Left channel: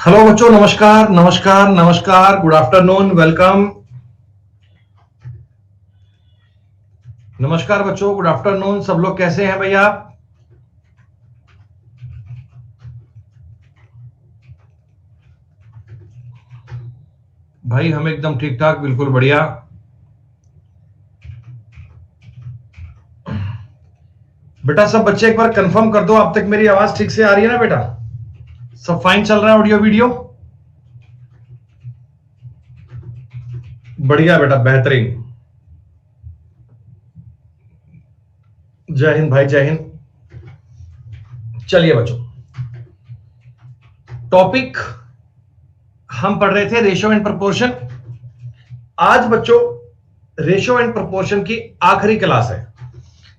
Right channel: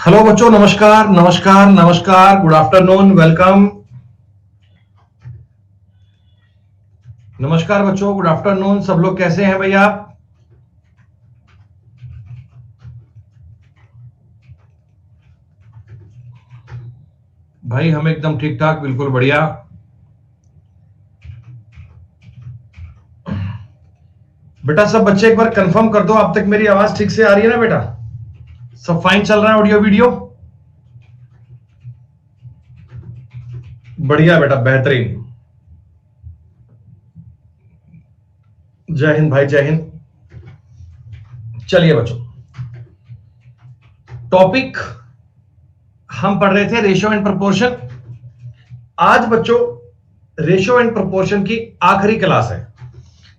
Hello बच्चों, नमस्कार नमस्कार नमस्कार, गुड आफ्टरनून, वेलकम। नमस्कार बच्चों, गुड आफ्टरनून। सब लोग कैसे हैं भैया? भाई हम एकदम ठीक ठाक, बिल्कुल बढ़िया। बेटा सब बच्चे एक बार कंफर्म कर दो, अब तक मेरी आवाज ठीक से आ रही है ना बेटा? सब फाइन चल रहा है? ऑडियो वीडियो बढ़िया बेटा, बेहतरीन। जय हिंद भाई, जय हिंद। चलिए बच्चों, टॉपिक हम पढ़ रहे थे रेशियो एंड प्रोपोर्शन। आज बच्चों रेशियो एंड प्रोपोर्शन की आखिरी क्लास है।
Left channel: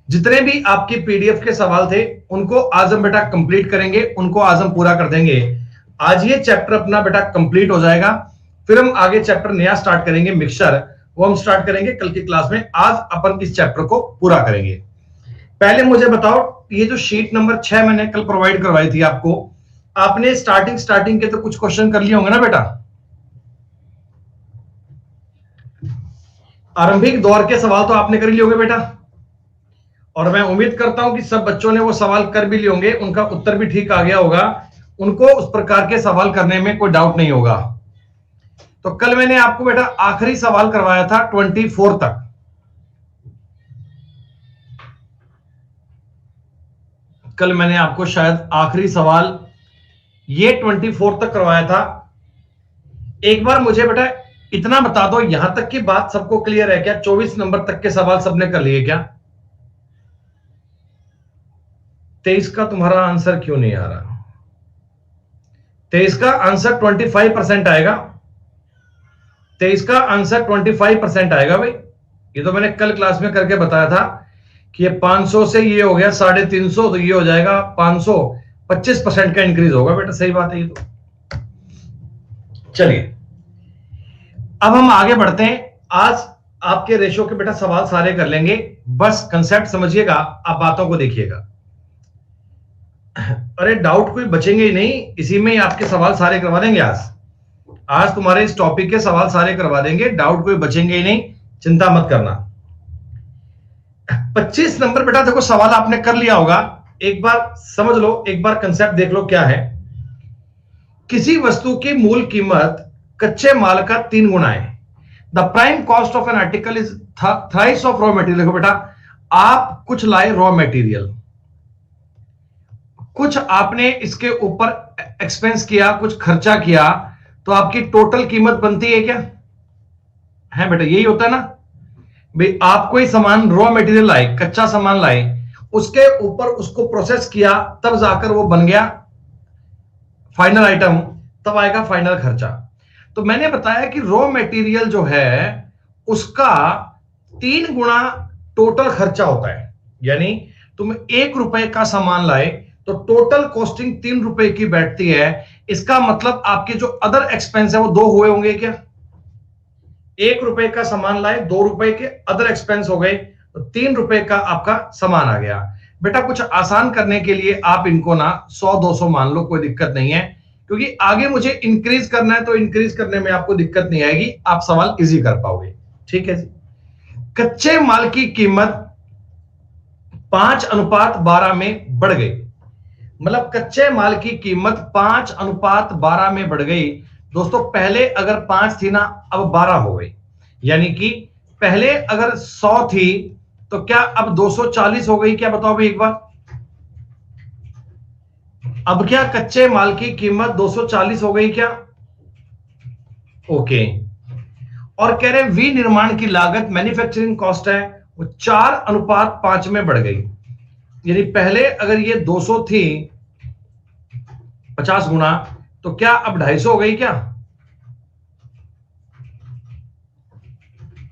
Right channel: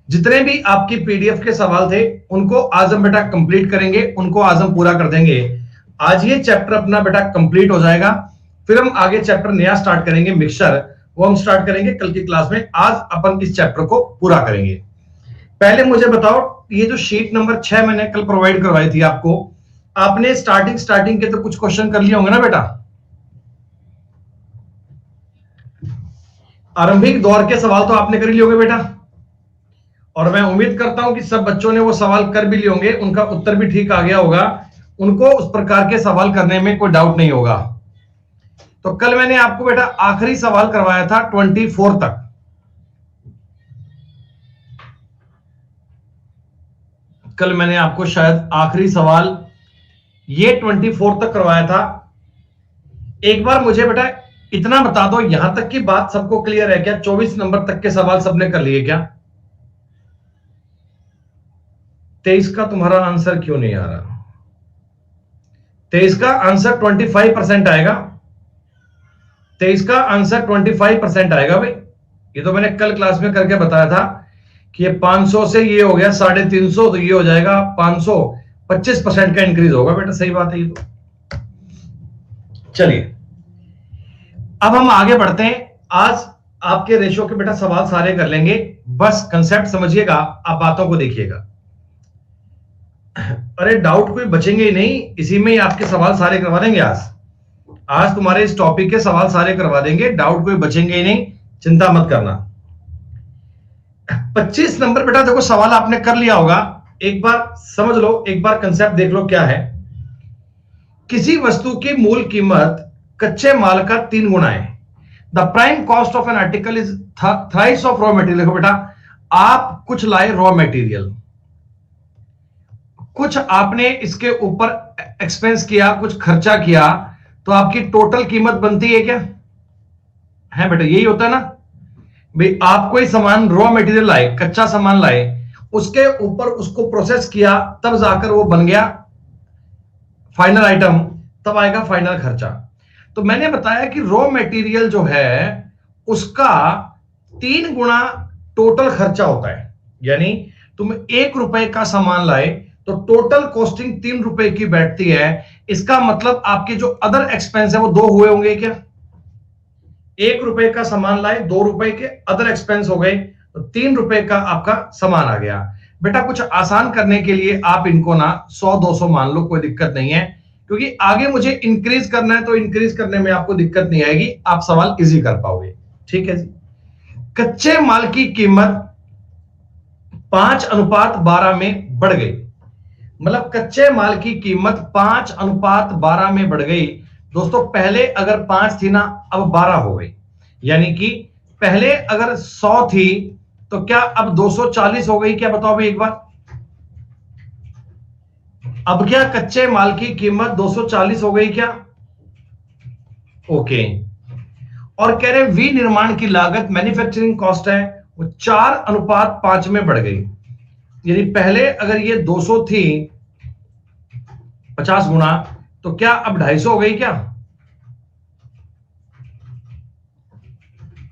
जितने भी आपकी पीडीएफ के सवाल थे उनको आज हम बेटा कंप्लीट करेंगे, उनको आज हम पूरा कर देंगे। आज ये चैप्टर अपना बेटा कंप्लीट हो जाएगा, फिर हम आगे चैप्टर नया स्टार्ट करेंगे, मिक्सचर। वो हम स्टार्ट करेंगे कल की क्लास में। आज अपन इस चैप्टर को पूरा करेंगे। पहले मुझे बताओ, ये जो शीट नंबर 6 मैंने कल प्रोवाइड करवाई थी आपको, आपने स्टार्टिंग के तो कुछ क्वेश्चन कर लिए होंगे ना बेटा? आरंभिक दौर के सवाल तो आपने कर लिए होंगे बेटा, और मैं उम्मीद करता हूं कि सब बच्चों ने वो सवाल कर भी लिए होंगे, उनका उत्तर भी ठीक आ गया होगा, उनको उस प्रकार के सवाल करने में कोई डाउट नहीं होगा। तो कल मैंने आपको बेटा आखिरी सवाल करवाया था 24 तक। कल मैंने आपको शायद आखिरी सवाल ये 24 तक करवाया था। एक बार मुझे बेटा इतना बता दो, यहां तक की बात सबको क्लियर है क्या? 24 नंबर तक के सवाल सबने कर लिए क्या? 23 का तुम्हारा आंसर क्यों नहीं आ रहा? 23 का आंसर 25% आएगा। 23 का आंसर 25% आएगा भाई। ये तो मैंने कल क्लास में करके बताया था कि ये 500 से ये हो गया 350, तो ये हो जाएगा 500, 25% का इंक्रीज होगा बेटा। सही बात है ये तो। चलिए अब हम आगे बढ़ते हैं। आज आपके रेशो के बेटा सवाल सारे कर लेंगे, बस कंसेप्ट समझिएगा, आप बातों को देखिएगा। अरे डाउट कोई बचेंगे ही नहीं, इसी में ही आपके सवाल सारे करवा देंगे। आज तुम्हारे इस टॉपिक के सवाल सारे करवा देंगे, डाउट कोई बचेंगे ही नहीं, चिंता मत करना। 25 नंबर बेटा देखो सवाल आपने कर लिया होगा, एक बार समझ लो, एक बार कंसेप्ट देख लो क्या है। किसी वस्तु की मूल कीमत कच्चे माल का 3 गुना है। The prime cost of an article is thrice of raw material. देखो बेटा, आप कुछ लाए रॉ मटेरियल, कुछ आपने इसके ऊपर एक्सपेंस किया, कुछ खर्चा किया, तो आपकी टोटल कीमत बनती है क्या? है बेटा, यही होता है ना भाई। आप कोई सामान रॉ मटेरियल लाए, कच्चा सामान लाए, उसके ऊपर उसको प्रोसेस किया, तब जाकर वो बन गया फाइनल आइटम, तब आएगा फाइनल खर्चा। तो मैंने बताया कि रॉ मटेरियल जो है उसका 3 गुना टोटल खर्चा होता है। यानी तुम 1 रुपए का सामान लाए तो टोटल कॉस्टिंग 3 रुपए की बैठती है। इसका मतलब आपके जो अदर एक्सपेंस है वो 2 हुए होंगे क्या? 1 रुपए का सामान लाए, 2 रुपए के अदर एक्सपेंस हो गए, तो 3 रुपए का आपका सामान आ गया। बेटा कुछ आसान करने के लिए आप इनको ना 100-200 मान लो, कोई दिक्कत नहीं है, क्योंकि आगे मुझे इंक्रीज करना है, तो इंक्रीज करने में आपको दिक्कत नहीं आएगी, आप सवाल इजी कर पाओगे। ठीक है जी। कच्चे माल की कीमत 5:12 में बढ़ गई। मतलब कच्चे माल की कीमत 5:12 में बढ़ गई। दोस्तों पहले अगर 5 थी ना, अब 12 हो गई। यानी कि पहले अगर 100 थी तो क्या अब 240 हो गई क्या? बताओ भाई एक बार। अब क्या कच्चे माल की कीमत 240 हो गई क्या? ओके। और कह रहे हैं विनिर्माण की लागत, मैन्युफैक्चरिंग कॉस्ट है, वो 4:5 में बढ़ गई। यानी पहले अगर ये 200 थी 50 गुना, तो क्या अब 250 हो गई क्या?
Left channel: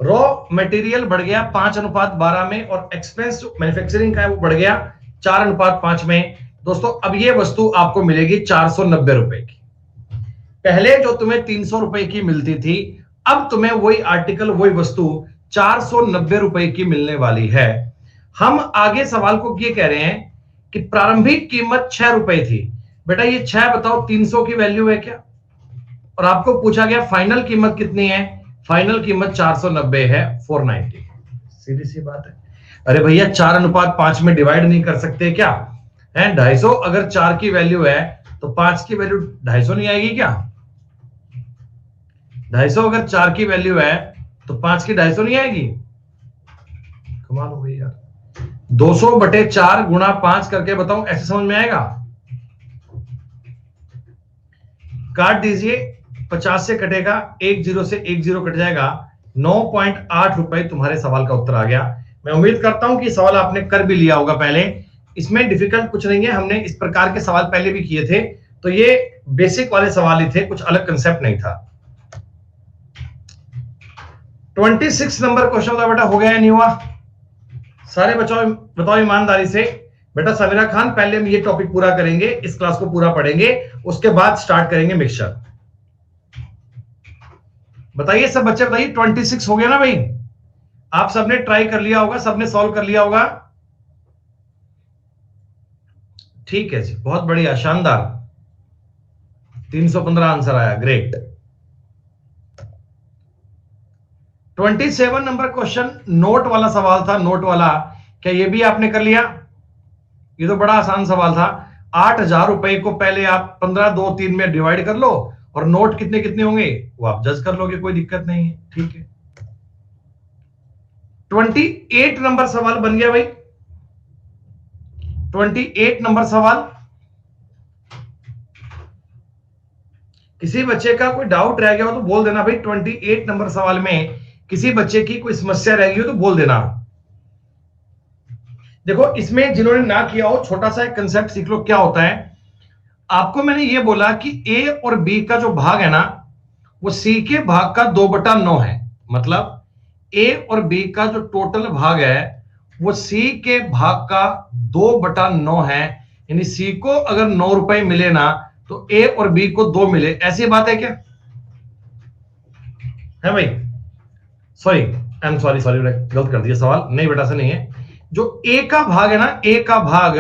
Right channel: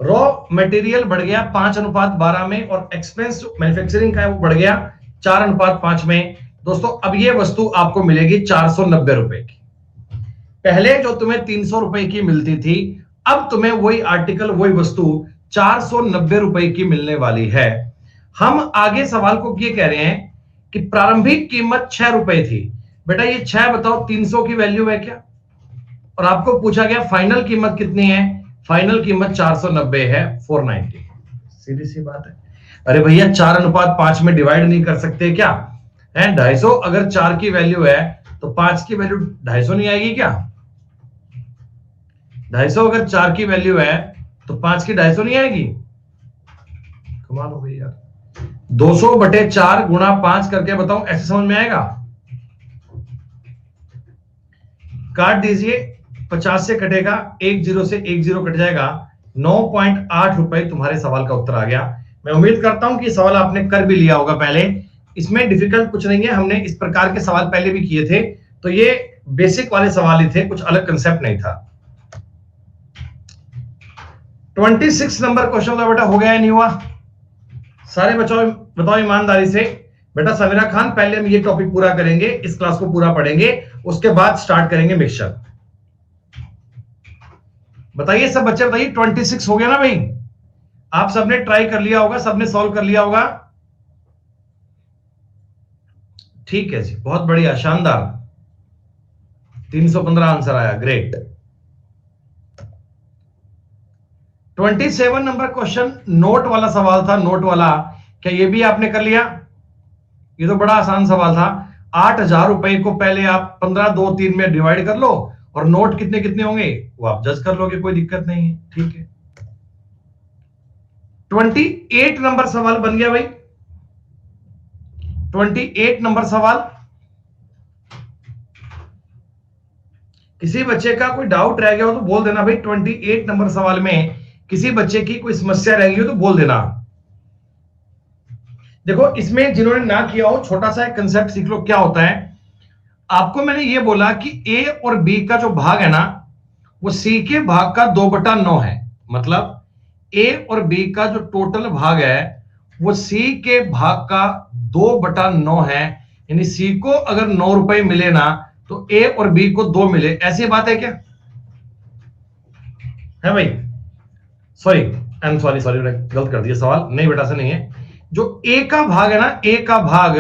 रॉ मटेरियल बढ़ गया 5:12 में, और एक्सपेंस मैन्युफैक्चरिंग का है वो बढ़ गया 4:5 में। दोस्तों अब ये वस्तु आपको मिलेगी 490 रुपए की। पहले जो तुम्हें 300 रुपए की मिलती थी, अब तुम्हें वही आर्टिकल, वही वस्तु 490 रुपए की मिलने वाली है। हम आगे सवाल को ये कह रहे हैं कि प्रारंभिक कीमत 6 रुपए थी। बेटा ये 6 बताओ 300 की वैल्यू है क्या? और आपको पूछा गया फाइनल कीमत कितनी है, फाइनल कीमत 490 है, 490। सीधी सी बात है। अरे भैया 4:5 में डिवाइड नहीं कर सकते क्या है? 250 अगर 4 की वैल्यू है तो 5 की वैल्यू 250 नहीं आएगी क्या? 250 अगर 4 की वैल्यू है तो 5 की 250 नहीं आएगी? कमाल हो गई यार। 200/4 गुणा 5 करके बताऊं, ऐसे समझ में आएगा? काट दीजिए, 50 से कटेगा, 10 से 10 कट जाएगा, 9.8 रुपए तुम्हारे सवाल का उत्तर आ गया। मैं उम्मीद करता हूं कि सवाल आपने कर भी लिया होगा पहले। इसमें डिफिकल्ट कुछ नहीं है, हमने इस प्रकार के सवाल पहले भी किए थे, तो ये बेसिक वाले सवाल ही थे, कुछ अलग कंसेप्ट नहीं था। 26 नंबर क्वेश्चन का बेटा हो गया या नहीं हुआ? सारे बच्चों बताओ ईमानदारी से। बेटा समीरा खान, पहले हम ये टॉपिक पूरा करेंगे, इस क्लास को पूरा पढ़ेंगे, उसके बाद स्टार्ट करेंगे मिक्सचर। बताइए सब बच्चे, बताइए 26 हो गया ना भाई? आप सबने ट्राई कर लिया होगा, सबने सॉल्व कर लिया होगा? ठीक है जी, बहुत बढ़िया, शानदार। 315 आंसर आया, ग्रेट। 27 नंबर क्वेश्चन नोट वाला सवाल था, नोट वाला, क्या ये भी आपने कर लिया? ये तो बड़ा आसान सवाल था। 8,000 रुपए को पहले आप 15, 2, 3 में डिवाइड कर लो, और नोट कितने कितने होंगे वो आप जज कर लोगे, कोई दिक्कत नहीं है, ठीक है। 28 नंबर सवाल बन गया भाई। 28 नंबर सवाल, किसी बच्चे का कोई डाउट रह गया हो तो बोल देना भाई। 28 नंबर सवाल में किसी बच्चे की कोई समस्या रह गई हो तो बोल देना। देखो इसमें जिन्होंने ना किया हो, छोटा सा एक कंसेप्ट सीख लो, क्या होता है। आपको मैंने ये बोला कि ए और बी का जो भाग है ना, वो सी के भाग का 2/9 है। मतलब ए और बी का जो टोटल भाग है वो सी के भाग का 2/9 है। यानी सी को अगर 9 रुपए मिले ना, तो ए और बी को 2 मिले, ऐसी बात है क्या? है भाई? सॉरी, आई एम सॉरी, गलत कर दिया सवाल, नहीं बेटा से नहीं है। जो ए का भाग है ना, ए का भाग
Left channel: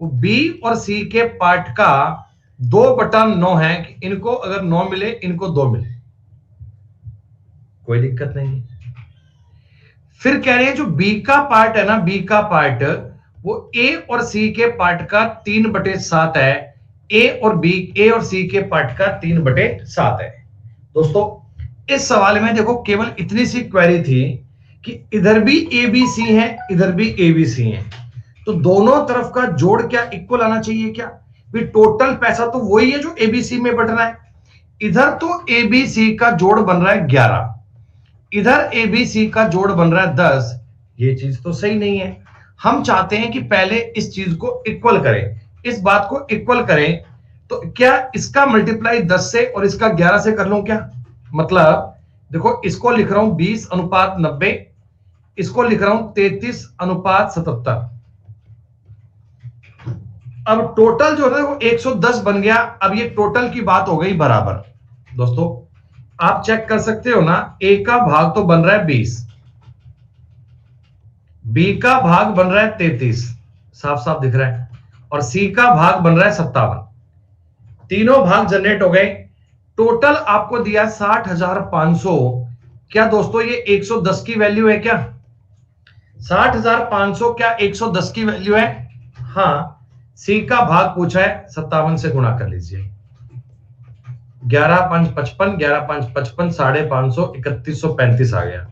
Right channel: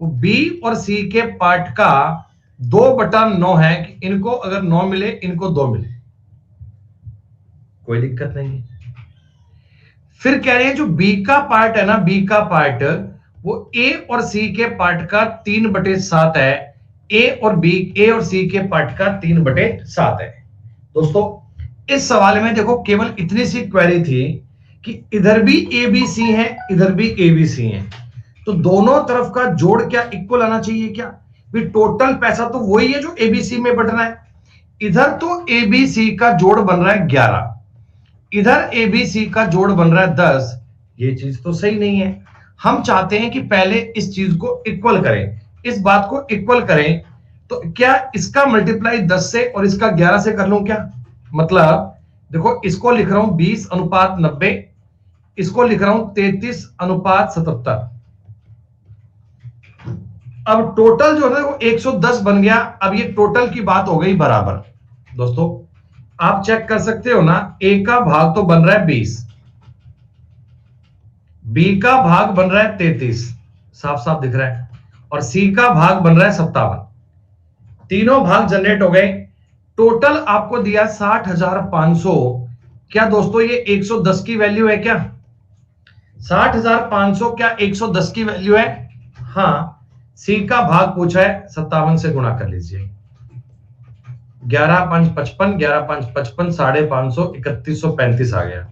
वो बी और सी के पार्ट का 2/9 है, कि इनको अगर 9 मिले, इनको 2 मिले, कोई दिक्कत नहीं है। फिर कह रहे हैं जो बी का पार्ट है ना, बी का पार्ट वो ए और सी के पार्ट का 3/7 है। ए और सी के पार्ट का 3/7 है। दोस्तों इस सवाल में देखो केवल इतनी सी क्वेरी थी कि इधर भी ए बी सी है, इधर भी ए बी सी है, तो दोनों तरफ का जोड़ क्या इक्वल आना चाहिए क्या? भी टोटल पैसा तो वही है जो ए बी सी में बटना है। इधर तो ए बी सी का जोड़ बन रहा है 11, इधर ए बी सी का जोड़ बन रहा है 10। ये चीज तो सही नहीं है। हम चाहते हैं कि पहले इस चीज को इक्वल करें, इस बात को इक्वल करें। तो क्या इसका मल्टीप्लाई 10 से और इसका 11 से कर लूं क्या? मतलब देखो, इसको लिख रहा हूं 20:90, इसको लिख रहा हूं 33:77। अब टोटल जो है वो 110 बन गया। अब ये टोटल की बात हो गई बराबर। दोस्तों आप चेक कर सकते हो ना, ए का भाग तो बन रहा है 20, बी का भाग बन रहा है 33, साफ साफ दिख रहा है, और सी का भाग बन रहा है 57। तीनों भाग जनरेट हो गए, टोटल आपको दिया 60,500। क्या दोस्तों ये 110 की वैल्यू है क्या? 60,500 क्या 110 की वैल्यू है? हाँ। सी का भाग पूछा है, 57 से गुणा कर लीजिए। 11×5 55, 11×5 55, 550, 3135 आ गया।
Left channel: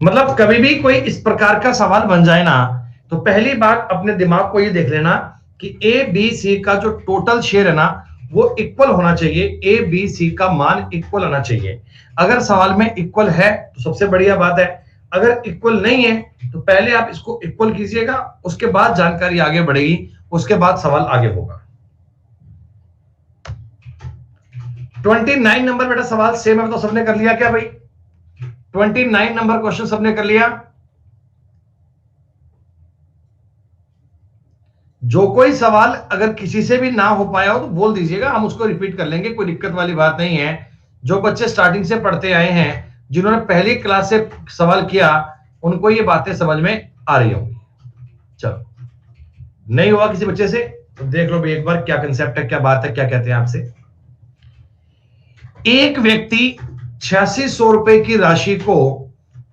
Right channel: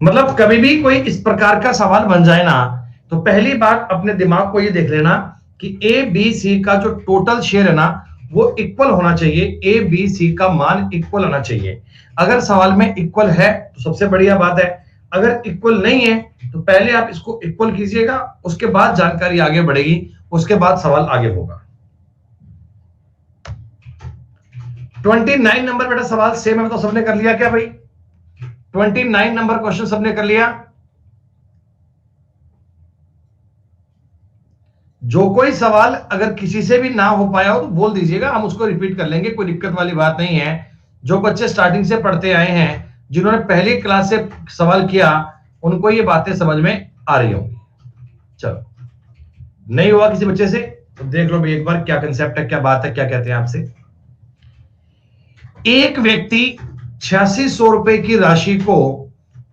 मतलब कभी भी कोई इस प्रकार का सवाल बन जाए ना, तो पहली बार अपने दिमाग को ये देख लेना कि ए बी सी का जो टोटल शेयर है ना, वो इक्वल होना चाहिए। ए बी सी का मान इक्वल होना चाहिए। अगर सवाल में इक्वल है तो सबसे बढ़िया बात है, अगर इक्वल नहीं है तो पहले आप इसको इक्वल कीजिएगा, उसके बाद जानकारी आगे बढ़ेगी, उसके बाद सवाल आगे होगा। 29 नंबर बेटा सवाल सेम है, तो सबने कर लिया क्या भाई? 29 नंबर क्वेश्चन सबने कर लिया? जो कोई सवाल अगर किसी से भी ना हो पाया हो तो बोल दीजिएगा, हम उसको रिपीट कर लेंगे, कोई दिक्कत वाली बात नहीं है। जो बच्चे स्टार्टिंग से पढ़ते आए हैं, जिन्होंने पहली क्लास से सवाल किया, उनको ये बातें समझ में आ रही होंगी। चलो, नहीं हुआ किसी बच्चे से? तो देख लो भाई एक बार क्या कंसेप्ट है, क्या बात है, क्या कहते हैं आपसे। एक व्यक्ति 8600 रुपए की राशि को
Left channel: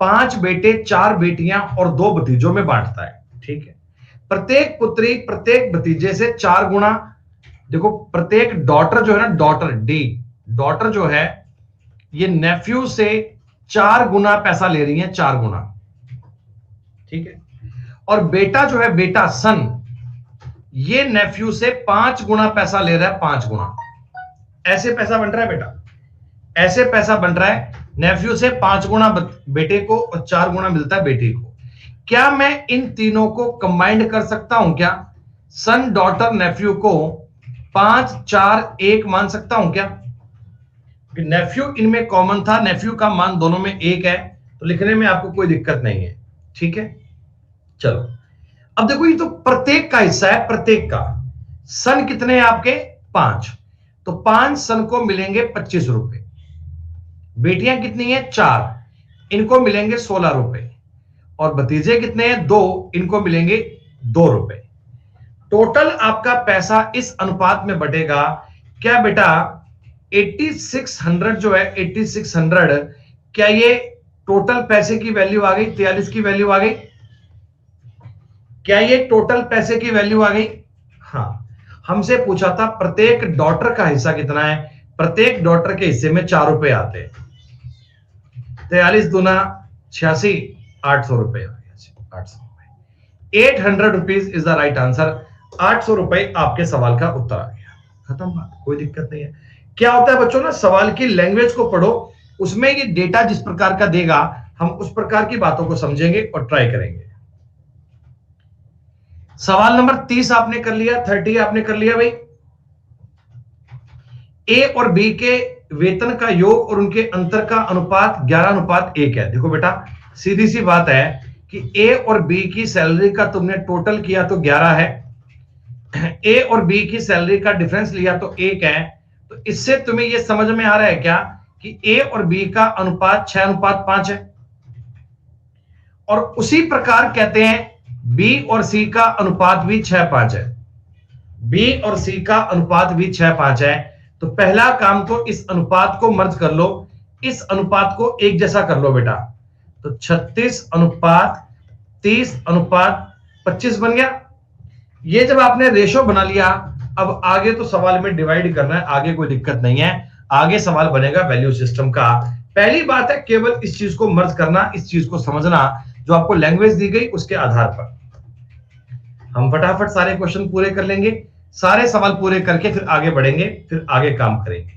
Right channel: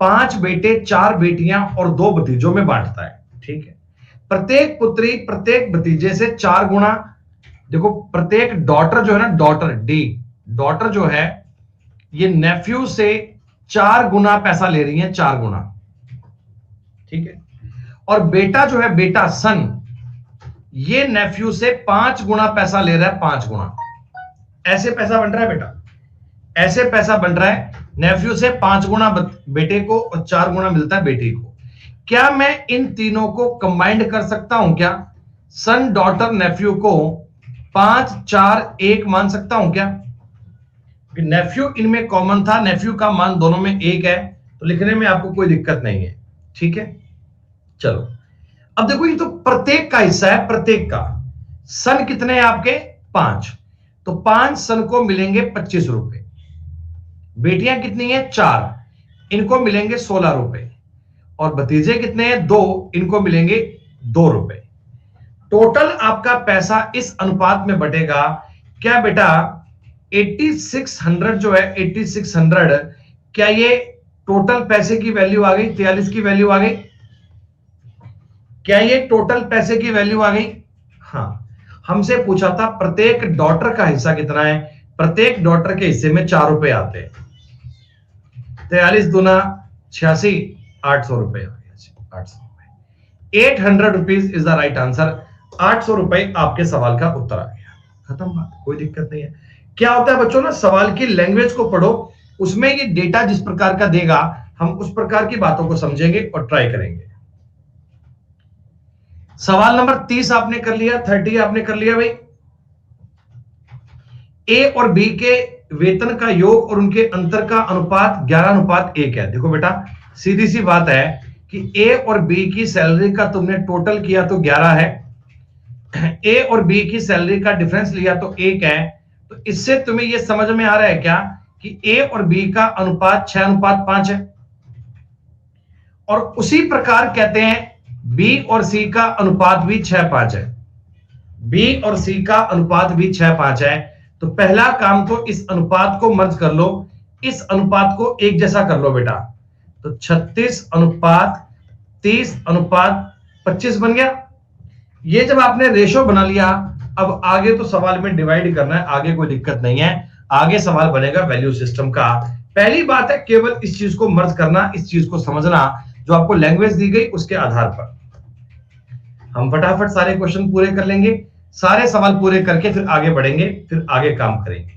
5 बेटे, 4 बेटियां और 2 भतीजों में बांटता है। ठीक है, प्रत्येक पुत्री प्रत्येक भतीजे से 4 गुना, देखो प्रत्येक डॉटर जो है ना, डॉटर डी, डॉटर जो है ये नेफ्यू से 4 गुना पैसा ले रही है, 4 गुना। ठीक है, और बेटा जो है, बेटा सन, ये नेफ्यू से 5 गुना पैसा ले रहा है, 5 गुना। ऐसे पैसा बन रहा है बेटा, ऐसे पैसा बन रहा है। नेफ्यू से 5 गुना बेटे को और 4 गुना मिलता है बेटी को। क्या मैं इन तीनों को कंबाइंड कर सकता हूं क्या? सन, डॉटर, नेफ्यू को 5, 4, 1 मान सकता हूं क्या? नेफ्यू इनमें कॉमन था, नेफ्यू का मान दोनों में 1 है, तो लिखने में आपको कोई दिक्कत नहीं है। ठीक है, चलो अब देखो, ये तो प्रत्येक का हिस्सा है, प्रत्येक का। सन कितने हैं आपके? 5, तो 5 सन को मिलेंगे 25 रुपए। बेटियां कितनी हैं? 4, इनको मिलेंगे 16 रुपए। और भतीजे कितने हैं? 2, इनको मिलेंगे 2 रुपए। टोटल आपका पैसा इस अनुपात में बटेगा क्या बेटा? 8600 जो है, 8600, क्या ये टोटल पैसे की वैल्यू आ गई? 43 की वैल्यू आ गई? क्या ये टोटल पैसे की वैल्यू आ गई? हाँ, हमसे पूछा था प्रत्येक डॉटर का हिस्सा कितना है। प्रत्येक डॉटर के हिस्से में 4 रुपए आते हैं। 43 दूना 86, 800 रुपए, 800 रुपए, 800 rupees is the right answer. 800 रुपए आपके सवाल का उत्तर आ गया। खत्म बात, कोई दिक्कत नहीं है। क्या होता है बच्चों ना, सवाल की लैंग्वेज को पढ़ो, उसमें ये डेटा जिस प्रकार का देगा हम उस प्रकार की बातों को समझेंगे और ट्राई करेंगे। सवाल नंबर 30 आपने कर लिया, 30 आपने कर लिया भाई। ए और बी के वेतन का योग और उनके अंतर का अनुपात 11:1 है। देखो बेटा, सीधी सी बात है कि ए और बी की सैलरी का तुमने टोटल किया तो 11 है, ए और बी की सैलरी का डिफरेंस लिया तो 1 है। तो इससे तुम्हें यह समझ में आ रहा है क्या कि ए और बी का अनुपात 6:5 है। और उसी प्रकार कहते हैं बी और सी का अनुपात भी 6:5 है। बी और सी का अनुपात भी 6:5 है। तो पहला काम तो इस अनुपात को मर्ज कर लो, इस अनुपात को एक जैसा कर लो बेटा। तो 36:30:25 बन गया। ये जब आपने रेशो बना लिया, अब आगे तो सवाल में डिवाइड करना है, आगे कोई दिक्कत नहीं है। आगे सवाल बनेगा वैल्यू सिस्टम का। पहली बात है केवल इस चीज को मर्ज करना, इस चीज को समझना, जो आपको लैंग्वेज दी गई उसके आधार पर। हम फटाफट सारे क्वेश्चन पूरे कर लेंगे, सारे सवाल पूरे करके फिर आगे बढ़ेंगे, फिर आगे काम करेंगे।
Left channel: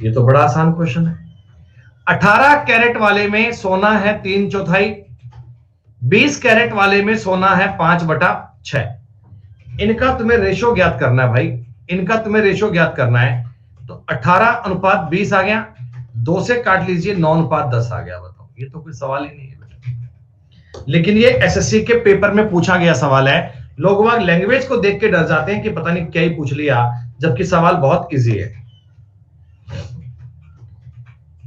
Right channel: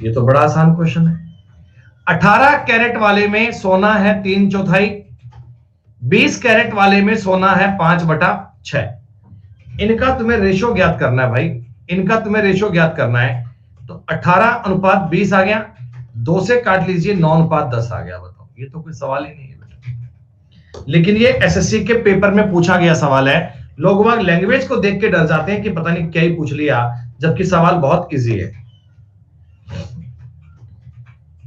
ये तो बड़ा आसान क्वेश्चन है। 18 कैरेट वाले में सोना है 3/4, 20 कैरेट वाले में सोना है 5/6। इनका तुम्हें रेशो ज्ञात करना है भाई, इनका तुम्हें रेशो ज्ञात करना है। तो 18:20 आ गया, 2 से काट लीजिए, 9:10 आ गया। बताओ, ये तो कोई सवाल ही नहीं है बेटा। लेकिन ये एसएससी के पेपर में पूछा गया सवाल है। लोग वहां लैंग्वेज को देख के डर जाते हैं कि पता नहीं क्या ही पूछ लिया, जबकि सवाल बहुत इजी है।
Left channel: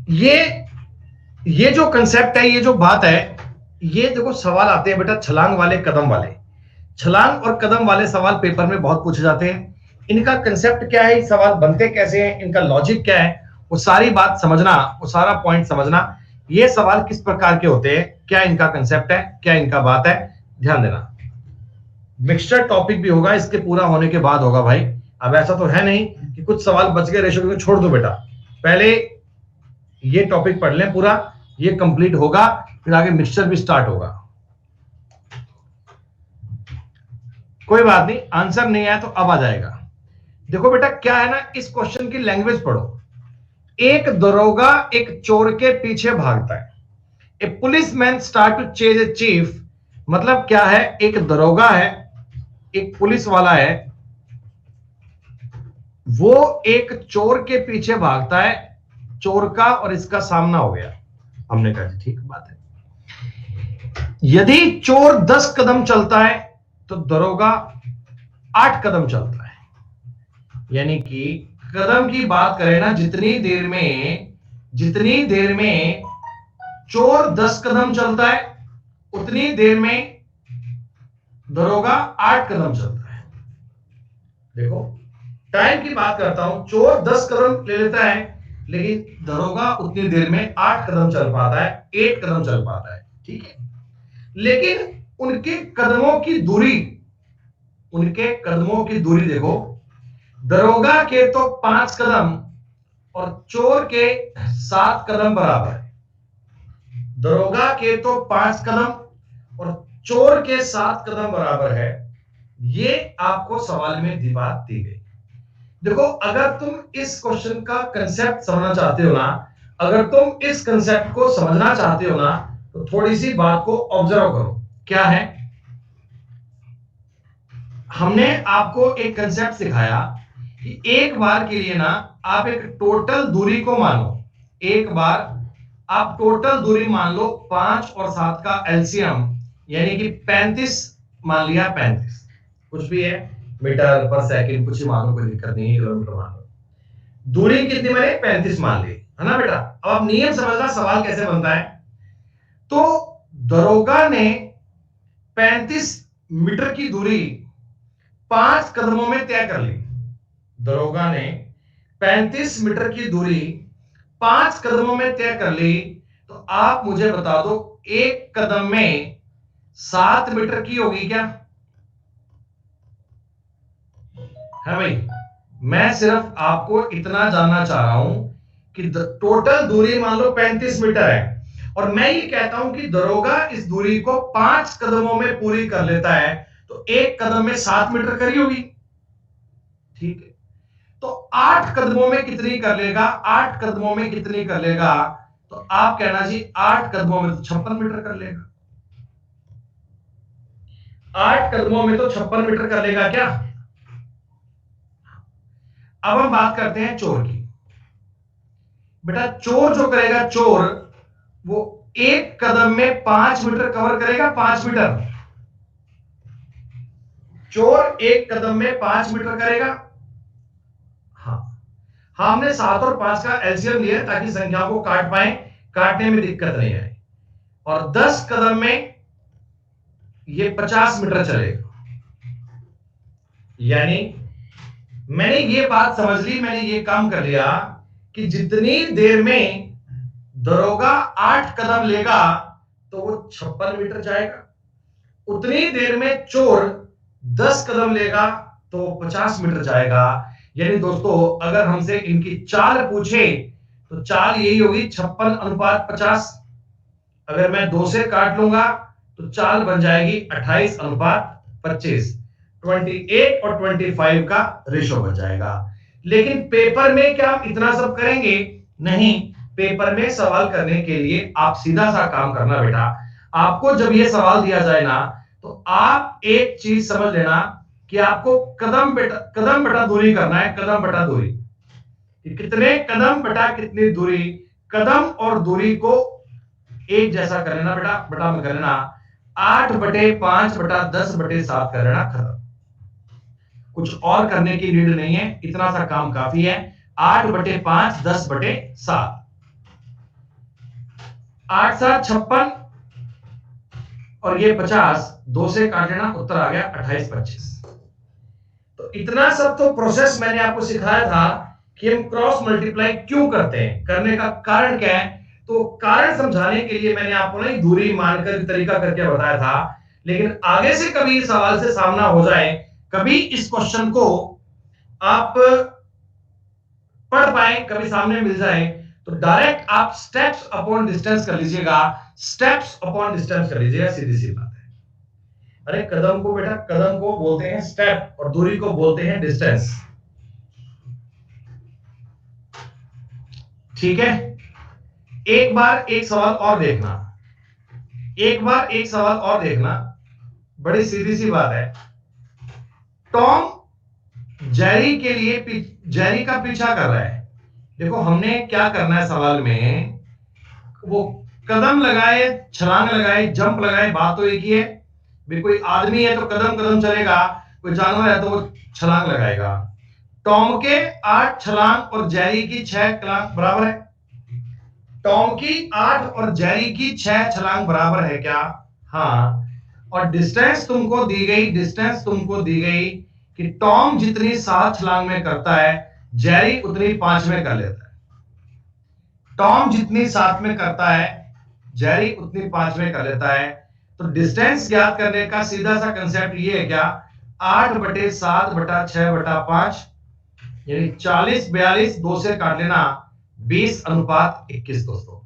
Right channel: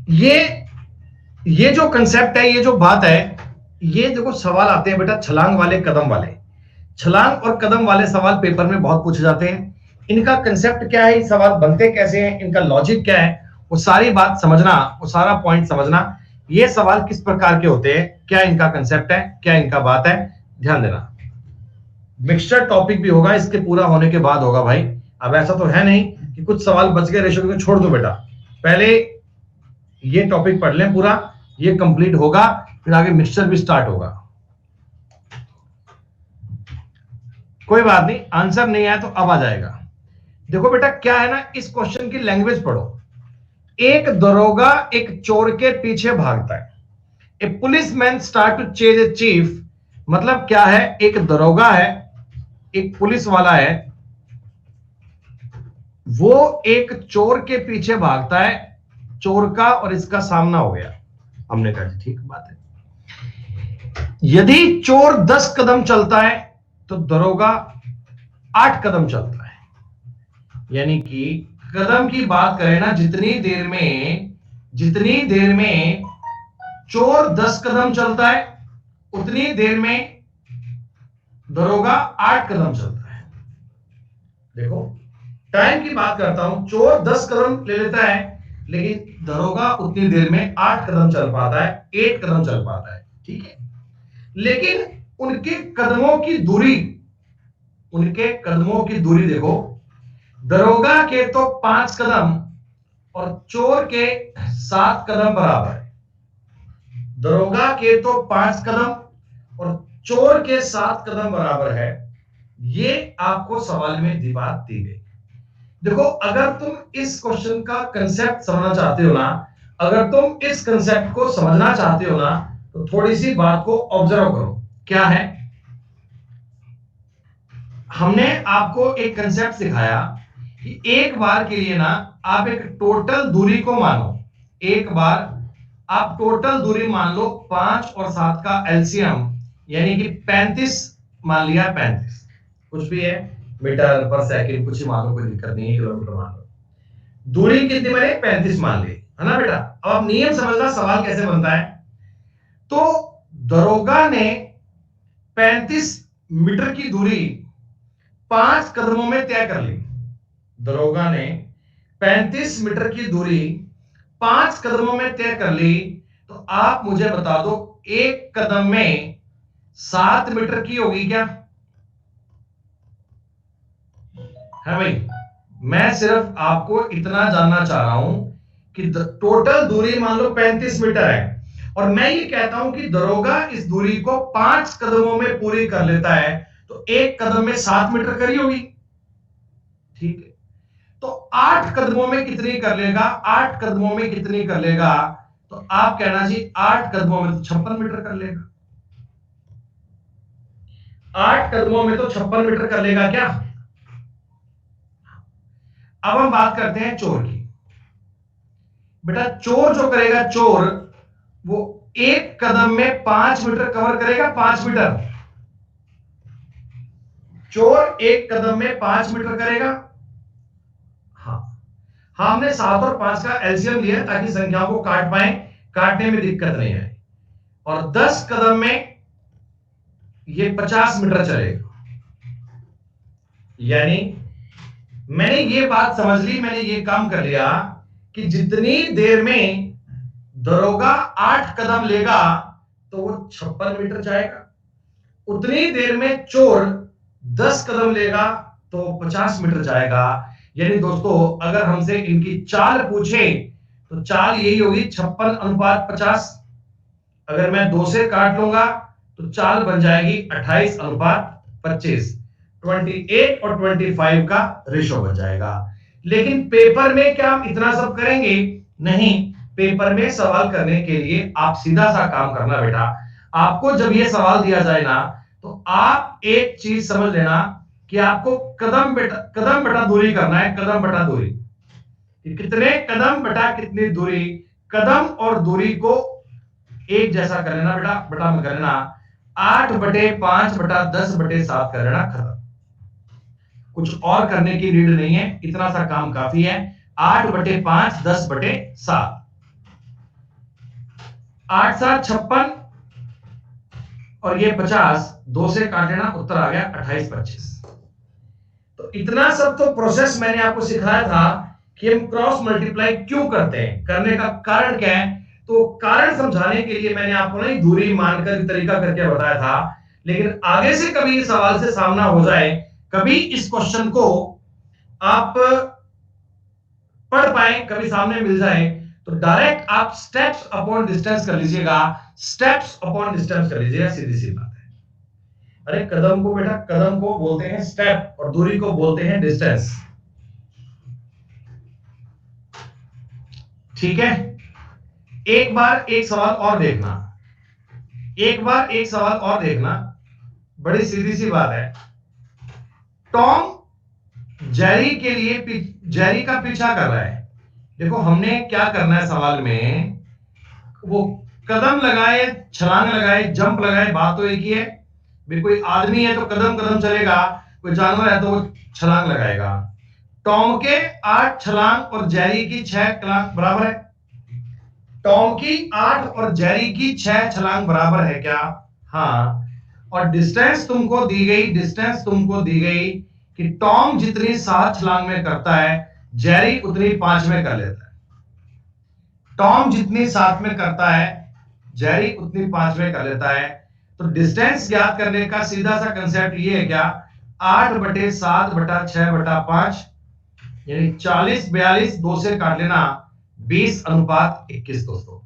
ये जो कंसेप्ट है, ये जो बात है, ये देखो सवाल आते हैं बेटा छलांग वाले, कदम वाले। छलांग और कदम वाले सवाल पेपर में बहुत पूछे जाते हैं। इनका कंसेप्ट क्या है, सवाल बनते कैसे हैं, इनका लॉजिक क्या है, वो सारी बात समझना, वो सारा पॉइंट समझना। ये सवाल किस प्रकार के होते हैं, क्या इनका कंसेप्ट है, क्या इनका बात है, ध्यान देना। मिक्सचर टॉपिक भी होगा, इसके पूरा होने के बाद होगा भाई। अब ऐसा तो है नहीं कि कुछ सवाल बच गए रेशो में छोड़ दो बेटा। पहले ये टॉपिक पढ़ लें पूरा, ये कंप्लीट होगा, फिर आगे मिक्सचर भी स्टार्ट होगा। कोई बात नहीं, आंसर नहीं आया तो अब आ जाएगा। देखो बेटा क्या है ना, इस क्वेश्चन की लैंग्वेज पढ़ो। एक दरोगा एक चोर के पीछे भागता है। A policeman start to chase a chief. मतलब क्या है, एक दरोगा है, एक पुलिस वाला है, वो एक चोर के पीछे भागता है। चोर का और इसका सामना हो गया। हमने कहा ठीक बात है। यदि चोर 10 कदम चलता है तो दरोगा 8 कदम चलता है। यानी कि कदम की बात करें ना, जितनी देर में चोर 10 कदम चलता है, उतनी देर में दरोगा 8 कदम चलता है। देखो टाइम की बात करता हूं, चोर 10 कदम ले लेता है, लेकिन दरोगा उतनी देर में 8 कदम चल पाता है, 8 कदम चल पाता है, ठीक है। लेकिन उनके कदमों की दूरी, उनके कदमों की दूरी देखो, दरोगा के तो 5 कदम और चोर के 7 कदम बराबर है। दरोगा के तो 5 कदम और चोर के 7 कदम बराबर है। ये आपको सवाल में दी बात दी गई। देखो अगर तुम इस क्वेश्चन का कंसेप्ट समझना चाहते हो ना, अगर तुम इस कंसेप्ट को समझना चाहते हो ना, तो थोड़ी सी बात को ऑब्जर्व करो। क्या है, हमने आपको एक कंसेप्ट सिखाया कि एक बार के लिए ना आप एक टोटल दूरी को मानो, एक बार आप टोटल दूरी मान लो 5 और 7 का एलसीएम यानी कि 35 मान लिया, 35 कुछ भी है, मीटर पर सेकंड कुछ ही मान लो, कोई दिक्कत नहीं है, किलोमीटर मान लो। दूरी कितनी मैंने 35 मान ली है ना बेटा। अब आप नियम समझना सवाल कैसे बनता है। तो दरोगा ने 35 मीटर की दूरी 5 कदमों में तय कर ली। दरोगा ने 35 मीटर की दूरी 5 कदमों में तय कर ली। तो आप मुझे बता दो, एक कदम में 7 मीटर की होगी क्या? है भाई, मैं सिर्फ आपको इतना जानना चाह रहा हूं कि टोटल दूरी मान लो 35 मीटर है, और मैं ये कहता हूं कि दरोगा इस दूरी को 5 कदमों में पूरी कर लेता है, तो एक कदम में 7 मीटर करी होगी, ठीक है। तो 8 कदमों में कितनी कर लेगा, 8 कदमों में कितनी कर लेगा? तो आप कहना जी 8 कदमों में तो 56 मीटर कर लेगा। 8 कदमों में तो 56 मीटर कर लेगा क्या? अब हम बात करते हैं चोर की। बेटा चोर जो करेगा, चोर वो एक कदम में 5 मीटर कवर करेगा, 5 मीटर। चोर एक कदम में 5 मीटर करेगा। हाँ, हमने 7 और 5 का एलसीएम लिया ताकि संख्या को काट पाए, काटने में दिक्कत नहीं आए। और 10 कदम में ये 50 मीटर चलेगा। यानी मैंने ये बात समझ ली, मैंने ये काम कर लिया कि जितनी देर में दरोगा 8 कदम लेगा तो वो 56 मीटर जाएगा, उतनी देर में चोर 10 कदम लेगा तो 50 मीटर जाएगा। यानी दोस्तों अगर हमसे इनकी चाल पूछे तो चाल यही होगी 56:50। अगर मैं 2 से काट लूंगा तो चाल बन जाएगी 28:25। 28 और 25 का रेशो बन जाएगा। लेकिन पेपर में क्या हम इतना सब करेंगे? नहीं, पेपर में सवाल करने के लिए आप सीधा सा काम करना बेटा। आपको जब ये सवाल दिया जाए ना, तो आप एक चीज समझ लेना कि आपको कदम बटा दूरी करना है, कदम बटा दूरी। कितने कदम बटा कितनी दूरी, कदम और दूरी को एक जैसा कर लेना बेटा, बटा में कर लेना 8/5 बटा 10/7 कर लेना, खत्म। कुछ और करने की नीड नहीं है, इतना सा काम काफी है। 8/5 10/7, 8 7 56 और ये 50, 2 से काट लेना, उत्तर आ गया 28-25। तो इतना सब तो प्रोसेस मैंने आपको सिखाया था कि हम क्रॉस मल्टीप्लाई क्यों करते हैं, करने का कारण क्या है। तो कारण समझाने के लिए मैंने आपको नहीं दूरी मानकर तरीका करके बताया था। लेकिन आगे से कभी सवाल से सामना हो जाए, कभी इस क्वेश्चन को आप पढ़ पाए, कभी सामने मिल जाए, तो डायरेक्ट आप स्टेप्स अपॉन डिस्टेंस कर लीजिएगा, स्टेप्स अपॉन डिस्टेंस कर लीजिएगा, सीधी सी बात है। अरे कदम को बेटा, कदम को बोलते हैं स्टेप और दूरी को बोलते हैं डिस्टेंस, ठीक है। एक बार एक सवाल और देखना, एक बार एक सवाल और देखना, बड़ी सीधी सी बात है। टॉम जेरी के लिए जेरी का पीछा कर रहा है। देखो हमने क्या करना है सवाल में, वो कदम लगाए, छलांग लगाए, जंप लगाए, बात तो एक ही है। कोई आदमी है तो कदम कदम चलेगा, कोई जानवर है तो वो छलांग लगाएगा। टॉम के 8 छलांग और जेरी की 6 छलांग बराबर है। टॉम की 8 और जेरी की 6 छलांग बराबर है क्या? हाँ। और डिस्टेंस तुमको दी गई, डिस्टेंस तुमको दी गई कि टॉम जितनी 7 छलांग में करता है जेरी उतनी 5 में कर लेता है। टॉम जितनी 7 में करता है जेरी उतनी 5 में कर लेता है। तो डिस्टेंस ज्ञात करने का सीधा सा कंसेप्ट ये है क्या, 8/7/6/5 यानी 40/42, 2 से काट लेना 20:21 दोस्तों।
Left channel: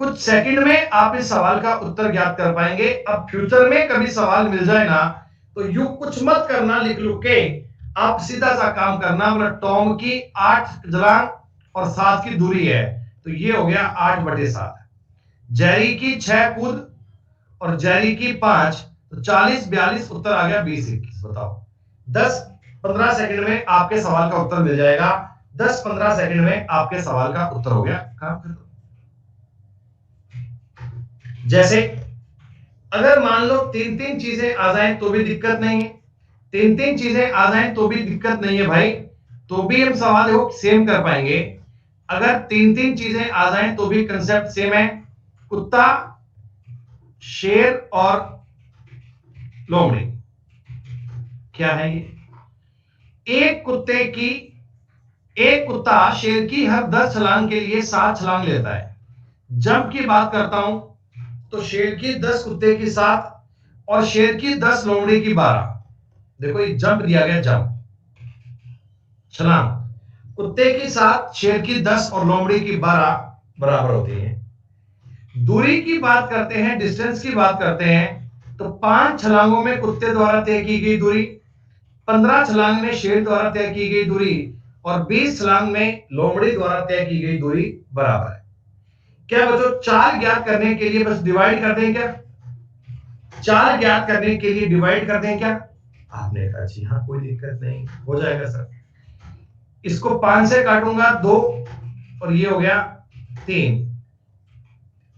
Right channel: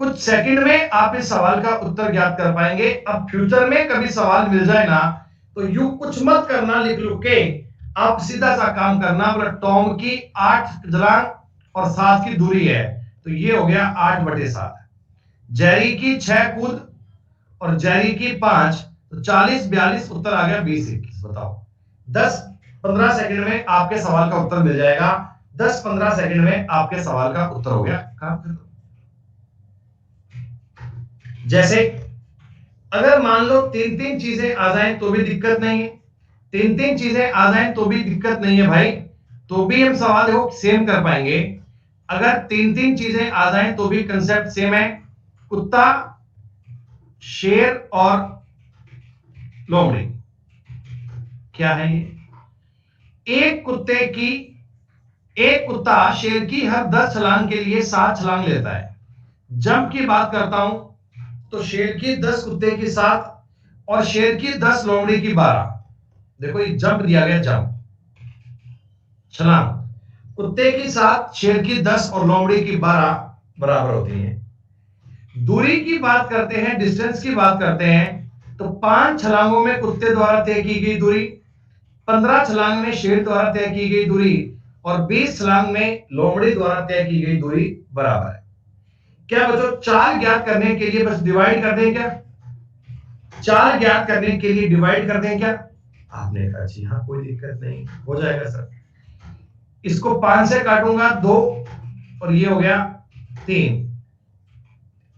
कुछ सेकंड में आप इस सवाल का उत्तर ज्ञात कर पाएंगे। अब फ्यूचर में कभी सवाल मिल जाए ना तो यू कुछ मत करना, लिख लो के आप सीधा सा काम करना, बोला टॉम की 8 छलांग और 7 की दूरी है तो ये हो गया 8/7, जेरी की 6 कूद और जेरी की 5, तो 40/42 उत्तर आ गया 20:21। बताओ 10-15 सेकंड में आपके सवाल का उत्तर मिल जाएगा। 10-15 सेकंड में आपके सवाल का उत्तर हो गया। काम कर दो। जैसे अगर मान लो 3-3 चीजें आ जाएं तो भी दिक्कत नहीं है, 3-3 चीजें आ जाएं तो भी दिक्कत नहीं है भाई, तो भी हम सवाल देखो सेम कर पाएंगे। अगर 3-3 चीजें आ जाएं तो भी कंसेप्ट सेम है, कुत्ता, शेर और लोमड़ी। क्या है ये, एक कुत्ता शेर की हर 10 छलांग के लिए 7 छलांग लेता है। जंप की बात करता हूं तो शेर की 10 कुत्ते की 7 और शेर की 10 लोमड़ी की 12। देखो ये जंप दिया गया, जंप छलांग, कुत्ते की 7 शेर की 10 और लोमड़ी की 12 बराबर होती है। दूरी की बात करते हैं, डिस्टेंस की बात करते हैं तो 5 छलांगों में कुत्ते द्वारा तय की गई दूरी, 15 छलांग में शेर द्वारा तय की गई दूरी और 20 छलांग में लोमड़ी द्वारा तय की गई दूरी बराबर है। क्या बच्चों 4 ज्ञात करने के लिए बस डिवाइड कर दें क्या, 4 ज्ञात करने के लिए डिवाइड कर दें क्या? आपने कहा जी हाँ कोई दिक्कत नहीं, हो जाएगा सर। इसको 5 से काटूंगा 2 और ये हो गया 3,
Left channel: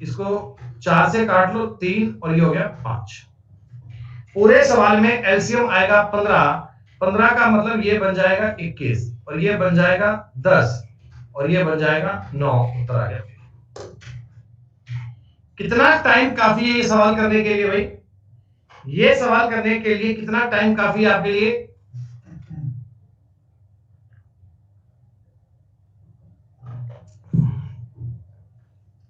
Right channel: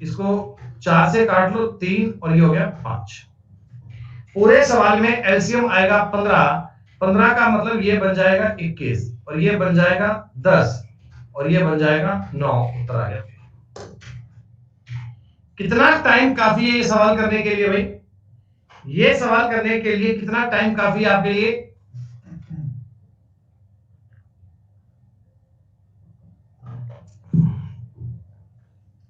इसको 4 से काट लो 3 और ये हो गया 5। पूरे सवाल में एलसीएम आएगा 15, 15 का मतलब ये बन जाएगा 21 और ये बन जाएगा 10 और ये बन जाएगा 9। उत्तर आ गया। कितना टाइम काफी है ये सवाल करने के लिए भाई, ये सवाल करने के लिए कितना टाइम काफी है आपके लिए?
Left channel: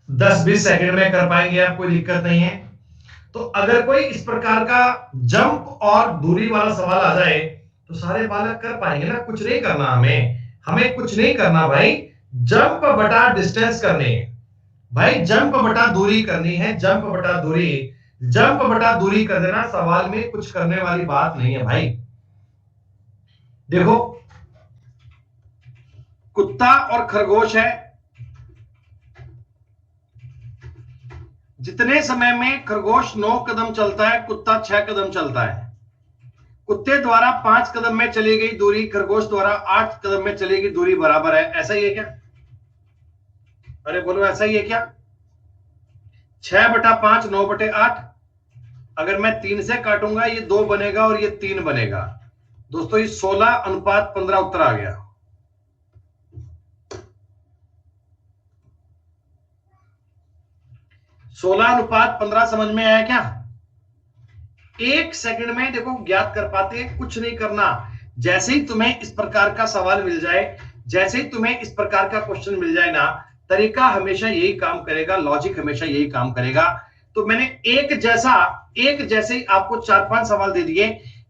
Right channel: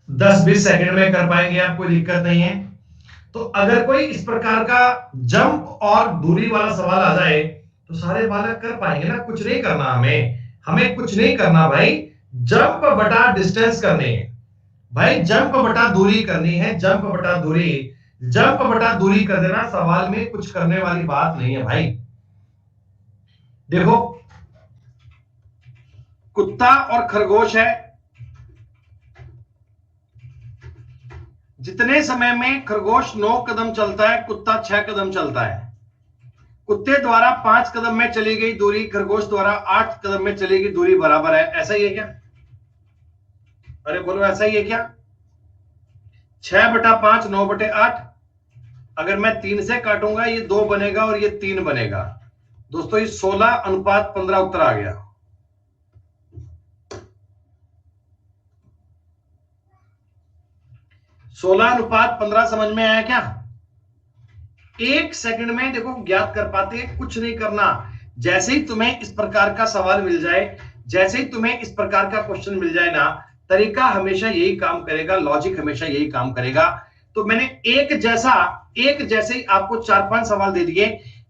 दस 20 सेकंड में कर पाएंगे आप, कोई दिक्कत नहीं है। तो अगर कोई इस प्रकार का जंप और दूरी वाला सवाल आ जाए तो सारे बालक कर पाएंगे ना, कुछ नहीं करना हमें कुछ नहीं करना भाई, जंप बटा डिस्टेंस करनी है भाई, जंप बटा दूरी करनी है, जंप बटा दूरी, जंप बटा दूरी कर देना, सवाल में कुछ करने वाली बात नहीं है भाई। देखो कुत्ता और खरगोश है, जितने समय में खरगोश 9 कदम चलता है कुत्ता 6 कदम चलता है। कुत्ते द्वारा 5 कदम में चली गई दूरी खरगोश द्वारा 8 कदम में चली गई दूरी बराबर है। ऐसा ही है क्या? अरे बोलो ऐसा ही है क्या? 6/5 9/8, अगर मैं 3 से काटूंगा ये 2 बनेगा और ये 3 बनेगा दोस्तों, ये 16:15 उत्तर आ गया। सोलह अनुपात 15 समझ में आया क्या? 1 सेकंड में देखो ज्ञात कर पाते हैं, कुछ नहीं करना। जैसे ही तुम्हें इस प्रकार का सवाल मिल जाए, जैसे ही तुम्हें इस प्रकार का क्वेश्चन मिल जाए ना, तरीका हमेशा यही काम करेगा, लॉजिक हमेशा यही काम करेगा। तो मैंने एक जैसे ही आपको 4-5 सवाल दे दिए,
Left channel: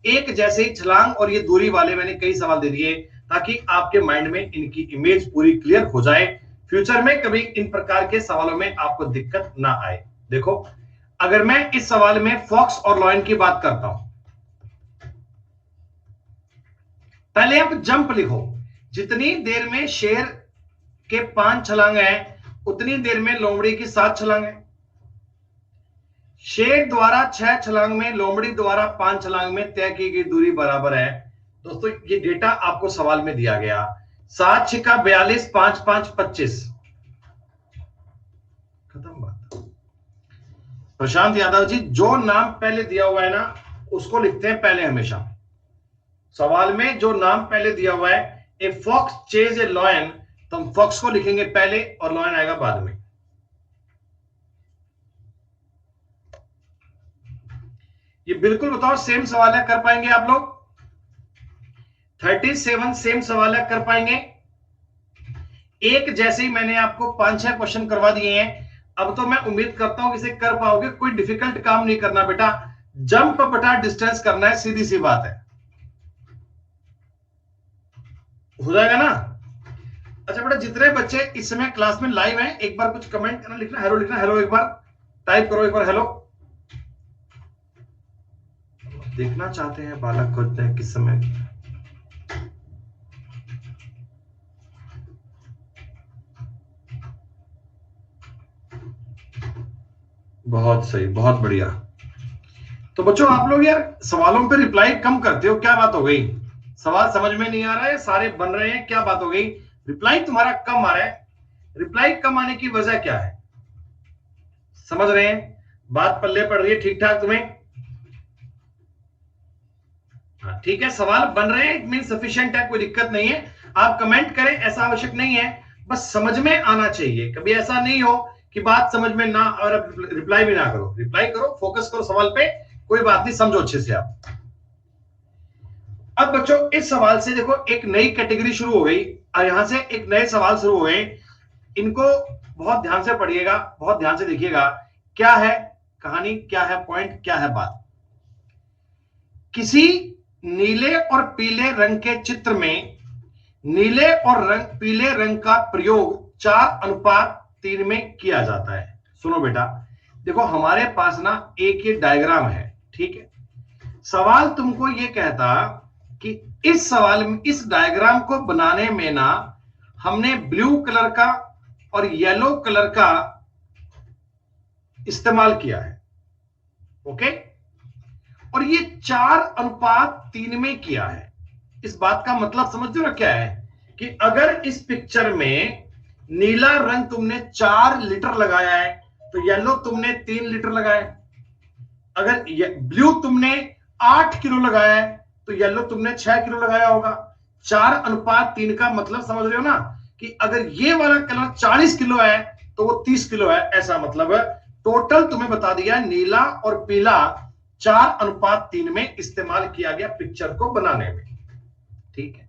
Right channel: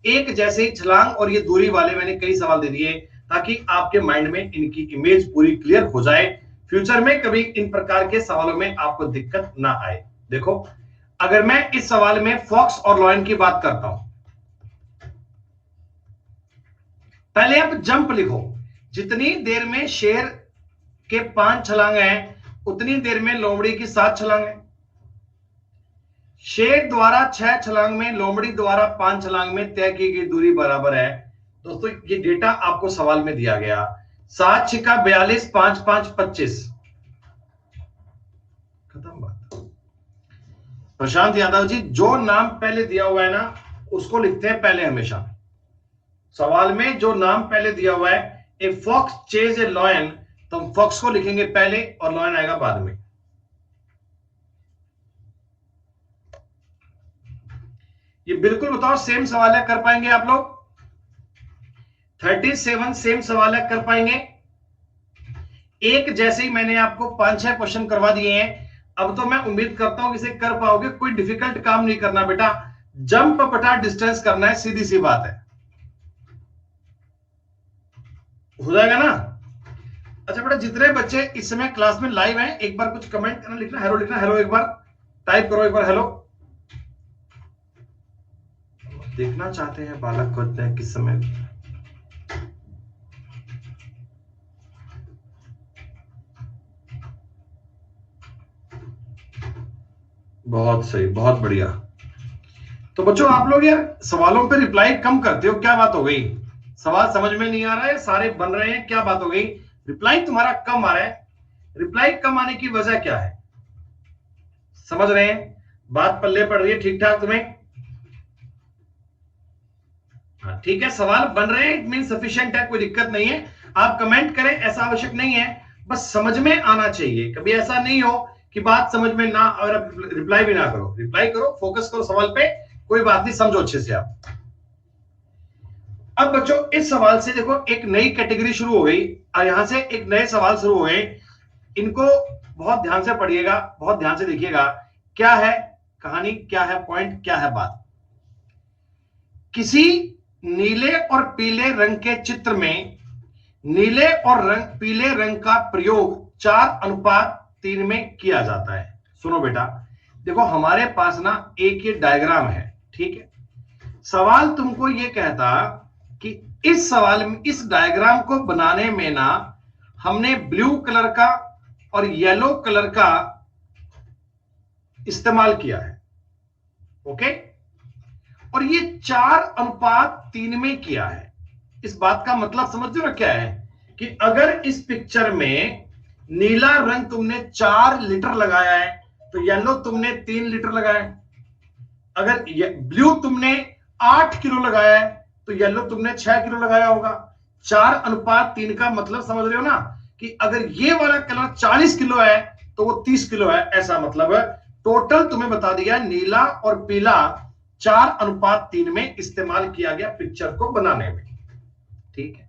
एक जैसे ही छलांग और ये दूरी वाले मैंने कई सवाल दे दिए ताकि आपके माइंड में इनकी इमेज पूरी क्लियर हो जाए, फ्यूचर में कभी इन प्रकार के सवालों में आपको दिक्कत ना आए। देखो अगर मैं इस सवाल में फॉक्स और लॉयन की बात करता हूं, पहले आप जंप लिखो, जितनी देर में शेर के 5 छलांग हैं उतनी देर में लोमड़ी की 7 छलांग है। शेर द्वारा 6 छलांग में लोमड़ी द्वारा 5 छलांग में तय की गई दूरी बराबर है। दोस्तों ये डेटा आपको सवाल में दिया गया, 7 6 42, 5 5 25, खत्म बात। प्रशांत यादव जी, जो नाम पहले दिया हुआ है ना उसको लिखते हैं पहले हमेशा। सवाल में जो नाम पहले दिया हुआ है, a fox chase a lion, तो हम फॉक्स को लिखेंगे पहले और लॉयन आएगा बाद में। ये बिल्कुल बताओ सेम सवाल है, कर पाएंगे आप लोग? 37 सेम सवाल है, कर पाएंगे? एक जैसे ही मैंने आपको 5-6 क्वेश्चन करवा दिए हैं, अब तो मैं उम्मीद करता हूं इसे कर पाओगे। कोई डिफिकल्ट काम नहीं करना बेटा, जंप बटा डिस्टेंस करना है, सीधी सी बात है, हो जाएगा ना? अच्छा बेटा, जितने बच्चे इस समय क्लास में लाइव हैं, एक बार कुछ कमेंट करना, लिखना हेलो, लिखना हेलो, एक बार टाइप करो, एक बार हेलो। देखना चाहते हैं बालक होते हैं किस समय। बहुत सही, बहुत बढ़िया। तो बच्चों आप लोग यार सवालों पे रिप्लाई कम करते हो, क्या बात हो गई? सवाल समझ में नहीं आ रहा है, सारे बन रहे हैं, क्या बात हो गई? रिप्लाई तुम्हारा कम आ रहा है, रिप्लाई कम आने की वजह क्या है? समझ रहे हैं? बात पल्ले पड़ रही है ठीक ठाक तुम्हें? हाँ ठीक है, सवाल बन रहे हैं, इट मीन सफिशिएंट है, कोई दिक्कत नहीं है। आप कमेंट करें ऐसा आवश्यक नहीं है, बस समझ में आना चाहिए। कभी ऐसा नहीं हो कि बात समझ में ना, और रिप्लाई भी ना करो। रिप्लाई करो, फोकस करो सवाल पे, कोई बात नहीं, समझो अच्छे से आप। अब बच्चों इस सवाल से देखो एक नई कैटेगरी शुरू हो गई, और यहां से एक नए सवाल शुरू हो गए। इनको बहुत ध्यान से पढ़िएगा, बहुत ध्यान से देखिएगा, क्या है कहानी, क्या है पॉइंट, क्या है बात। किसी नीले और पीले रंग के चित्र में नीले और पीले रंग का प्रयोग 4:3 में किया जाता है। सुनो बेटा, देखो हमारे पास ना एक ये डायग्राम है, ठीक है? सवाल तुमको ये कहता कि इस सवाल में, इस डायग्राम को बनाने में ना हमने ब्लू कलर का और येलो कलर का इस्तेमाल किया है, ओके? और ये 4:3 में किया है। इस बात का मतलब समझ रहे हो क्या है? कि अगर इस पिक्चर में नीला रंग तुमने 4 लीटर लगाया है, तो येलो तुमने 3 लीटर लगाया है। अगर ब्लू तुमने 8 किलो लगाया है, तो येलो तुमने 6 किलो लगाया होगा। 4:3 का मतलब समझ रहे हो ना, कि अगर ये वाला कलर 40 किलो है तो वो 30 किलो है, ऐसा मतलब है। टोटल तुम्हें बता दिया, नीला और पीला 4:3 में इस्तेमाल किया गया पिक्चर को बनाने में, ठीक है?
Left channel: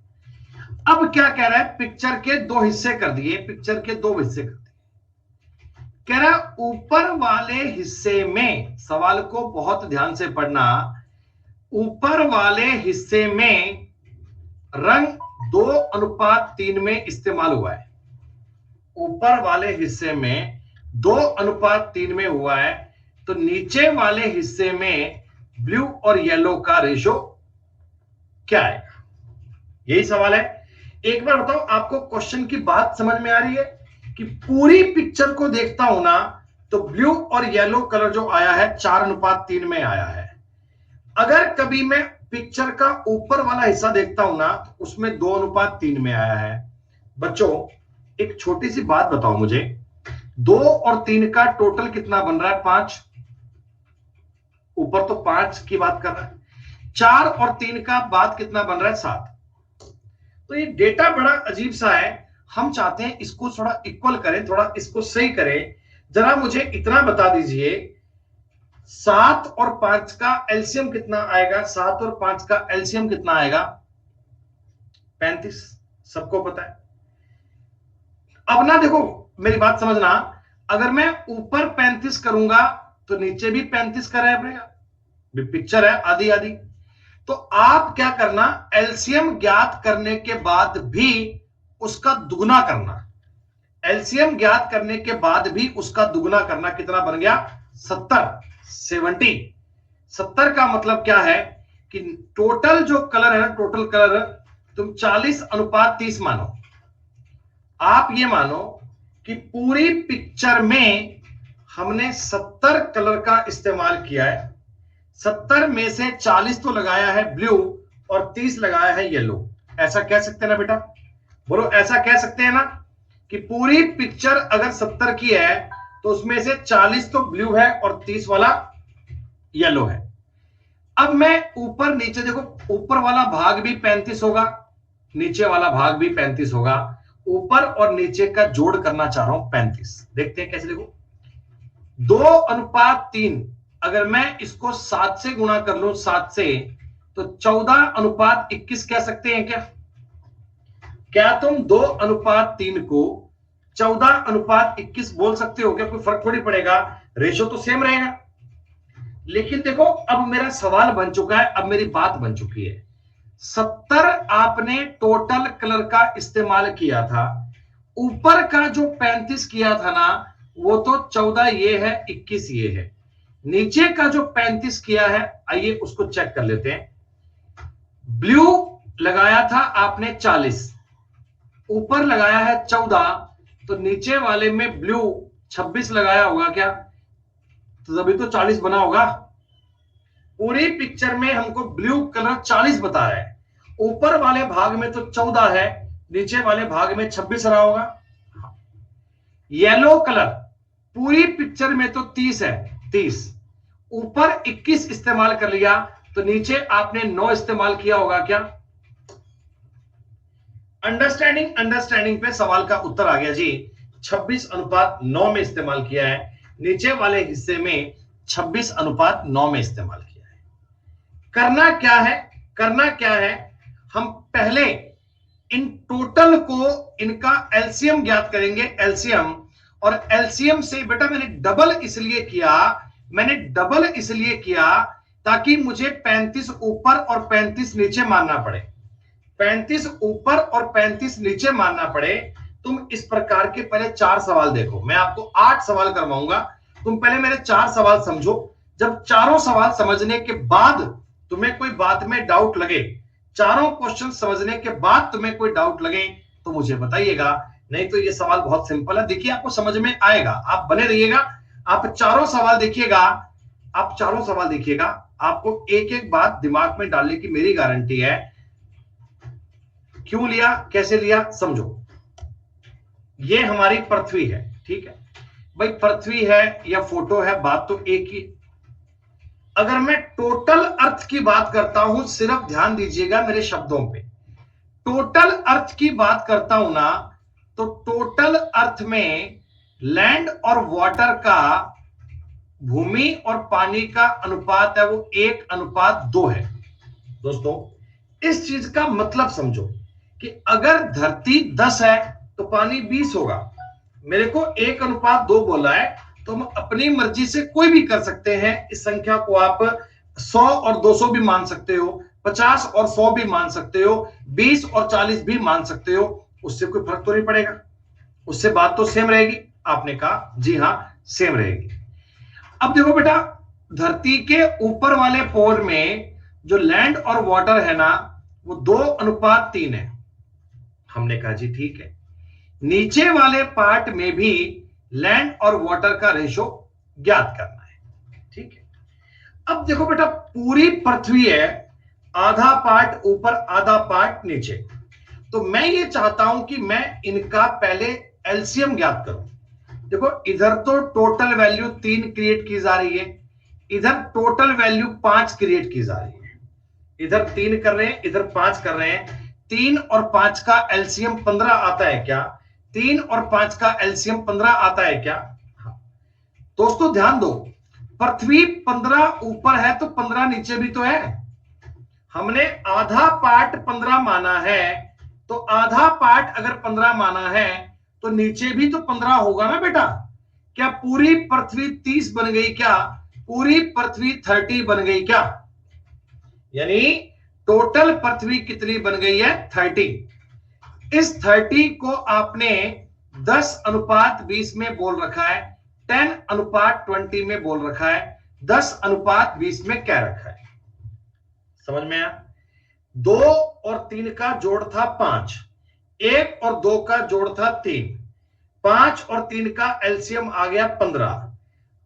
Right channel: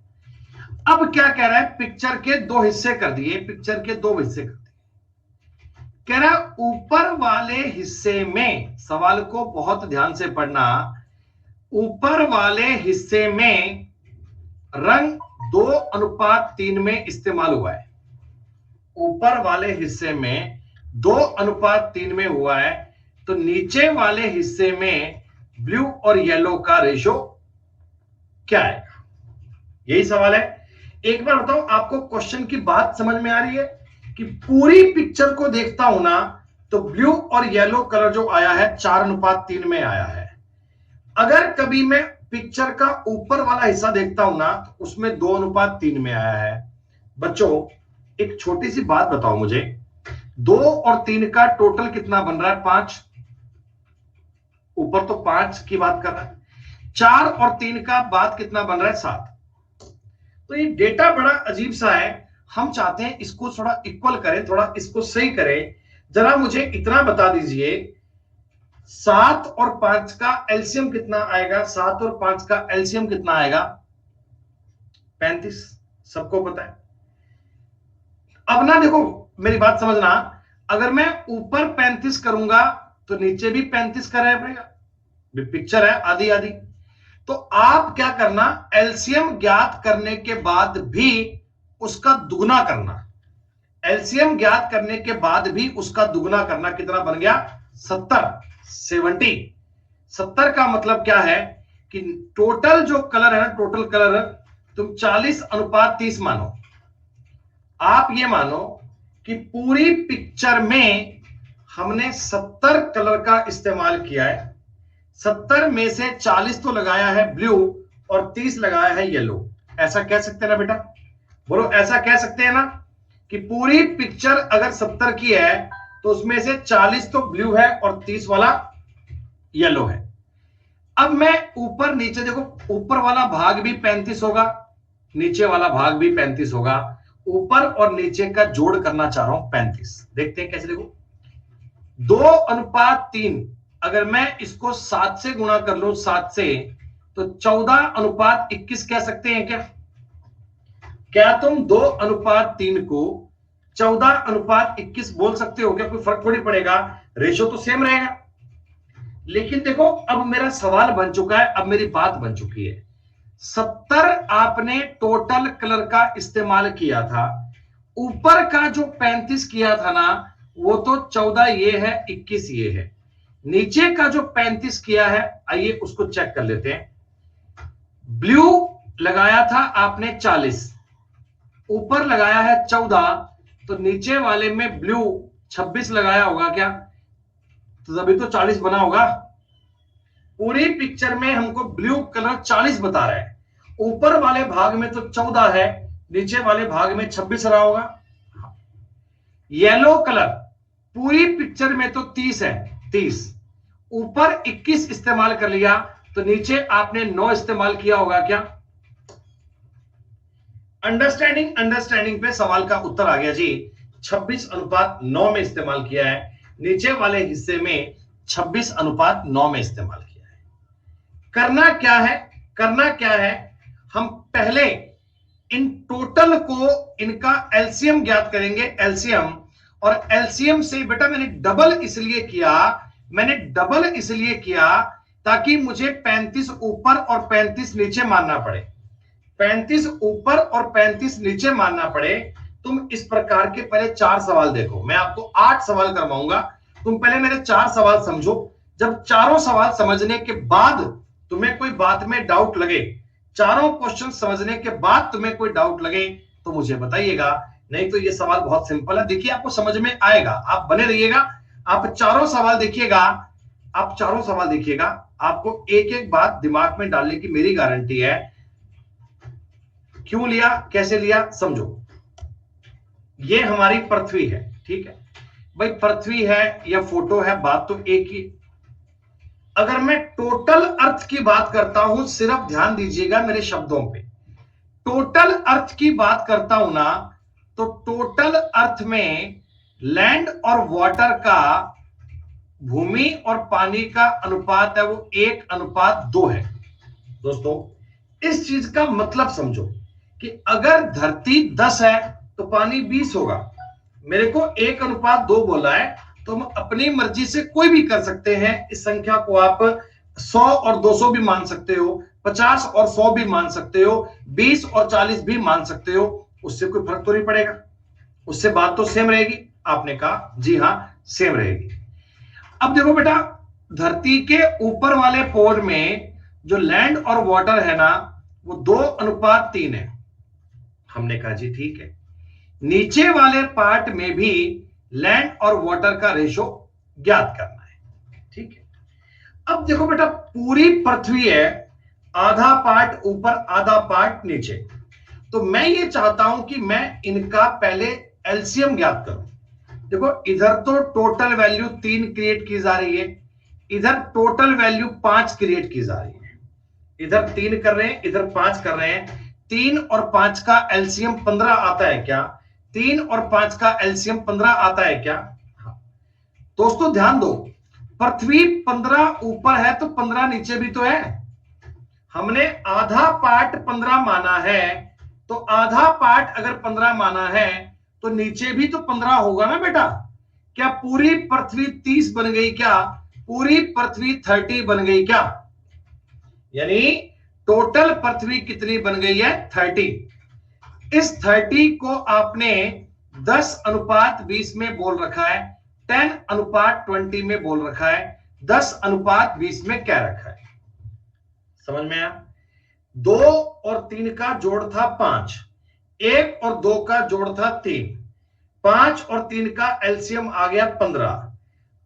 अब क्या कह रहा है, पिक्चर के 2 हिस्से कर दिए, पिक्चर के 2 हिस्से कर दिए। कह रहा है ऊपर वाले हिस्से में, सवाल को बहुत ध्यान से पढ़ना, ऊपर वाले हिस्से में रंग 2:3 में इस्तेमाल हुआ है। ऊपर वाले हिस्से में 2:3 में हुआ है, तो नीचे वाले हिस्से में ब्लू और येलो का रेशो क्या है? यही सवाल है। एक बार बताओ, आपको क्वेश्चन की बात समझ में आ रही है? कि पूरी पिक्चर को देखता हूं ना, तो ब्लू और येलो कलर जो आया है 4:3 में आया है। अगर कभी मैं पिक्चर का ऊपर वाला हिस्सा देखता हूं ना, तो उसमें 2:3 में आया है। बच्चों एक छोटी सी बात बताओ मुझे, 2 और 3 का टोटल कितना बन रहा है? 5। ऊपर तो 5 की बात कर रहा है, 4 और 3 का बाद कितना बन रहा है? 7। तो ये डेटा बड़ा अजीब सा है, हम चाहते हैं इसको थोड़ा इक्वल करें, थोड़ा इसको सही करें। जरा मुझे इतना बता दीजिए, 7 और 5 का एलसीएम कितना आएगा? 7 और 5 का एलसीएम कितना आएगा? 35, सबको पता है। अब ना देखो, मेरी बात समझना, अगर मैं ऊपर 35 करूंगा तो नीचे भी 35 कराया पड़ेगा, पिक्चर है आधी आधी। तो आप क्या करना, एलसीएम ज्ञात करने के बाद भी उसका दुगना करना। एलसीएम ज्ञात करने के बाद भी उसका दुगना करना। कितना बन गया? 70 70 का मतलब क्या है कि टोटल जो कलर है ना, टोटल कलर तुम 40:30 मानो। आप ये मानो कि पूरी पिक्चर में हमने 70 कलर का इस्तेमाल किया है। 70 में से 40 तो लगाया है ब्लू और 30 लगाया है येलो। ऐसा कह सकते हैं ना बेटा? बोलो, ऐसा कह सकते हैं ना कि पूरी पिक्चर अगर 70 की है तो उसमें से 40 तो ब्लू है और 30 वाला येलो है। अब मैं ऊपर नीचे देखो, ऊपर वाला भाग भी 35 होगा, नीचे वाला भाग भी 35 होगा। ऊपर और नीचे का जोड़ करना चाह रहा हूं 35। देखते हैं कैसे। देखो 2:3, अगर मैं इसको 7 से गुणा कर लूं, 7 से, तो 14:21 कह सकते हैं क्या? क्या तुम 2:3 को 14:21 बोल सकते हो क्या? कोई फर्क थोड़ी पड़ेगा, रेशो तो सेम रहेगा। लेकिन देखो अब मेरा सवाल बन चुका है, अब मेरी बात बन चुकी है। 70 आपने टोटल कलर का इस्तेमाल किया था, ऊपर का जो 35 किया था ना, वो तो 14 ये है, 21 ये है। नीचे का जो 35 किया है, आइए उसको चेक कर लेते हैं। ब्लू लगाया था आपने 40, ऊपर लगाया है 14, तो नीचे वाले में ब्लू 26 लगाया होगा क्या? तो तभी तो 40 बना होगा। पूरी पिक्चर में हमको ब्लू कलर 40 बता रहा है, ऊपर वाले भाग में तो 14 है, नीचे वाले भाग में 26 रहा होगा। येलो कलर पूरी पिक्चर में तो 30 है, 30 ऊपर 21 इस्तेमाल कर लिया, तो नीचे आपने 9 इस्तेमाल किया होगा क्या? अंडरस्टैंडिंग पे सवाल का उत्तर आ गया जी। 26:9 में इस्तेमाल किया है, नीचे वाले हिस्से में 26:9 में इस्तेमाल किया है। करना क्या है, हम पहले इन टोटल को, इनका एलसीएम ज्ञात करेंगे, एलसीएम। और एलसीएम से बेटा मैंने डबल इसलिए किया ताकि मुझे 35 ऊपर और 35 नीचे मानना पड़े, 35 ऊपर और 35 नीचे मानना पड़े। तुम इस प्रकार के पहले 4 सवाल देखो, मैं आपको 8 सवाल करवाऊंगा, तुम पहले मेरे 4 सवाल समझो। जब चारों सवाल समझने के बाद तुम्हें कोई बात में डाउट लगे, चारों क्वेश्चन समझने के बाद तुम्हें कोई डाउट लगे तो मुझे बताइएगा, नहीं तो ये सवाल बहुत सिंपल है। देखिए आपको समझ में आएगा, आप बने रहिएगा, आप चारों सवाल देखिएगा, आपको एक एक बात दिमाग में डालने की मेरी गारंटी है। क्यों लिया, कैसे लिया, समझो। ये हमारी पृथ्वी है, ठीक है भाई, पृथ्वी है या फोटो है, बात तो एक ही। अगर मैं टोटल अर्थ की बात करता हूं, सिर्फ ध्यान दीजिएगा मेरे शब्दों पे, टोटल अर्थ की बात करता हूं ना, तो टोटल अर्थ में लैंड और वाटर का, भूमि और पानी का अनुपात है वो 1:2 है। दोस्तों इस चीज का मतलब समझो कि अगर धरती 10 है तो पानी 20 होगा। मेरे को 1:2 बोला है, तो हम अपनी मर्जी से कोई भी कर सकते हैं। इस संख्या को आप 100 और 200 भी मान सकते हो, 50 और 100 भी मान सकते हो, 20 और 40 भी मान सकते हो, उससे कोई फर्क तो नहीं पड़ेगा, उससे बात तो सेम रहेगी। आपने कहा जी हां सेम रहेगी। अब देखो बेटा, धरती के ऊपर वाले पोर में जो लैंड और वाटर है ना, वो 2:3 है। हमने कहा जी ठीक है। नीचे वाले पार्ट में भी लैंड और वाटर का रेशो ज्ञात करना है, ठीक है। अब देखो बेटा, पूरी पृथ्वी है, आधा पार्ट ऊपर आधा पार्ट नीचे, तो मैं ये चाहता हूं कि मैं इनका पहले एलसीएम ज्ञात करूं। देखो इधर तो टोटल वैल्यू 3 क्रिएट की जा रही है, इधर टोटल वैल्यू 5 क्रिएट की जा रही है। इधर 3 कर रहे हैं, इधर 5 कर रहे हैं। 3 और 5 का एलसीएम 15 आता है क्या? 3 और 5 का एलसीएम 15 आता है क्या? दोस्तों ध्यान दो, पृथ्वी 15 ऊपर है तो 15 नीचे भी तो है। हमने आधा पार्ट 15 माना है, तो आधा पार्ट अगर 15 माना है तो नीचे भी तो 15 होगा ना बेटा। क्या पूरी पृथ्वी 30 बन गई क्या? पूरी पृथ्वी 30 बन गई क्या? यानी टोटल पृथ्वी कितनी बन गई है? 30। इस 30 को आपने 10:20 में बोल रखा है, 10:20 में बोल रखा है, 10:20 में क्या रखा है? समझ में आया? 2 और 3 का जोड़ था 5, 1 और 2 का जोड़ था 3, 5 और 3 का एलसीएम आ गया 15।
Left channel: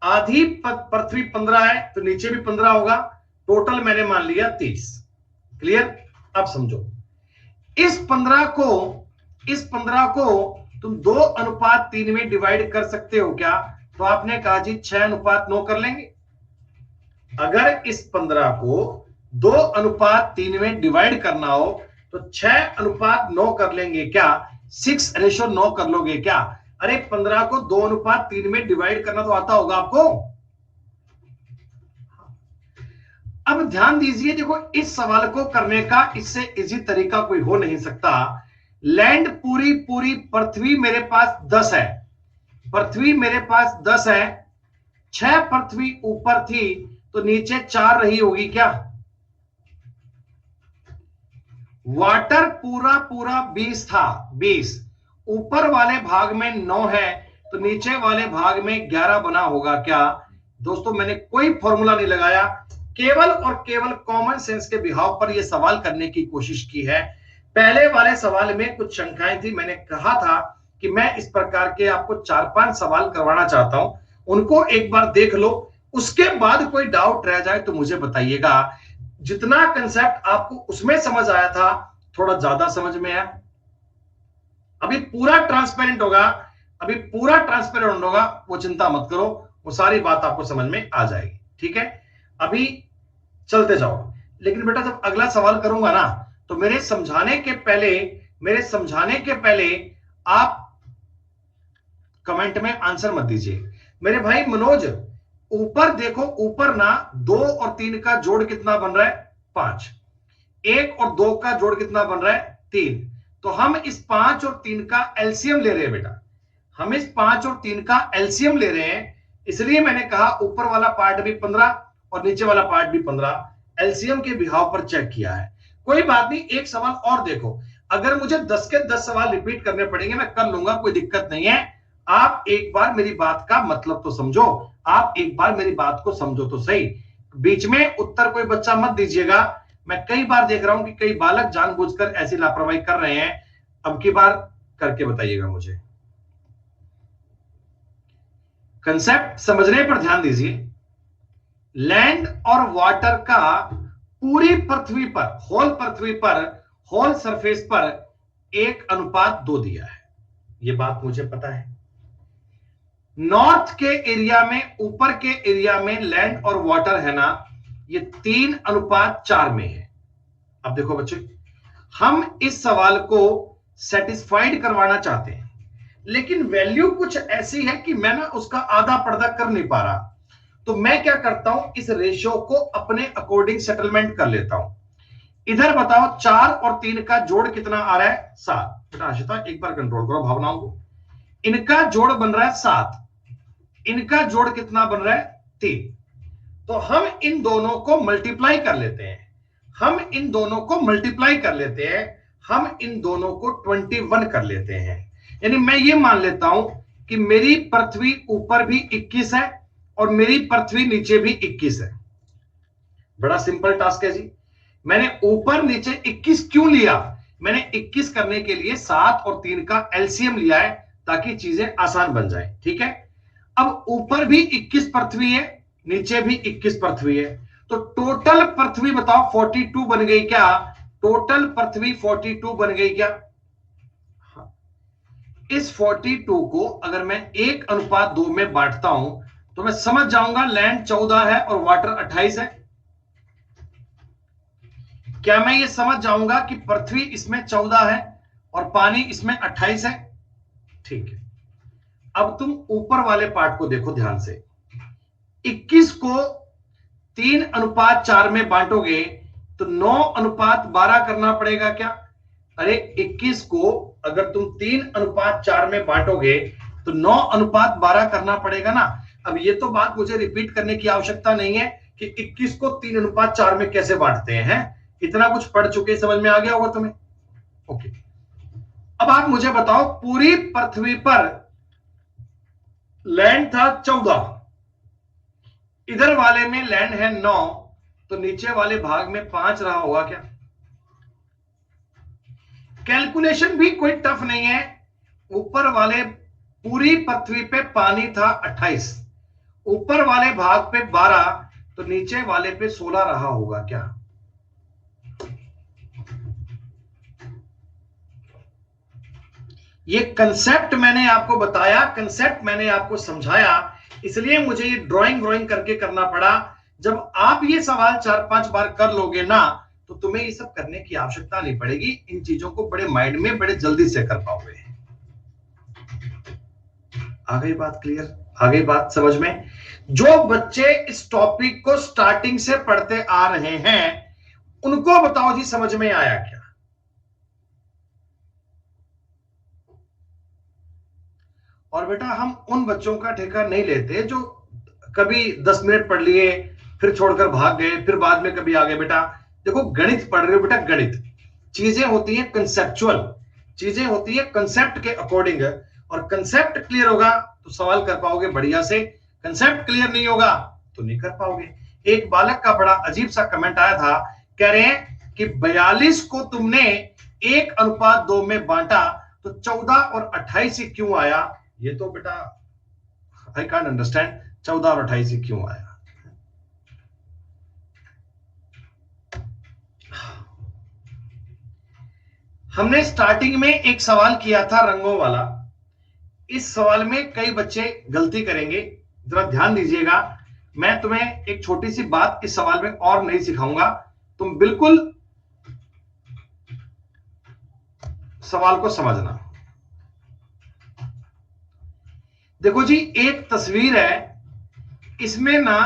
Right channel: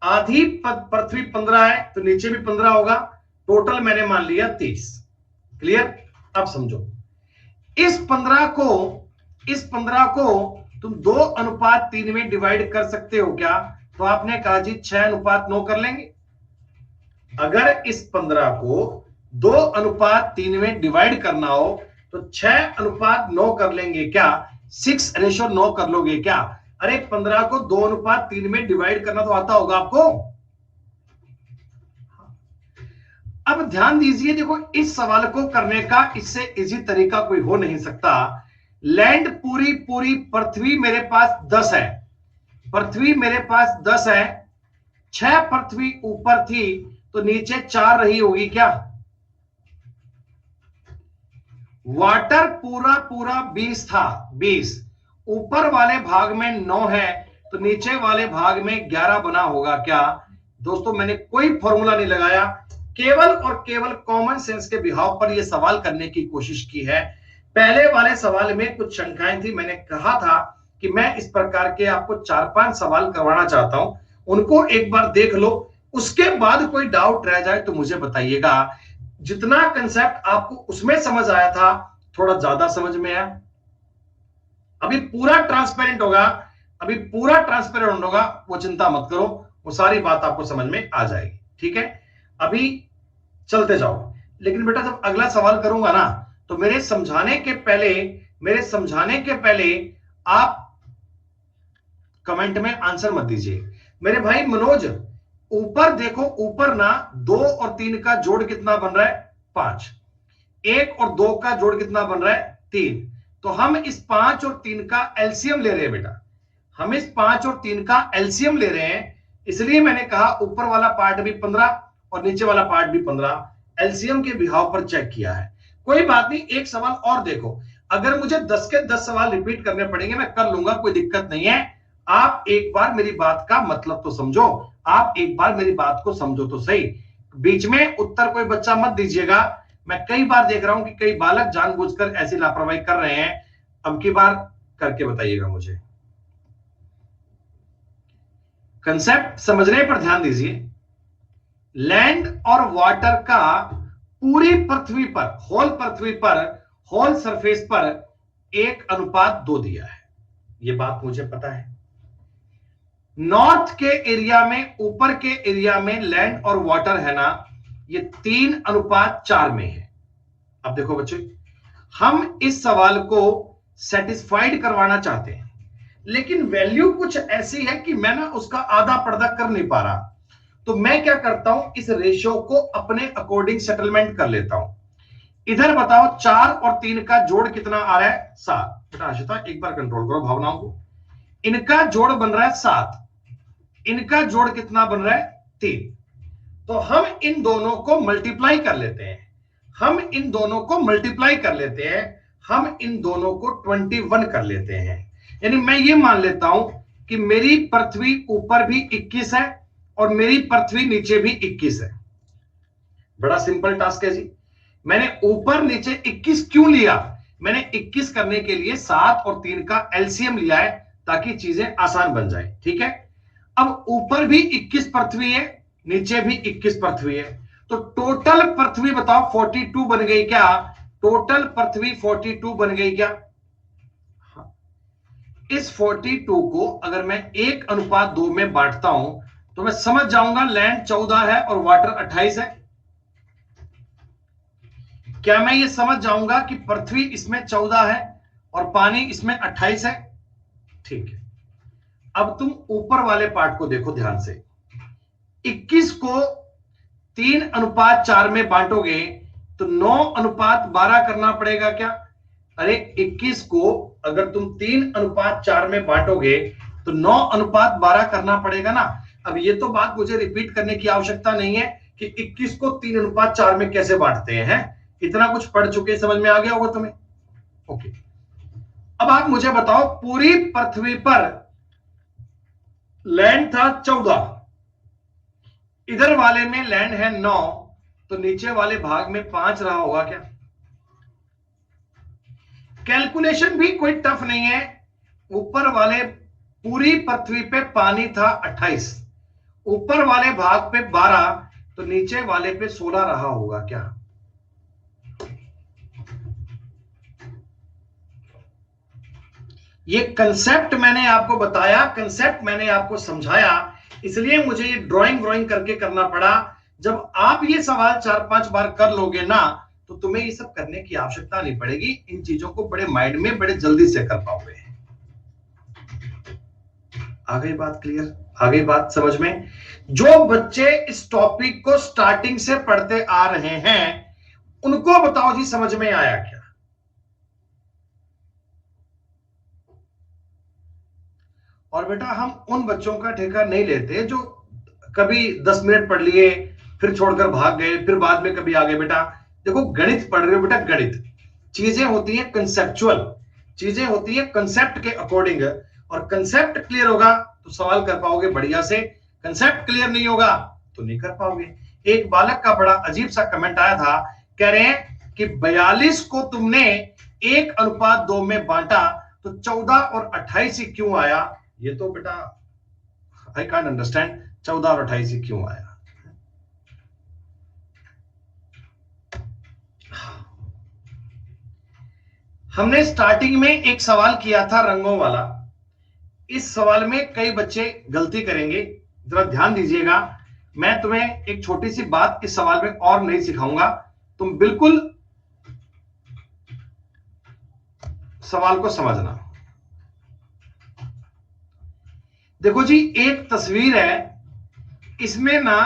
आधी पृथ्वी 15 है तो नीचे भी 15 होगा, टोटल मैंने मान लिया 30। क्लियर? अब समझो, इस 15 को तुम 2:3 में डिवाइड कर सकते हो क्या? तो आपने कहा जी 6:9 कर लेंगे। अगर इस 15 को 2:3 में डिवाइड करना हो तो 6:9 कर लेंगे क्या? 6:9 कर लोगे क्या? अरे 15 को 2:3 में डिवाइड करना तो आता होगा आपको। अब अब ध्यान दीजिए, देखो इस सवाल को करने का इससे इजी तरीका कोई हो नहीं सकता। लैंड पूरी पूरी पृथ्वी मेरे पास 10 है, पृथ्वी मेरे पास 10 है, 6 पृथ्वी ऊपर थी तो नीचे 4 रही होगी क्या? वाटर पूरा पूरा 20 था, 20 ऊपर वाले भाग में 9 है तो नीचे वाले भाग में 11 बना होगा क्या? दोस्तों मैंने कोई फॉर्मूला नहीं लगाया, केवल और केवल कॉमन सेंस के बिहाव पर यह सवाल करने की कोशिश की है। पहले वाले सवाल में कुछ शंकाएं थी, मैंने कहा था कि मैं इस प्रकार के आपको 4-5 सवाल करवाना चाहता हूं, उनको एक बार देख लो, उसके बाद कोई डाउट रह जाए तो मुझे बताइएगा। जितना कंसेप्ट आपको उसमें समझ आया था थोड़ा ज्यादा समझ में आया, अभी पूरा ट्रांसपेरेंट होगा, अभी पूरा ट्रांसपेरेंट होगा, वो चिंता मत करो, वो सारी बात आपको समझ में आ जाएगी। ठीक है, अभी चलते जाओ। लेकिन बेटा जब अगला सवाल करूंगा ना तो मेरे समझाने के पहले आप कमेंट में आंसर मत दीजिए। मेरे भाई मनोज ऊपर देखो, ऊपर ना 2 और 3 का जोड़ कितना बन रहा है? 5। 1 और 2 का जोड़ कितना बन रहा है? 3। तो हम इस 5 और 3 का एलसीएम ले रहे हैं बेटा, हम इस 5 और 3 का एलसीएम ले रहे हैं, इसलिए मैंने कहा ऊपर वाला पार्ट भी 15 और नीचे वाला पार्ट भी 15, एलसीएम के बिहाव पर चेक किया है। कोई बात नहीं, एक सवाल और देखो, अगर मुझे 10 के 10 सवाल रिपीट करने पड़ेंगे मैं कर लूंगा, कोई दिक्कत नहीं है। आप एक बार मेरी बात का मतलब तो समझो, आप एक बार मेरी बात को समझो तो सही। बीच में उत्तर कोई बच्चा मत दीजिएगा, मैं कई बार देख रहा हूं कि कई बालक जानबूझकर ऐसी लापरवाही कर रहे हैं, अब की बार करके बताइएगा मुझे। कंसेप्ट समझने पर ध्यान दीजिए। लैंड और वाटर का पूरी पृथ्वी पर, होल पृथ्वी पर, होल सरफेस पर 1:2 दिया है, यह बात मुझे पता है। नॉर्थ के एरिया में, ऊपर के एरिया में लैंड और वाटर है ना, ये 3:4 में है। अब देखो बच्चों, हम इस सवाल को सेटिस्फाइड करवाना चाहते हैं, लेकिन वैल्यू कुछ ऐसी है कि मैं ना उसका आधा पर्दा कर नहीं पा रहा, तो मैं क्या करता हूं, इस रेशियो को अपने अकॉर्डिंग सेटलमेंट कर लेता हूं। इधर बताओ 4 और 3 का जोड़ कितना आ रहा है? 7। बेटा आशिता एक बार कंट्रोल करो भावनाओं को, इनका जोड़ बन रहा है 7, इनका जोड़ कितना बन रहा है? 3। तो हम इन दोनों को मल्टीप्लाई कर लेते हैं, हम इन दोनों को मल्टीप्लाई कर लेते हैं, हम इन दोनों को 21 कर लेते हैं। यानी मैं ये मान लेता हूं कि मेरी पृथ्वी ऊपर भी 21 है और मेरी पृथ्वी नीचे भी 21 है। बड़ा सिंपल टास्क है जी। मैंने ऊपर नीचे 21 क्यों लिया? मैंने 21 करने के लिए 7 और 3 का एलसीएम लिया है ताकि चीजें आसान बन जाए। ठीक है, अब ऊपर भी 21 पृथ्वी है, नीचे भी 21 पृथ्वी है, तो टोटल पृथ्वी बताओ 42 बन गई क्या? टोटल पृथ्वी 42 बन गई क्या? हाँ। इस 42 को अगर मैं 1:2 में बांटता हूं तो मैं समझ जाऊंगा लैंड 14 है और वाटर 28 है। क्या मैं ये समझ जाऊंगा कि पृथ्वी इसमें 14 है और पानी इसमें 28 है? ठीक है, अब तुम ऊपर वाले पार्ट को देखो ध्यान से। 21 को 3:4 में बांटोगे तो 9:12 करना पड़ेगा क्या? अरे 21 को अगर तुम 3:4 में बांटोगे तो 9:12 करना पड़ेगा ना। अब ये तो बात मुझे रिपीट करने की आवश्यकता नहीं है कि 21 को 3:4 में कैसे बांटते हैं, इतना कुछ पढ़ चुके, समझ में आ गया होगा तुम्हें। ओके, अब आप मुझे बताओ, पूरी पृथ्वी पर लैंड था 14, इधर वाले में लैंड है 9, तो नीचे वाले भाग में 5 रहा होगा क्या? कैलकुलेशन भी कोई टफ नहीं है। ऊपर वाले पूरी पृथ्वी पे पानी था 28, ऊपर वाले भाग पे 12, तो नीचे वाले पे 16 रहा होगा क्या? ये कंसेप्ट मैंने आपको बताया, कंसेप्ट मैंने आपको समझाया, इसलिए मुझे ये ड्राइंग करके करना पड़ा। जब आप ये सवाल 4-5 बार कर लोगे ना तो तुम्हें ये सब करने की आवश्यकता नहीं पड़ेगी, इन चीजों को बड़े माइंड में बड़े जल्दी से कर पाओगे। आ गई बात क्लियर? आ गई बात समझ में? जो बच्चे इस टॉपिक को स्टार्टिंग से पढ़ते आ रहे हैं उनको बताओ जी समझ में आया क्या? और बेटा हम उन बच्चों का ठेका नहीं लेते जो कभी 10 मिनट पढ़ लिए फिर छोड़कर भाग गए, फिर बाद में कभी आ गए। बेटा देखो, गणित पढ़ रहे हो बेटा, गणित चीजें होती हैं कंसेप्चुअल, चीजें होती है कंसेप्ट के अकॉर्डिंग, और कंसेप्ट क्लियर होगा तो सवाल कर पाओगे बढ़िया से, कंसेप्ट क्लियर नहीं होगा तो नहीं कर पाओगे। एक बालक का बड़ा अजीब सा कमेंट आया था, कह रहे हैं कि 42 को तुमने 1:2 में बांटा तो 14 और 28 ही क्यों आया? ये तो बेटा आई कांट अंडरस्टैंड 14 और 28 ही क्यों आया। हमने स्टार्टिंग में एक सवाल किया था रंगों वाला, इस सवाल में कई बच्चे गलती करेंगे, जरा ध्यान दीजिएगा। मैं तुम्हें एक छोटी सी बात इस सवाल में और नहीं सिखाऊंगा, तुम बिल्कुल सवाल को समझना। देखो जी, एक तस्वीर है, इसमें ना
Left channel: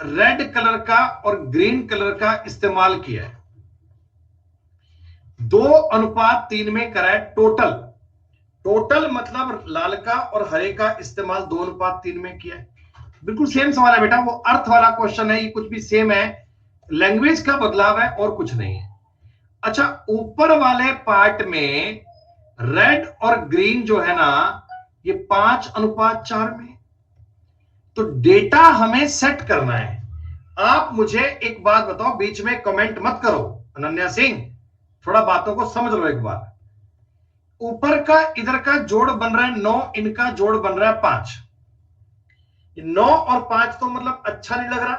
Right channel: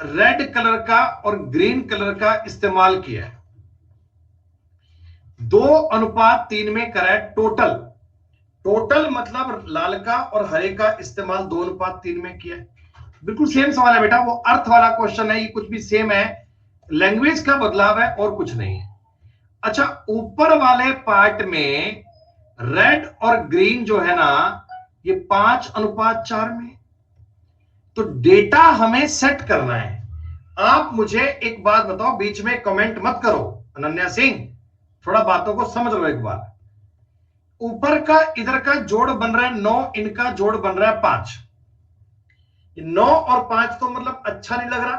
रेड कलर का और ग्रीन कलर का इस्तेमाल किया है, 2:3 में करा है टोटल। टोटल मतलब लाल का और हरे का इस्तेमाल 2:3 में किया है। बिल्कुल सेम सवाल है बेटा, वो अर्थ वाला क्वेश्चन है, ये कुछ भी सेम है, लैंग्वेज का बदलाव है और कुछ नहीं है। अच्छा, ऊपर वाले पार्ट में रेड और ग्रीन जो है ना, ये 5:4 में। तो डेटा हमें सेट करना है। आप मुझे एक बात बताओ, बीच में कमेंट मत करो अनन्या सिंह, थोड़ा बातों को समझ लो एक बार। ऊपर का इधर का जोड़ बन रहा है 9, इनका जोड़ बन रहा है 5। 9 और 5 तो मतलब अच्छा नहीं लग रहा।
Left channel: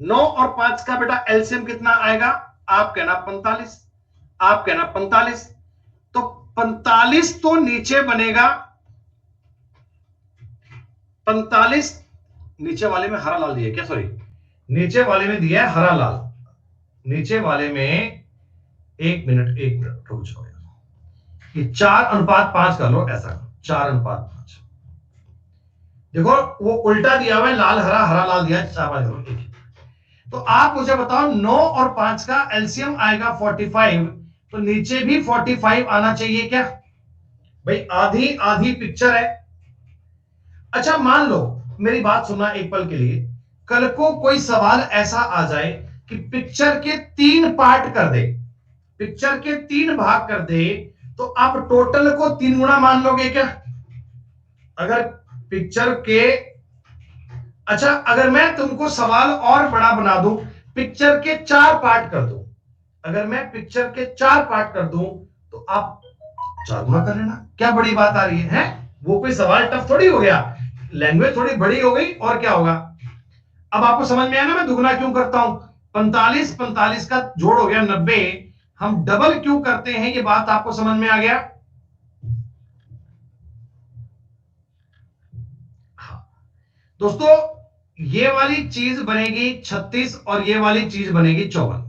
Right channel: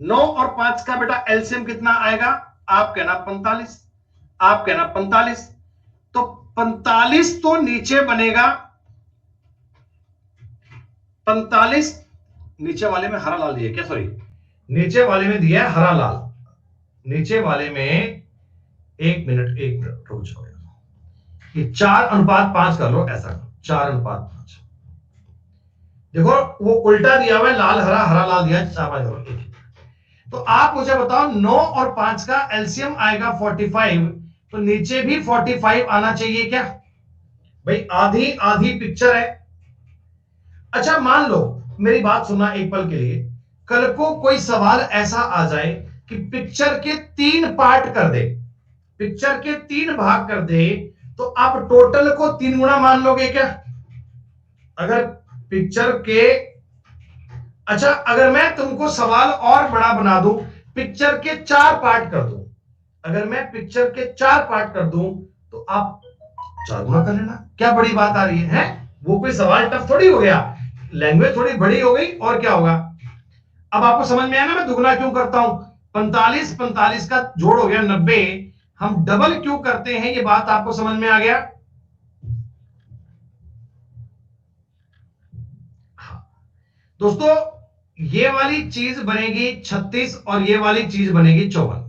9 और 5 का बेटा एलसीएम कितना आएगा? आप कहना 45, आप कहना 45, तो 45 तो नीचे बनेगा 45, नीचे वाले में हरा लाल दिया क्या? सॉरी, नीचे वाले में दिया है हरा लाल, नीचे वाले में 1 मिनट रुक जाओ, ये 4:5 कर लो, ऐसा 4:5। देखो वो उल्टा दिया हुआ है, लाल हरा, हरा लाल दिया है, 4:5। तो आप मुझे बताओ 9 और 5 का एलसीएम आएगा 45, तो नीचे भी 45 आना चाहिए क्या भाई? आधी आधी पिक्चर है। अच्छा मान लो, मेरी बात सुनना एक पल के लिए, कल को कोई सवाल ऐसा आ जाए कि पिक्चर के 3 पार्ट कर दे, पिक्चर के 3 भाग कर दे, तो आप टोटल को 3 गुना मान लोगे क्या? अगर पिक्चर के, अच्छा अगर मैं तुमको सवाल और बड़ा बना दूं, पिक्चर के 4 पार्ट कर दूं, अगर मैं पिक्चर के 4 पार्ट कर दूं तो आप 4 गुना कर लेना, क्या बड़ी बात आ रही है? वो कोई सवाल टफ थोड़ी हो गया, लैंग्वेज थोड़ी बड़ी हो गई, और क्या होगा? अब आपको समझ में आया ना मैं दुगना क्यों करता हूं? 45 का जोड़ हो गया 90, हम डबल क्यों करते हैं, ये बात आपको समझ में आ गया? दोस्तों, ये वाली चीज बनेगी 36 और ये वाली चीज बनेगी 54।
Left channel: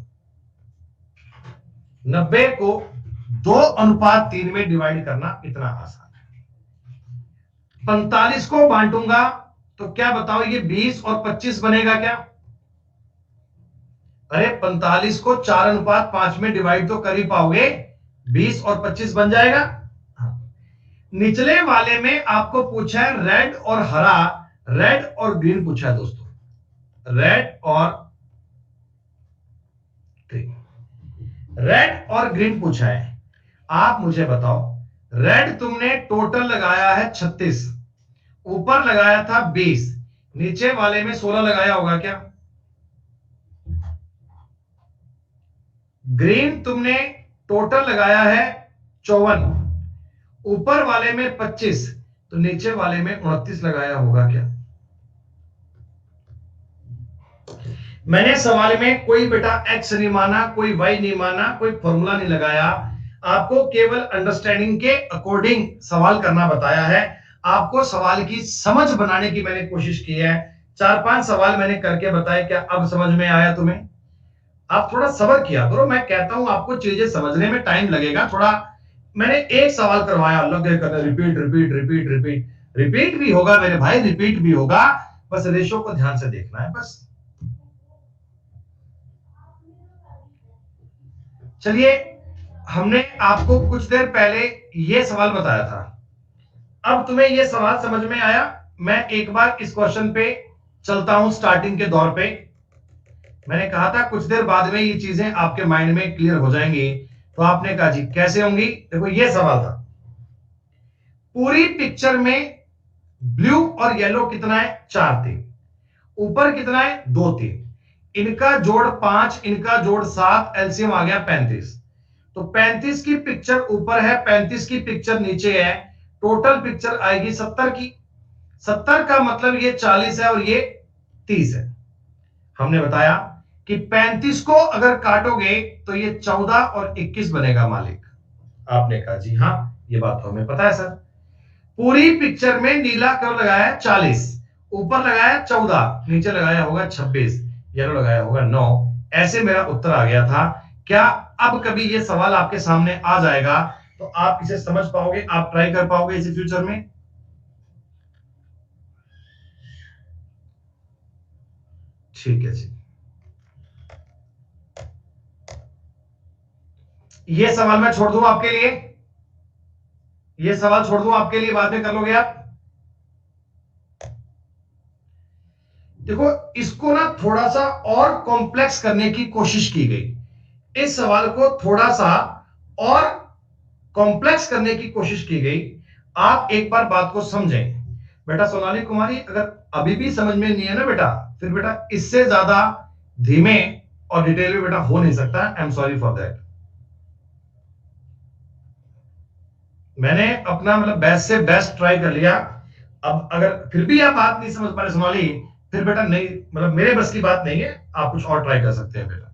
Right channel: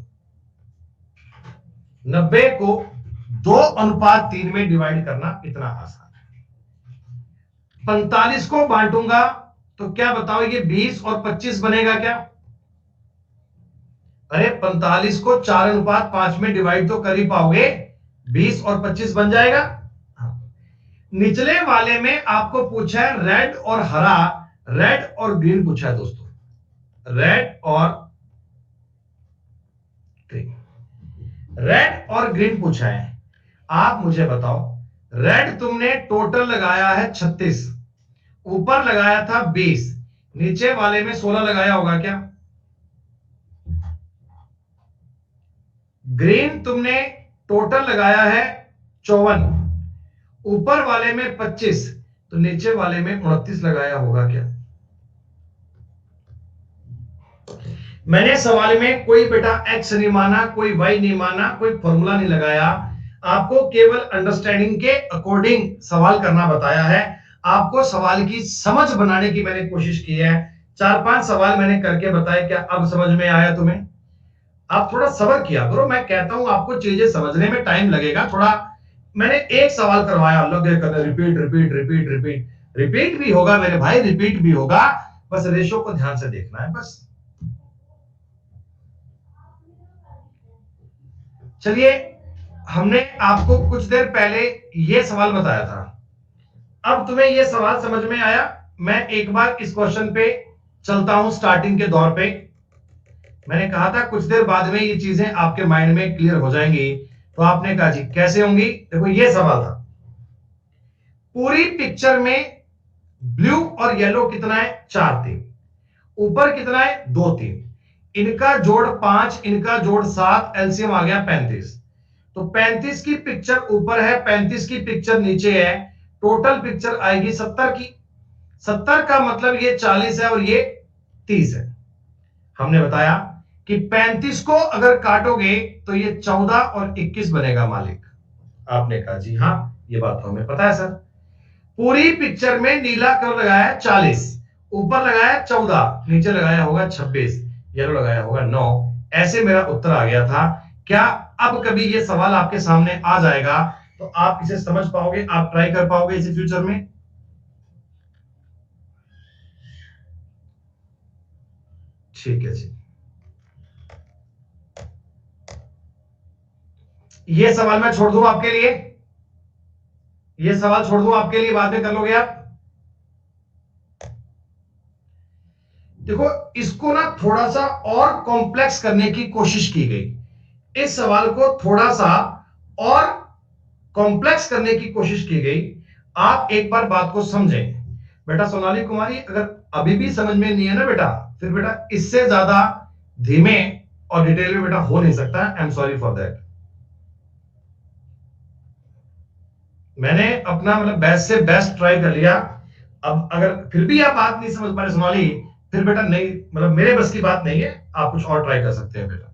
90 को 2:3 में डिवाइड करना इतना आसान है। 45 को बांटूंगा तो क्या बताओ, ये 20 और 25 बनेगा क्या? अरे 45 को 4:5 में डिवाइड तो कर ही पाओगे, 20 और 25 बन जाएगा। निचले वाले में आपको पूछा है रेड और हरा, रेड और ग्रीन पूछा है दोस्तों, रेड और ग्रीन, रेड और ग्रीन पूछा है। आप मुझे बताओ, रेड तुमने टोटल लगाया है 36, ऊपर लगाया था 20, नीचे वाले में 16 लगाया होगा क्या? ग्रीन तुमने टोटल लगाया है 54, ऊपर वाले में 25, तो नीचे वाले में 29 लगाया होगा क्या? मैंने सवाल में कोई बेटा एक्स नहीं माना, कोई वाई नहीं माना, कोई फॉर्मूला नहीं लगाया, आपको केवल अंडरस्टैंडिंग के अकॉर्डिंग सवाल करना बताया है। आपको सवाल की समझ बनाने की मैंने कोशिश की है, 4-5 सवाल मैंने करके बताए, क्या अब समझ में आया तुम्हें? आप थोड़ा सब्र किया करो, मैं कहता हूं आपको चीजें समझने में टाइम लगेगा थोड़ा। मैंने एक सवाल करवाया, लगे करने repeat repeat repeat repeat repeat भी होगा मेरे भाई, रिपीट भी होगा, बस रेशो को ध्यान से देखना है बस। चलिए, हमने आपको कुछ देर पहले यह सवाल बताया था, अब तुम्हें यह सवाल समझ में आया? मैं एक बार इस क्वेश्चन पे चलता हूं स्टार्टिंग के दौर पे। मैंने कहा था कुछ देर बाद में ये चीजें आपके माइंड में क्लियर हो जाएंगी, तो आपने कहा जी कैसे होंगी? देखो ये सवाल था, पूरी पिक्चर में ब्लू और येलो कितना है? 4 3, ऊपर कितना है? 2 3, इनका जोड़ 5, इनका जोड़ 7, एलसीएम आ गया 35। तो 35 की पिक्चर ऊपर है, 35 की पिक्चर नीचे है, टोटल पिक्चर आएगी 70 की। 70 का मतलब ये 40 है और ये 30 है। हमने बताया कि 35 को अगर काटोगे तो ये 14 और 21 बनेगा मालिक। आपने कहा जी हाँ, ये बात तो हमें पता है सर। पूरी पिक्चर में नीला कलर लगाया 40, ऊपर लगाया 14, नीचे लगाया होगा 26, येलो लगाया होगा 9। ऐसे मेरा उत्तर आ गया था। क्या अब कभी ये सवाल आपके सामने आ जाएगा तो आप इसे समझ पाओगे, आप ट्राई कर पाओगे इसे फ्यूचर में? ठीक है जी, ये सवाल मैं छोड़ दूं आपके लिए, ये सवाल छोड़ दूं आपके लिए, बाद में कर लोगे आप। देखो, इसको ना थोड़ा सा और कॉम्प्लेक्स करने की कोशिश की गई, इस सवाल को थोड़ा सा और कॉम्प्लेक्स करने की कोशिश की गई। आप एक बार बात को समझें बेटा। सोनाली कुमारी, अगर अभी भी समझ में नहीं है ना बेटा, फिर बेटा इससे ज्यादा धीमे और डिटेल में बेटा हो नहीं सकता। I am sorry for that. मैंने अपना मतलब बेस्ट से बेस्ट ट्राई कर लिया। अब अगर फिर भी आप बात नहीं समझ पा रहे सोनाली, फिर बेटा नहीं, मतलब मेरे बस की बात नहीं है, आप कुछ और ट्राई कर सकते हैं बेटा।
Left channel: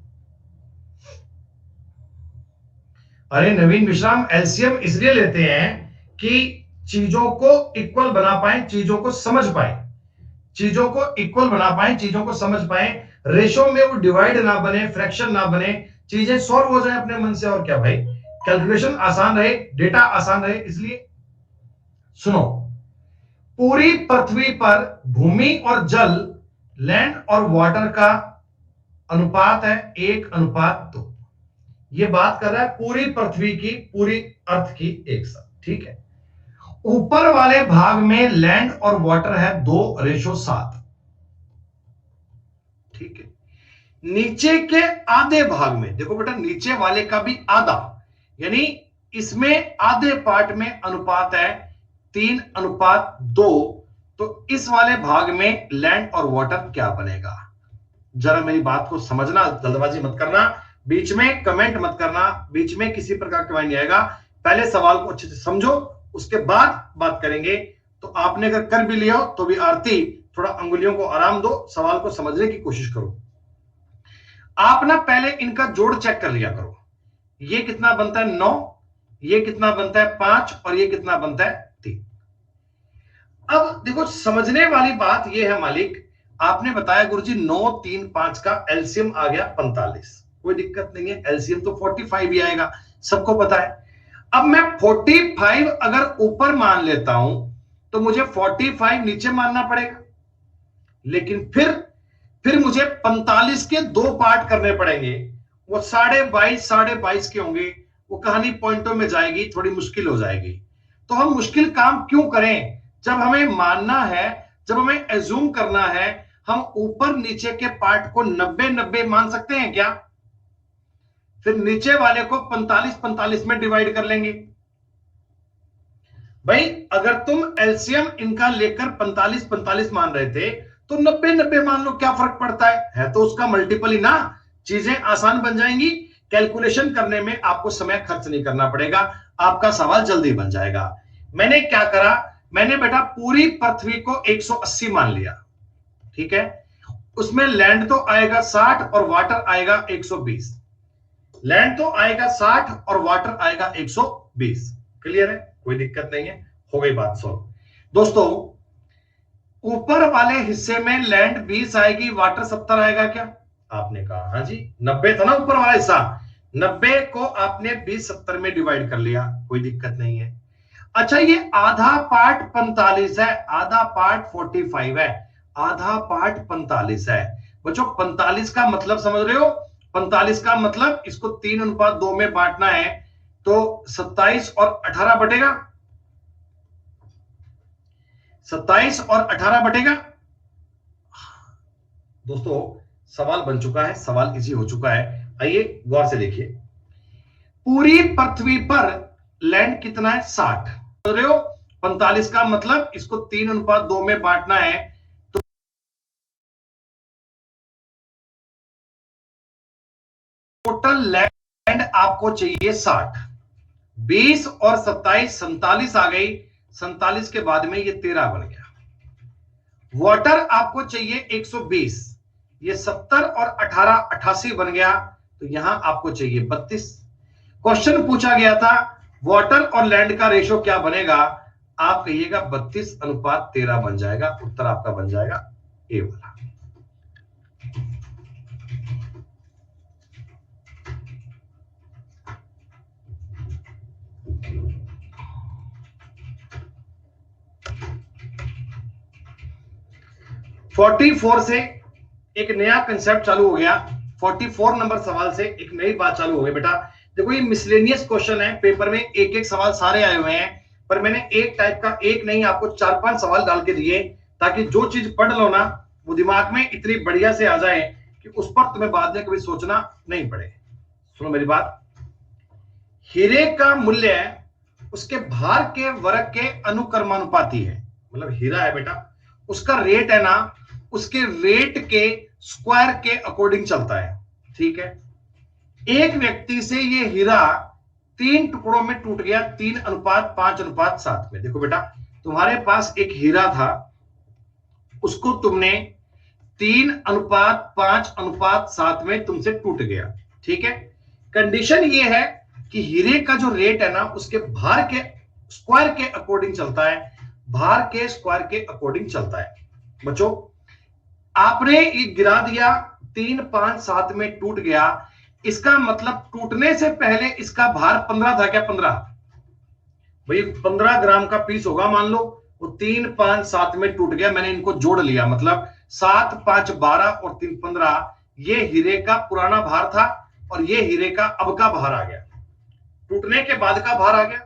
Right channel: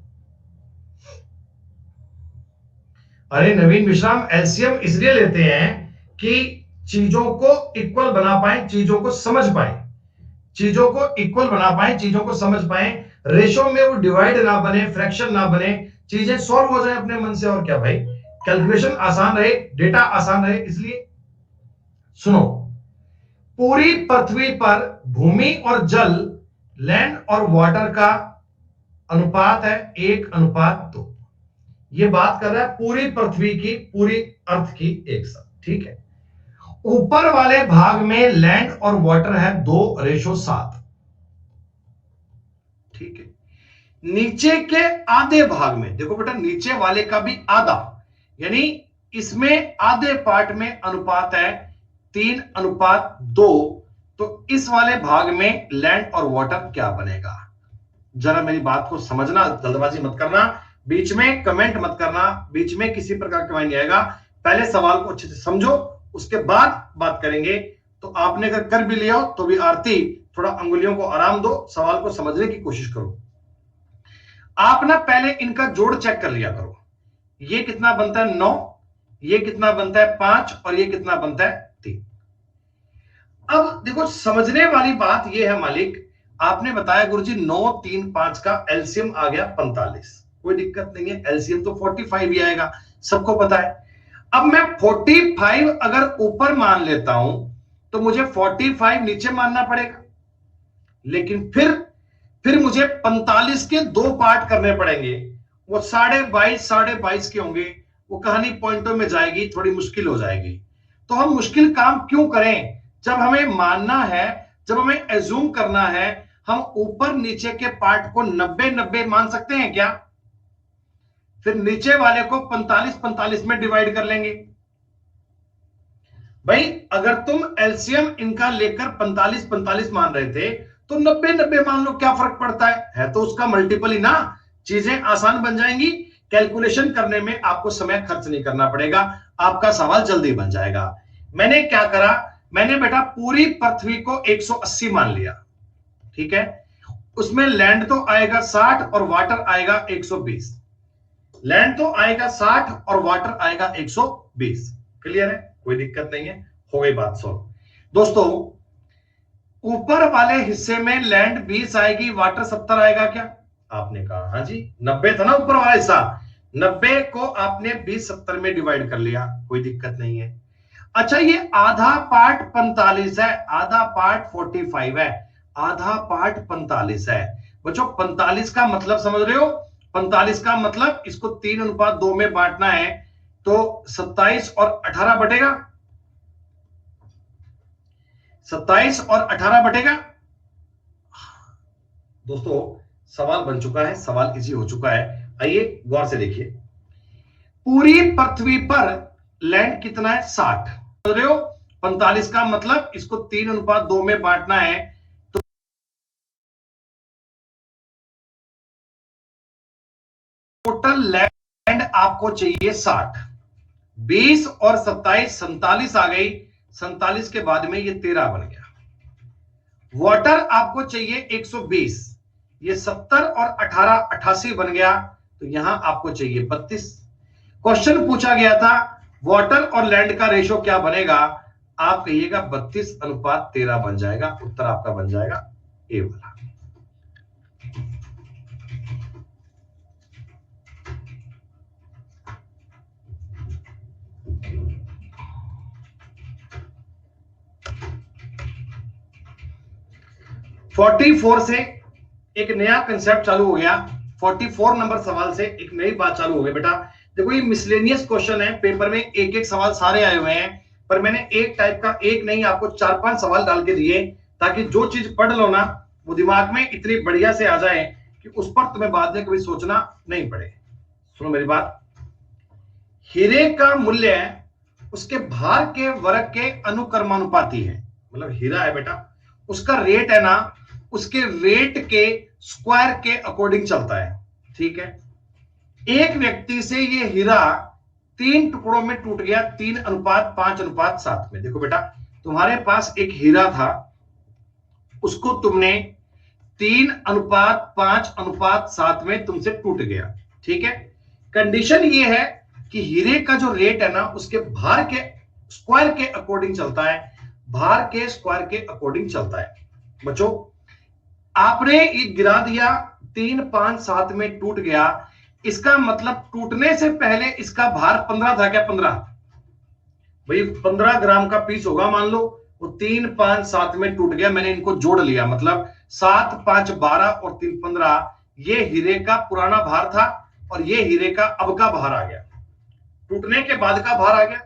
अरे नवीन विश्राम, एलसीएम इसलिए लेते हैं कि चीजों को इक्वल बना पाए, चीजों को समझ पाए, चीजों को इक्वल बना पाए, चीजों को समझ पाए, रेशो में वो डिवाइड ना बने, फ्रैक्शन ना बने, चीजें सॉल्व हो जाए अपने मन से। और क्या भाई, कैलकुलेशन आसान रहे, डेटा आसान रहे, इसलिए। सुनो, पूरी पृथ्वी पर भूमि और जल, लैंड और वाटर का अनुपात है 1:2। ये बात कर रहा है पूरी पृथ्वी की, पूरी अर्थ की एक साथ, ठीक है। ऊपर वाले भाग में लैंड और वाटर है 2:7, ठीक है। नीचे के आधे भाग में देखो बेटा, नीचे वाले का भी आधा, यानी इसमें आधे पार्ट में अनुपात है 3:2। तो इस वाले भाग में लैंड और वाटर क्या बनेगा? जरा मेरी बात को समझना, जल्दबाजी मत करना, बीच में कमेंट मत करना, बीच में किसी प्रकार का नहीं आएगा। पहले सवाल को अच्छे से समझो, उसके बाद बात करेंगे। तो आपने अगर कर भी लिया तो भी आरती, थोड़ा अंगुलियों को आराम दो, सवाल को समझने की कोशिश करो। आप ना पहले इनका जोड़ चेक कर लिया करो। ये कितना बनता है? 9, ये कितना बनता है? 5, और ये कितना बनता है? 3। अब देखो, समझने वाली बात यह है मालिक, आपने बताया गुरुजी 9 3 5 का एलसीएम आ गया 45, कोई दिक्कत नहीं है, एलसीएम तो 45 ही आएगा, सबको पता है। अब मैं 45 अगर ऊपर मान लेता हूं तो मुझे 45 नीचे मानना पड़ेगा, लेकिन फिर मुझे 45 के 2 पार्ट करने पड़ेंगे, वो 22.5 के होंगे, वो कहानी पॉइंटों में जाएगी, थोड़ी मुश्किल हो जाएगी। तो हम मुश्किल काम क्यों करें? जब हमें मानना है, जब हमें एज्यूम करना है, हम ऊपर नीचे के पार्ट को 90-90 मान सकते हैं क्या? फिर नीचे वाले को 45-45 में डिवाइड कर लेंगे। भाई अगर तुम एलसीएम इनका लेकर 45-45 मान रहे थे तो 90-90 मान लो, क्या फर्क पड़ता है तो उसका मल्टीपल ही ना। चीजें आसान बन जाएंगी, कैलकुलेशन करने में आपको समय खर्च नहीं करना पड़ेगा, आपका सवाल जल्दी बन जाएगा। मैंने क्या करा, मैंने बेटा पूरी पृथ्वी को 180 मान लिया, ठीक है। उसमें लैंड तो आएगा 60 और वाटर आएगा 120, लैंड तो आएगा 60 और वाटर आएगा 120। क्लियर है? कोई दिक्कत नहीं है, हो गई बात सॉल्व। दोस्तों, ऊपर वाले हिस्से में लैंड 20 आएगी, वाटर 70 आएगा क्या? आपने कहा हाँ जी, 90 था ना ऊपर वाला हिस्सा, 90 को आपने 20 70 में डिवाइड कर लिया, कोई दिक्कत नहीं है। अच्छा ये आधा पार्ट 45 है, आधा पार्ट 45 है, आधा पार्ट 45 है। बच्चों 45 का मतलब समझ रहे हो? 45 का मतलब इसको 3:2 में बांटना है, तो 27 और 18 बटेगा, 27 और 18 बटेगा। दोस्तों सवाल बन चुका है, सवाल इजी हो चुका है। आइए गौर से देखिए, पूरी पृथ्वी पर लैंड कितना है? 60। समझ रहे हो? 45 का मतलब इसको 3:2 में बांटना है, तो टोटल लैंड आपको चाहिए 60। 20 और 27 47 आ गई, 47 के बाद में ये 13 बन गया। वाटर आपको चाहिए 120, ये 70 और 18 88 बन गया, तो यहां आपको चाहिए 32। क्वेश्चन पूछा गया था वाटर और लैंड का रेशो क्या बनेगा? आप कहिएगा 32:13 बन जाएगा। उत्तर आपका बन जाएगा ए वाला। फोर्टी 44 से एक नया कंसेप्ट चालू हो गया। 44 नंबर सवाल से एक नई बात चालू हो गई बेटा। देखो ये मिसलेनियस क्वेश्चन है, पेपर में एक एक सवाल सारे आए हुए हैं, पर मैंने एक टाइप का एक नहीं आपको 4-5 सवाल डाल के दिए, ताकि जो चीज पढ़ लो ना वो दिमाग में इतनी बढ़िया से आ जाए कि उस पर तुम्हें बाद में कभी सोचना नहीं पड़े। सुनो मेरी बात, हीरे का मूल्य उसके भार के वर्ग के अनुक्रमानुपाती है। मतलब हीरा है बेटा, उसका रेट है ना उसके वेट के स्क्वायर के अकॉर्डिंग चलता है, ठीक है। एक व्यक्ति से ये हीरा 3 टुकड़ों में टूट गया, 3:5:7 में। देखो बेटा तुम्हारे पास एक हीरा था, उसको तुमने 3:5:7 में तुमसे टूट गया, ठीक है। कंडीशन ये है कि हीरे का जो रेट है ना उसके भार के स्क्वायर के अकॉर्डिंग चलता है, भार के स्क्वायर के अकॉर्डिंग चलता है। बच्चों आपने ये गिरा दिया, 3:5:7 में टूट गया, इसका मतलब टूटने से पहले इसका भार 15 था क्या? 15 भाई 15 ग्राम का पीस होगा मान लो, वो 3:5:7 में टूट गया, मैंने इनको जोड़ लिया, मतलब 7 5 12 और 3 15। ये हीरे का पुराना भार था और ये हीरे का अब का भार आ गया, टूटने के बाद का भार आ गया।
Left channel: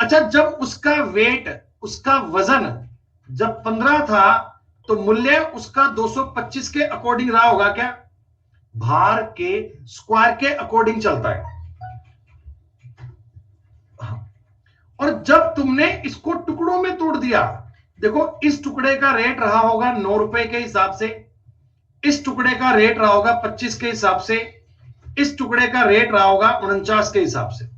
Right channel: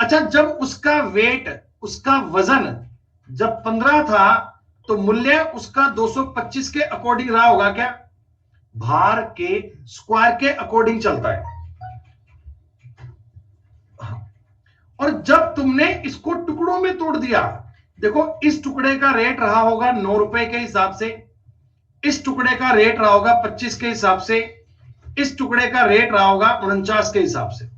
अच्छा जब उसका वेट, उसका वजन जब 15 था तो मूल्य उसका 225 के अकॉर्डिंग रहा होगा क्या? भार के स्क्वायर के अकॉर्डिंग चलता है। और जब तुमने इसको टुकड़ों में तोड़ दिया, देखो इस टुकड़े का रेट रहा होगा 9 रुपए के हिसाब से, इस टुकड़े का रेट रहा होगा 25 के हिसाब से, इस टुकड़े का रेट रहा होगा 49 के हिसाब से।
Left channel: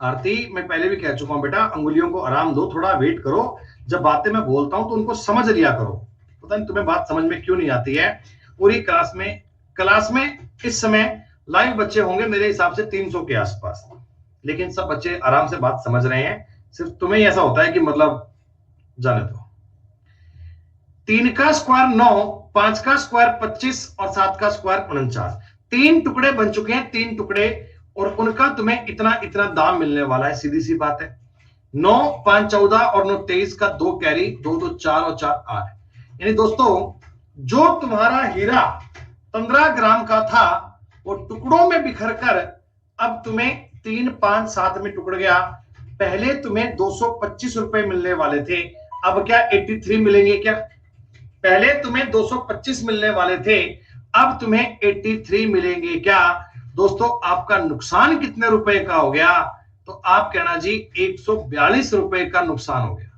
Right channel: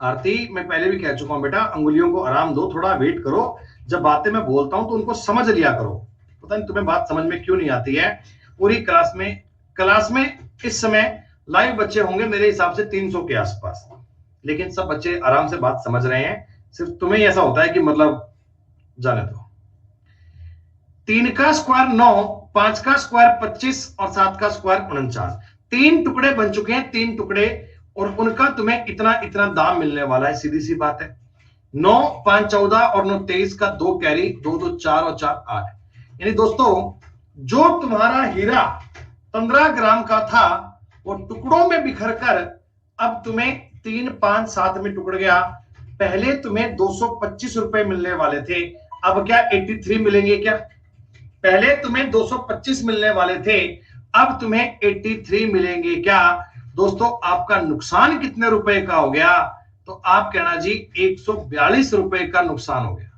आरती मैं पहले भी कह चुका हूं बेटा, अंगुलियों को आराम दो, थोड़ा वेट करो, जब बातें मैं बोलता हूं तो उनको समझ लिया करो। पता नहीं तुम्हें बात समझ में क्यों नहीं आती है। पूरी क्लास में इस समय लाइव बच्चे होंगे मेरे हिसाब से 300 के आसपास, लेकिन सब बच्चे आराम से बात समझ रहे हैं, सिर्फ तुम्हें ऐसा होता है कि मतलब जाने दो। 3 का स्क्वायर 9, 5 का स्क्वायर 25 और 7 का स्क्वायर 49। 3 टुकड़े बन चुके हैं, 3 टुकड़े, और उनका तुम्हें इतना इतना दाम मिलने वाला है। सीधी सी बात है, 9 5 14 और 9 23 का 2 कैरी, 2 2 4 और 4 8। यानी दोस्तों जो तुम्हारा हीरा 15 ग्राम का था वो टुकड़ों में बिखर कर अब तुम्हें 3:5:7 में टुकड़ गया। पहले तुम्हें 225 रुपए मिलने वाले थे, अब क्या 83 मिलेंगे क्या? पहले तुम्हें 225 मिलने वाले थे, अब तुम्हें 83 मिलेंगे क्या? दोस्तों आपका नुकसान कितने रुपए का हो गया? तो आप कहना जी 142 रुपए का नुकसान हो गया।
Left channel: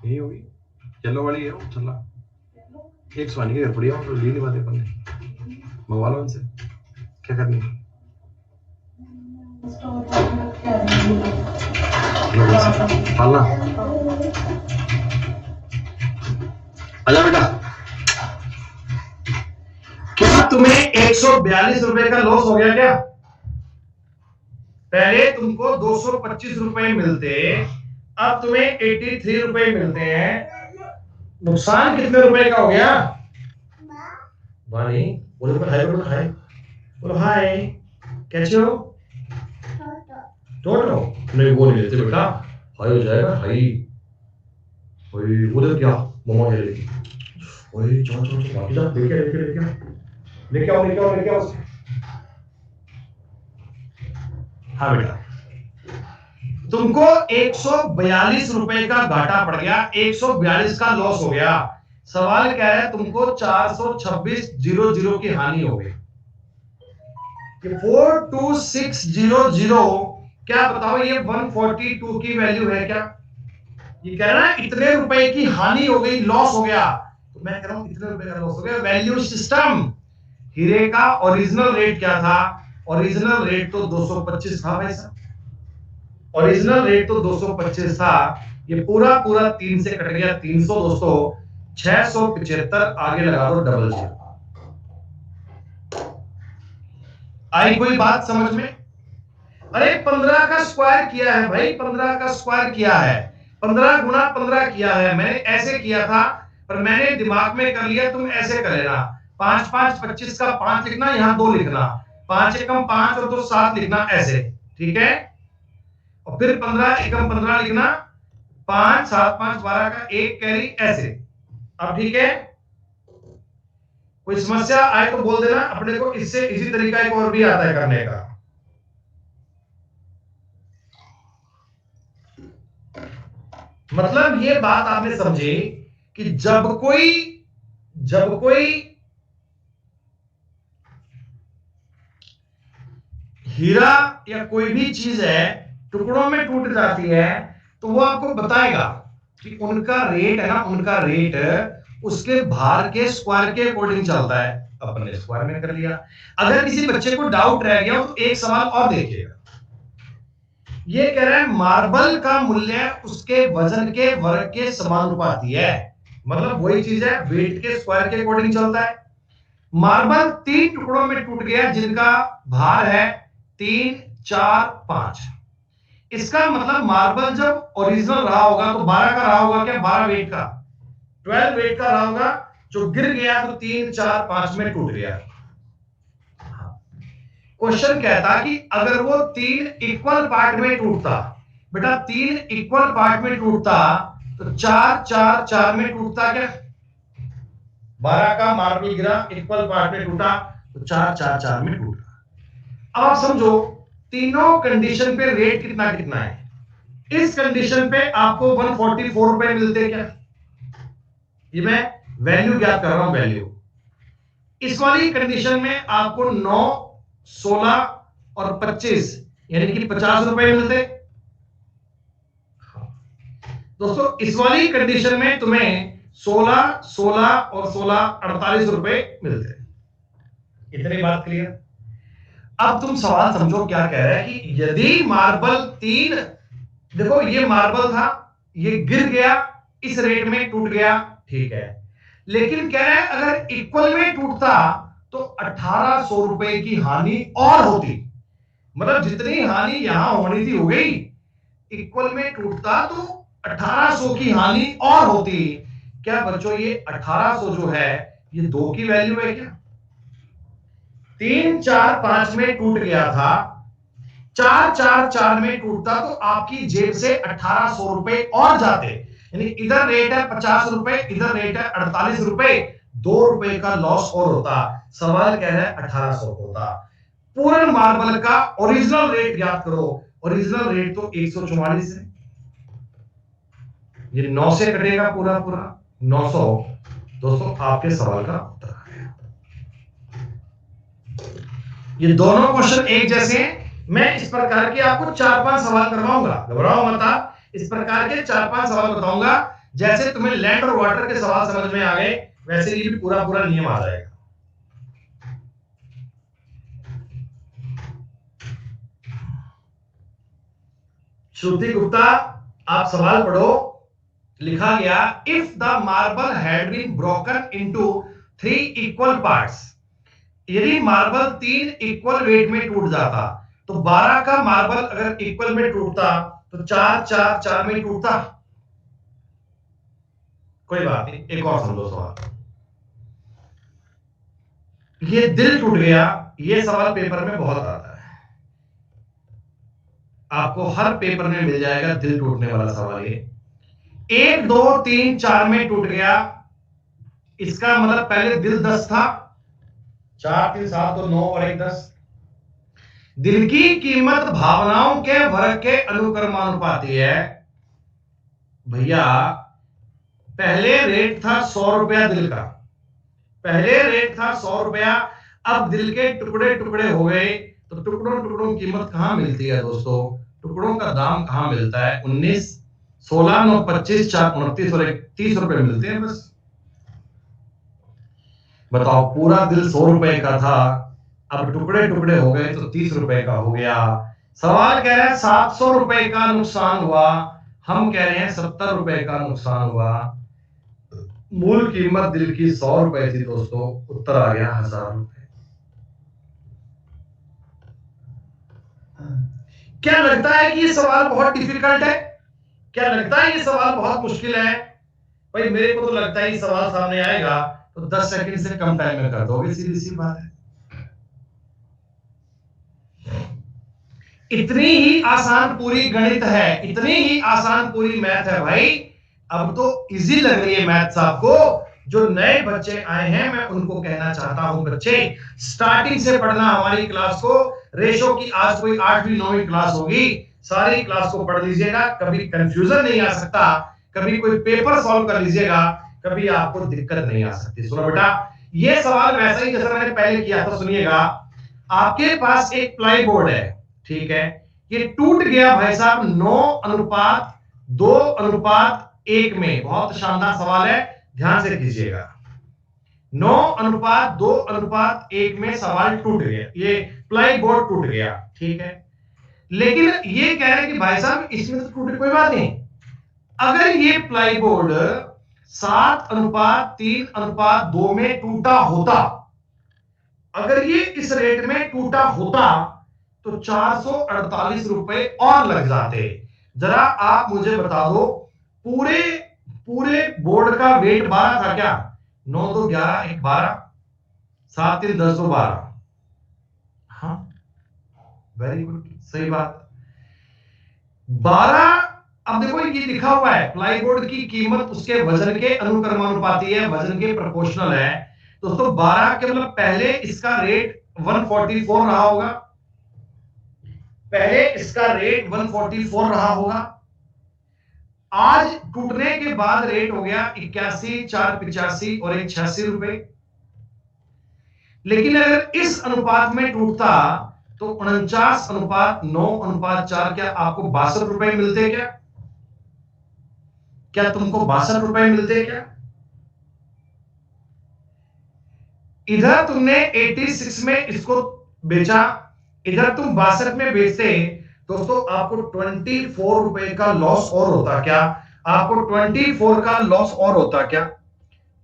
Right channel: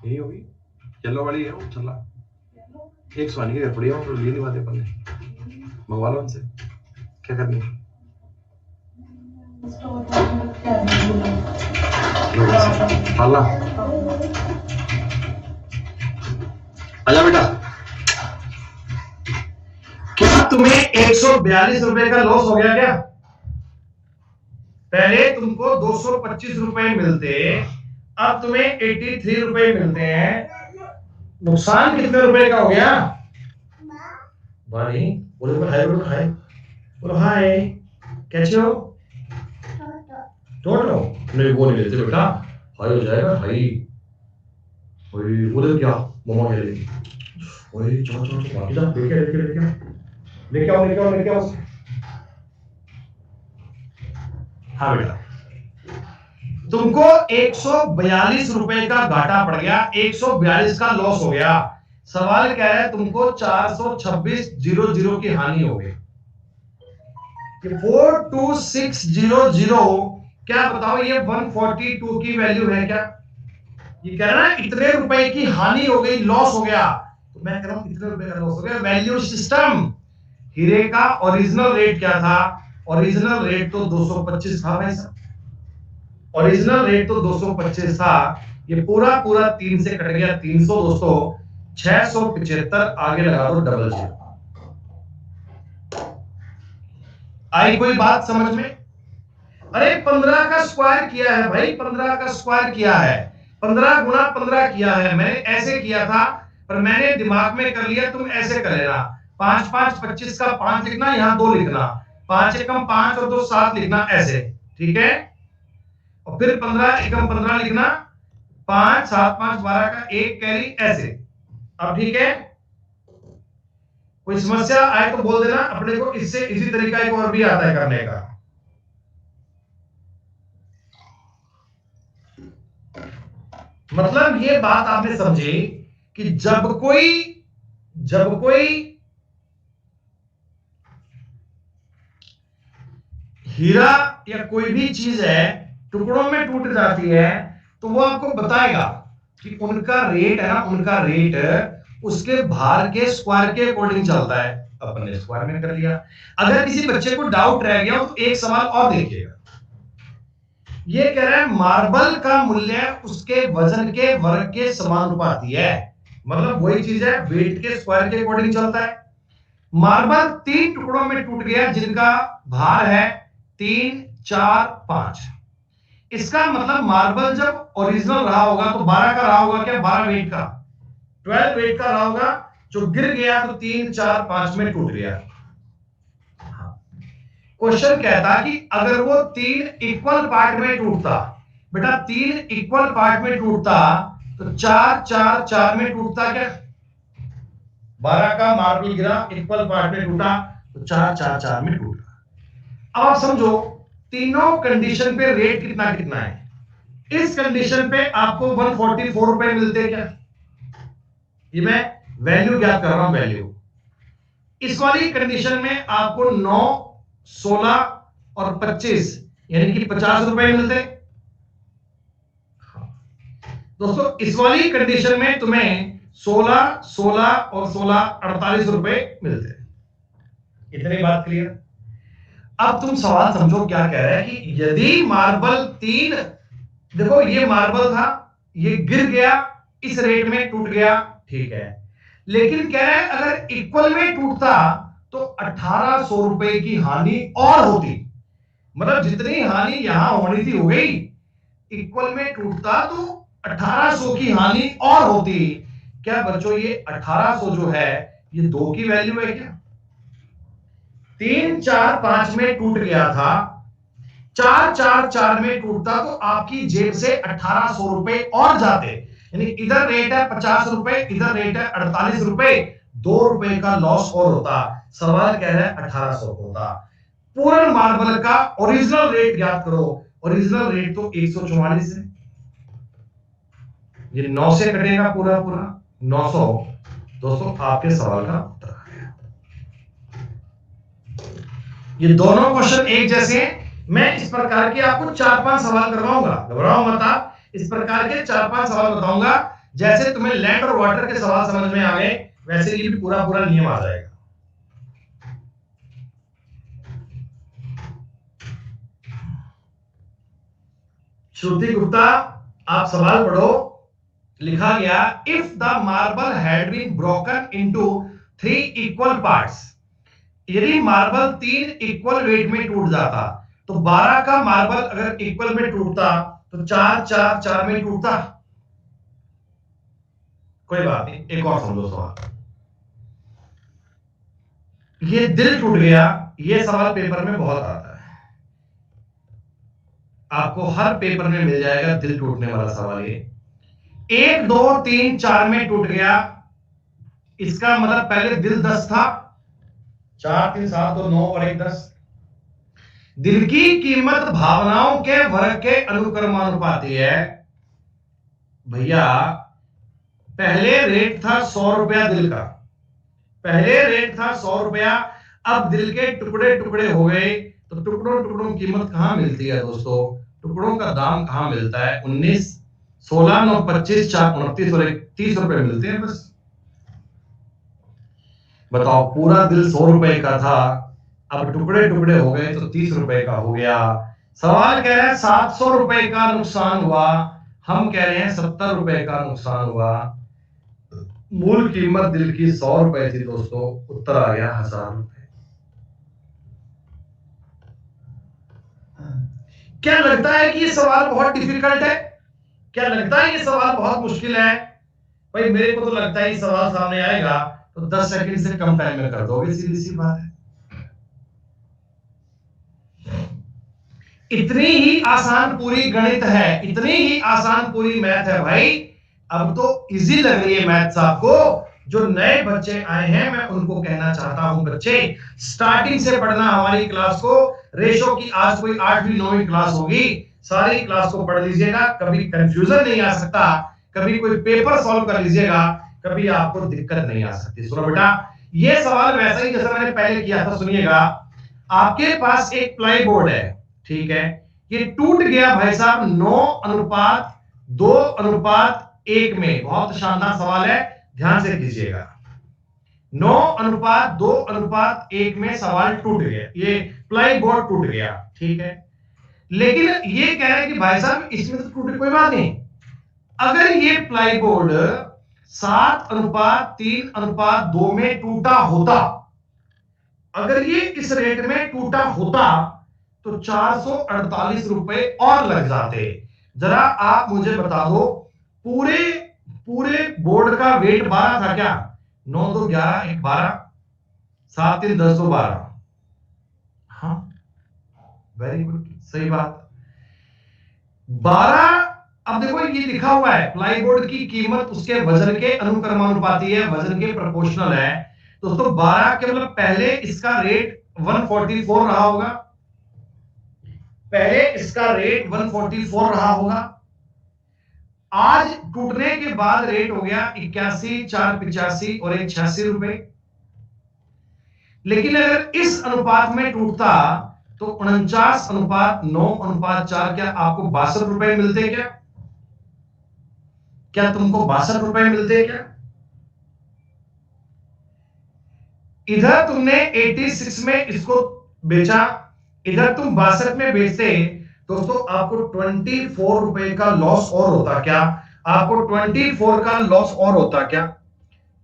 यही होगी येलो वाली है वो चला, 100 की घर पड़ी है तो ली नहीं बातें करने, मंगवा लो उनसे, क्या करनी है? पाला आजा बेटा। क्या तुम्हें 142 रुपए का लॉस हो गया क्या? पहले तुमको 225 रुपए मिलते, अब तुम्हें 83 रुपए मिलते हैं, नुकसान कितने रुपए का हो गया? भाई बोले खाए। बोलो हाय, कैसे हो? टोटो नहीं, वो नहीं लेते बेटा, हाई हो जाएगा, हाई। ओए उधर क्या मम्मा कह रही थी, ओए चलो चलो चलो बाकी जा, लेके लेके लेके लेके आओ लेके आओ लेके आओ। हाँ बेटा, तुमको 142 रुपए का घाटा पड़ गया, 142 का लॉस हो गया। सवाल क्या है, तुमको 426.00 की हानि हो गई। 42600, क्या बताओ ये 142 की वैल्यू है क्या? ये कह रहा है इतने रुपए की हानि हो गई, लॉस हो गया। तो मैं कह रहा हूं इतने रुपए का लॉस हो गया। वैल्यू सिस्टम, हीरे का ओरिजिनल रेट क्या था? ओरिजिनल रेट तो 225 था भाई साहब, ओरिजिनल रेट तो 225 था। ये पूरा पूरा 3 से कट गया 300 दोस्तों, 675 आगे लगा दो डबल जीरो। आई कोई बात समझ में? अरे 15 का स्क्वायर किया है भाई, 15 का स्क्वायर किया है, 15 गुना 15 किया है। मैंने ऐसे किया था, पर मैंने दिमाग में कर लिया, तुम ऐसे कर लेना। 5 5 25 का 5 लिखना, यहां 2 लिखना, 5 एकम 5 और 2 7 लिखना, ऐसे ठीक है। और फिर 15 एकम 15 लिखना, 5 7 5 12 का 1 कैरी, ऐसे। अब ठीक है, कोई समस्या आए तो बोल देना, अपने को इससे इसी तरीका एक और भी आता है करने का। मतलब ये बात आपने समझी कि जब कोई हीरा या कोई भी चीज है टुकड़ों में टूट जाती है, तो वो आपको बताएगा कि उनका रेट है ना, उनका रेट उसके भार के स्क्वायर के अकॉर्डिंग चलता है। अपने स्क्वायर में कर लिया। अगर किसी बच्चे को डाउट रह गया तो एक सवाल और देखिएगा। ये कह रहा है मार्बल का मूल्य उसके वजन के वर्ग के समानुपाती है। मतलब वही चीज है, वेट के स्क्वायर के अकॉर्डिंग चलता है। मार्बल 3 टुकड़ों में टूट गया जिनका भार है 3 4 5। इसका मतलब मार्बल जब ओरिजिनल रहा होगा तो 12 का रहा होगा क्या? 12 वेट का, 12 वेट का रहा होगा। जो गिर गया तो 3 4 5 में टूट गया। क्वेश्चन कहता कि अगर वो 3 इक्वल पार्ट में टूटता, बेटा 3 इक्वल पार्ट में टूटता तो 4 4 4 में टूटता क्या? 12 का मार्बल गिरा, इक्वल पार्ट में टूटा, तो 4 4 4 में टूटा। अब आप समझो तीनों कंडीशन पे रेट कितना कितना है। इस कंडीशन पे आपको 144 रुपए मिलते क्या? ये मैं वैल्यू ज्ञात कर रहा हूं, वैल्यू। इस वाली कंडीशन में आपको 9 16 और 25 यानी कि 50 रुपए मिलते। दोस्तों इस वाली कंडीशन में तुम्हें 16 16 और 16 48 रुपए मिलते। इतनी बात क्लियर? अब तुम सवाल समझो क्या कह रहा है कि यदि मार्बल 3, देखो ये मार्बल था, ये गिर गया, इस रेट में टूट गया, ठीक है। लेकिन कह रहा है अगर इक्वल में टूटता तो 1800 रुपए की हानि और होती। मतलब जितनी हानि यहां होनी थी हो गई, इक्वल में टूटता तो 1800 की हानि और होती। क्या बच्चों ये 1800 जो है ये 2 की वैल्यू है क्या? 3 4 5 में टूट गया था, 4 4 4 में टूटता तो आपकी जेब से 1800 रुपए और जाते। यानी इधर रेट है 50 रुपए, इधर रेट है 48 रुपए, 2 रुपए का लॉस और होता। सवाल कह रहा है 1800 होता। पूर्ण मार्बल का ओरिजिनल रेट याद करो, ओरिजिनल रेट तो 144 है। ये 9 से कटेगा पूरा पूरा 900। दोस्तों आपके सवाल का उत्तर आ गया। ये दोनों क्वेश्चन एक जैसे हैं। मैं इस प्रकार के आपको 4-5 सवाल करवाऊंगा, घबराओ मत आप। इस प्रकार के 4-5 सवाल बताऊंगा, जैसे तुम्हें लैंड और वाटर के सवाल समझ में आ गए, वैसे ये भी पूरा पूरा नियम आ जाएगा। श्रुति गुप्ता, आप सवाल पढ़ो। लिखा गया if the marble had been broken into 3 equal parts. यदि मार्बल 3 इक्वल वेट में टूट जाता तो 12 का मार्बल अगर इक्वल में टूटता तो 4 4 4 में टूटता। कोई बात नहीं, एक और समझो सवाल। ये दिल टूट गया, ये सवाल पेपर में बहुत आता है, आपको हर पेपर में मिल जाएगा दिल टूटने वाला सवाल। ये 1 2 3 4 में टूट गया, इसका मतलब पहले दिल 10 था, 4 3 7 तो 9 और 1 10। दिल की कीमत भावनाओं के वर्ग के अनुक्रमानुपाती है भैया। पहले रेट था 100 रुपया दिल का, पहले रेट था 100 रुपया, अब दिल के टुकड़े टुकड़े हो गए, तो टुकड़ों टुकड़ों की कीमत कहां मिलती है दोस्तों? टुकड़ों का दाम कहां मिलता है? 19 16 9 25 4 29 और 30 रुपए मिलते हैं बस। बताओ, पूरा दिल 100 रुपए का था, अब टुकड़े टुकड़े हो गए तो 30 रुपए का हो गया। सवाल कह रहा है 700 रुपए का नुकसान हुआ, हम कह रहे हैं 70 रुपए का नुकसान हुआ। मूल कीमत दिल की 100 रुपए थी दोस्तों, उत्तर आ गया 1000 रुपए। क्या लगता है कि ये सवाल बहुत डिफिकल्ट है? क्या लगता है ये सवाल बहुत मुश्किल है? भाई मेरे को तो लगता है ये सवाल सामने आएगा तो 10 सेकंड से कम टाइम में कर दोगे, सीधी सी बात है। इतनी ही आसान पूरी गणित है, इतनी ही आसान पूरी मैथ है भाई। अब तो इजी लग रही है मैथ्स आपको। जो नए बच्चे आए हैं मैं उनको कहना चाहता हूं, बच्चे स्टार्टिंग से पढ़ना हमारी क्लास को। रेशो की आज कोई 8वीं 9वीं क्लास होगी, सारी क्लास को पढ़ लीजिएगा, कभी कंफ्यूजन नहीं आ सकता, कभी कोई पेपर सॉल्व कर लीजिएगा, कभी आपको दिक्कत नहीं आ सकती। सुनो बेटा, ये सवाल वैसा ही जैसा मैंने पहले किया था, सुनिएगा। आपके पास एक प्लाई बोर्ड है, ठीक है, ये टूट गया भाई साहब 9:2:1 में। बहुत शानदार सवाल है, ध्यान से कीजिएगा। 9:2:1 में सवाल टूट गया, ये प्लाई बोर्ड टूट गया, ठीक है। लेकिन ये कह रहे हैं कि भाई साहब इसमें तो टूटे, कोई बात नहीं। अगर ये प्लाई बोर्ड 7:3:2 में टूटा होता, अगर ये इस रेट में टूटा होता तो 448 रुपए और लग जाते। जरा आप मुझे बता दो, पूरे पूरे बोर्ड का वेट 12 था क्या? 9 2 11 1 12, 7 3 10 2 12। हाँ, वेरी गुड, सही बात। 12। अब देखो ये लिखा हुआ है प्लाईबोर्ड की कीमत उसके वजन के अनुक्रमानुपाती है, वजन के प्रोपोर्शनल है दोस्तों। 12 के मतलब पहले इसका रेट 144 रहा होगा, पहले इसका रेट 144 रहा होगा। आज टूटने के बाद रेट हो गया 81 4 85 और 1 86 रुपए। लेकिन अगर इस अनुपात में टूटता तो 49:9:4, क्या आपको 62 रुपए मिलते? क्या क्या तुमको 62 रुपए मिलते क्या? इधर तुमने 86 में इसको बेचा, इधर तुम 62 में बेचते दोस्तों, आपको 24 रुपए का लॉस और होता क्या? आपको 24 का लॉस और होता क्या?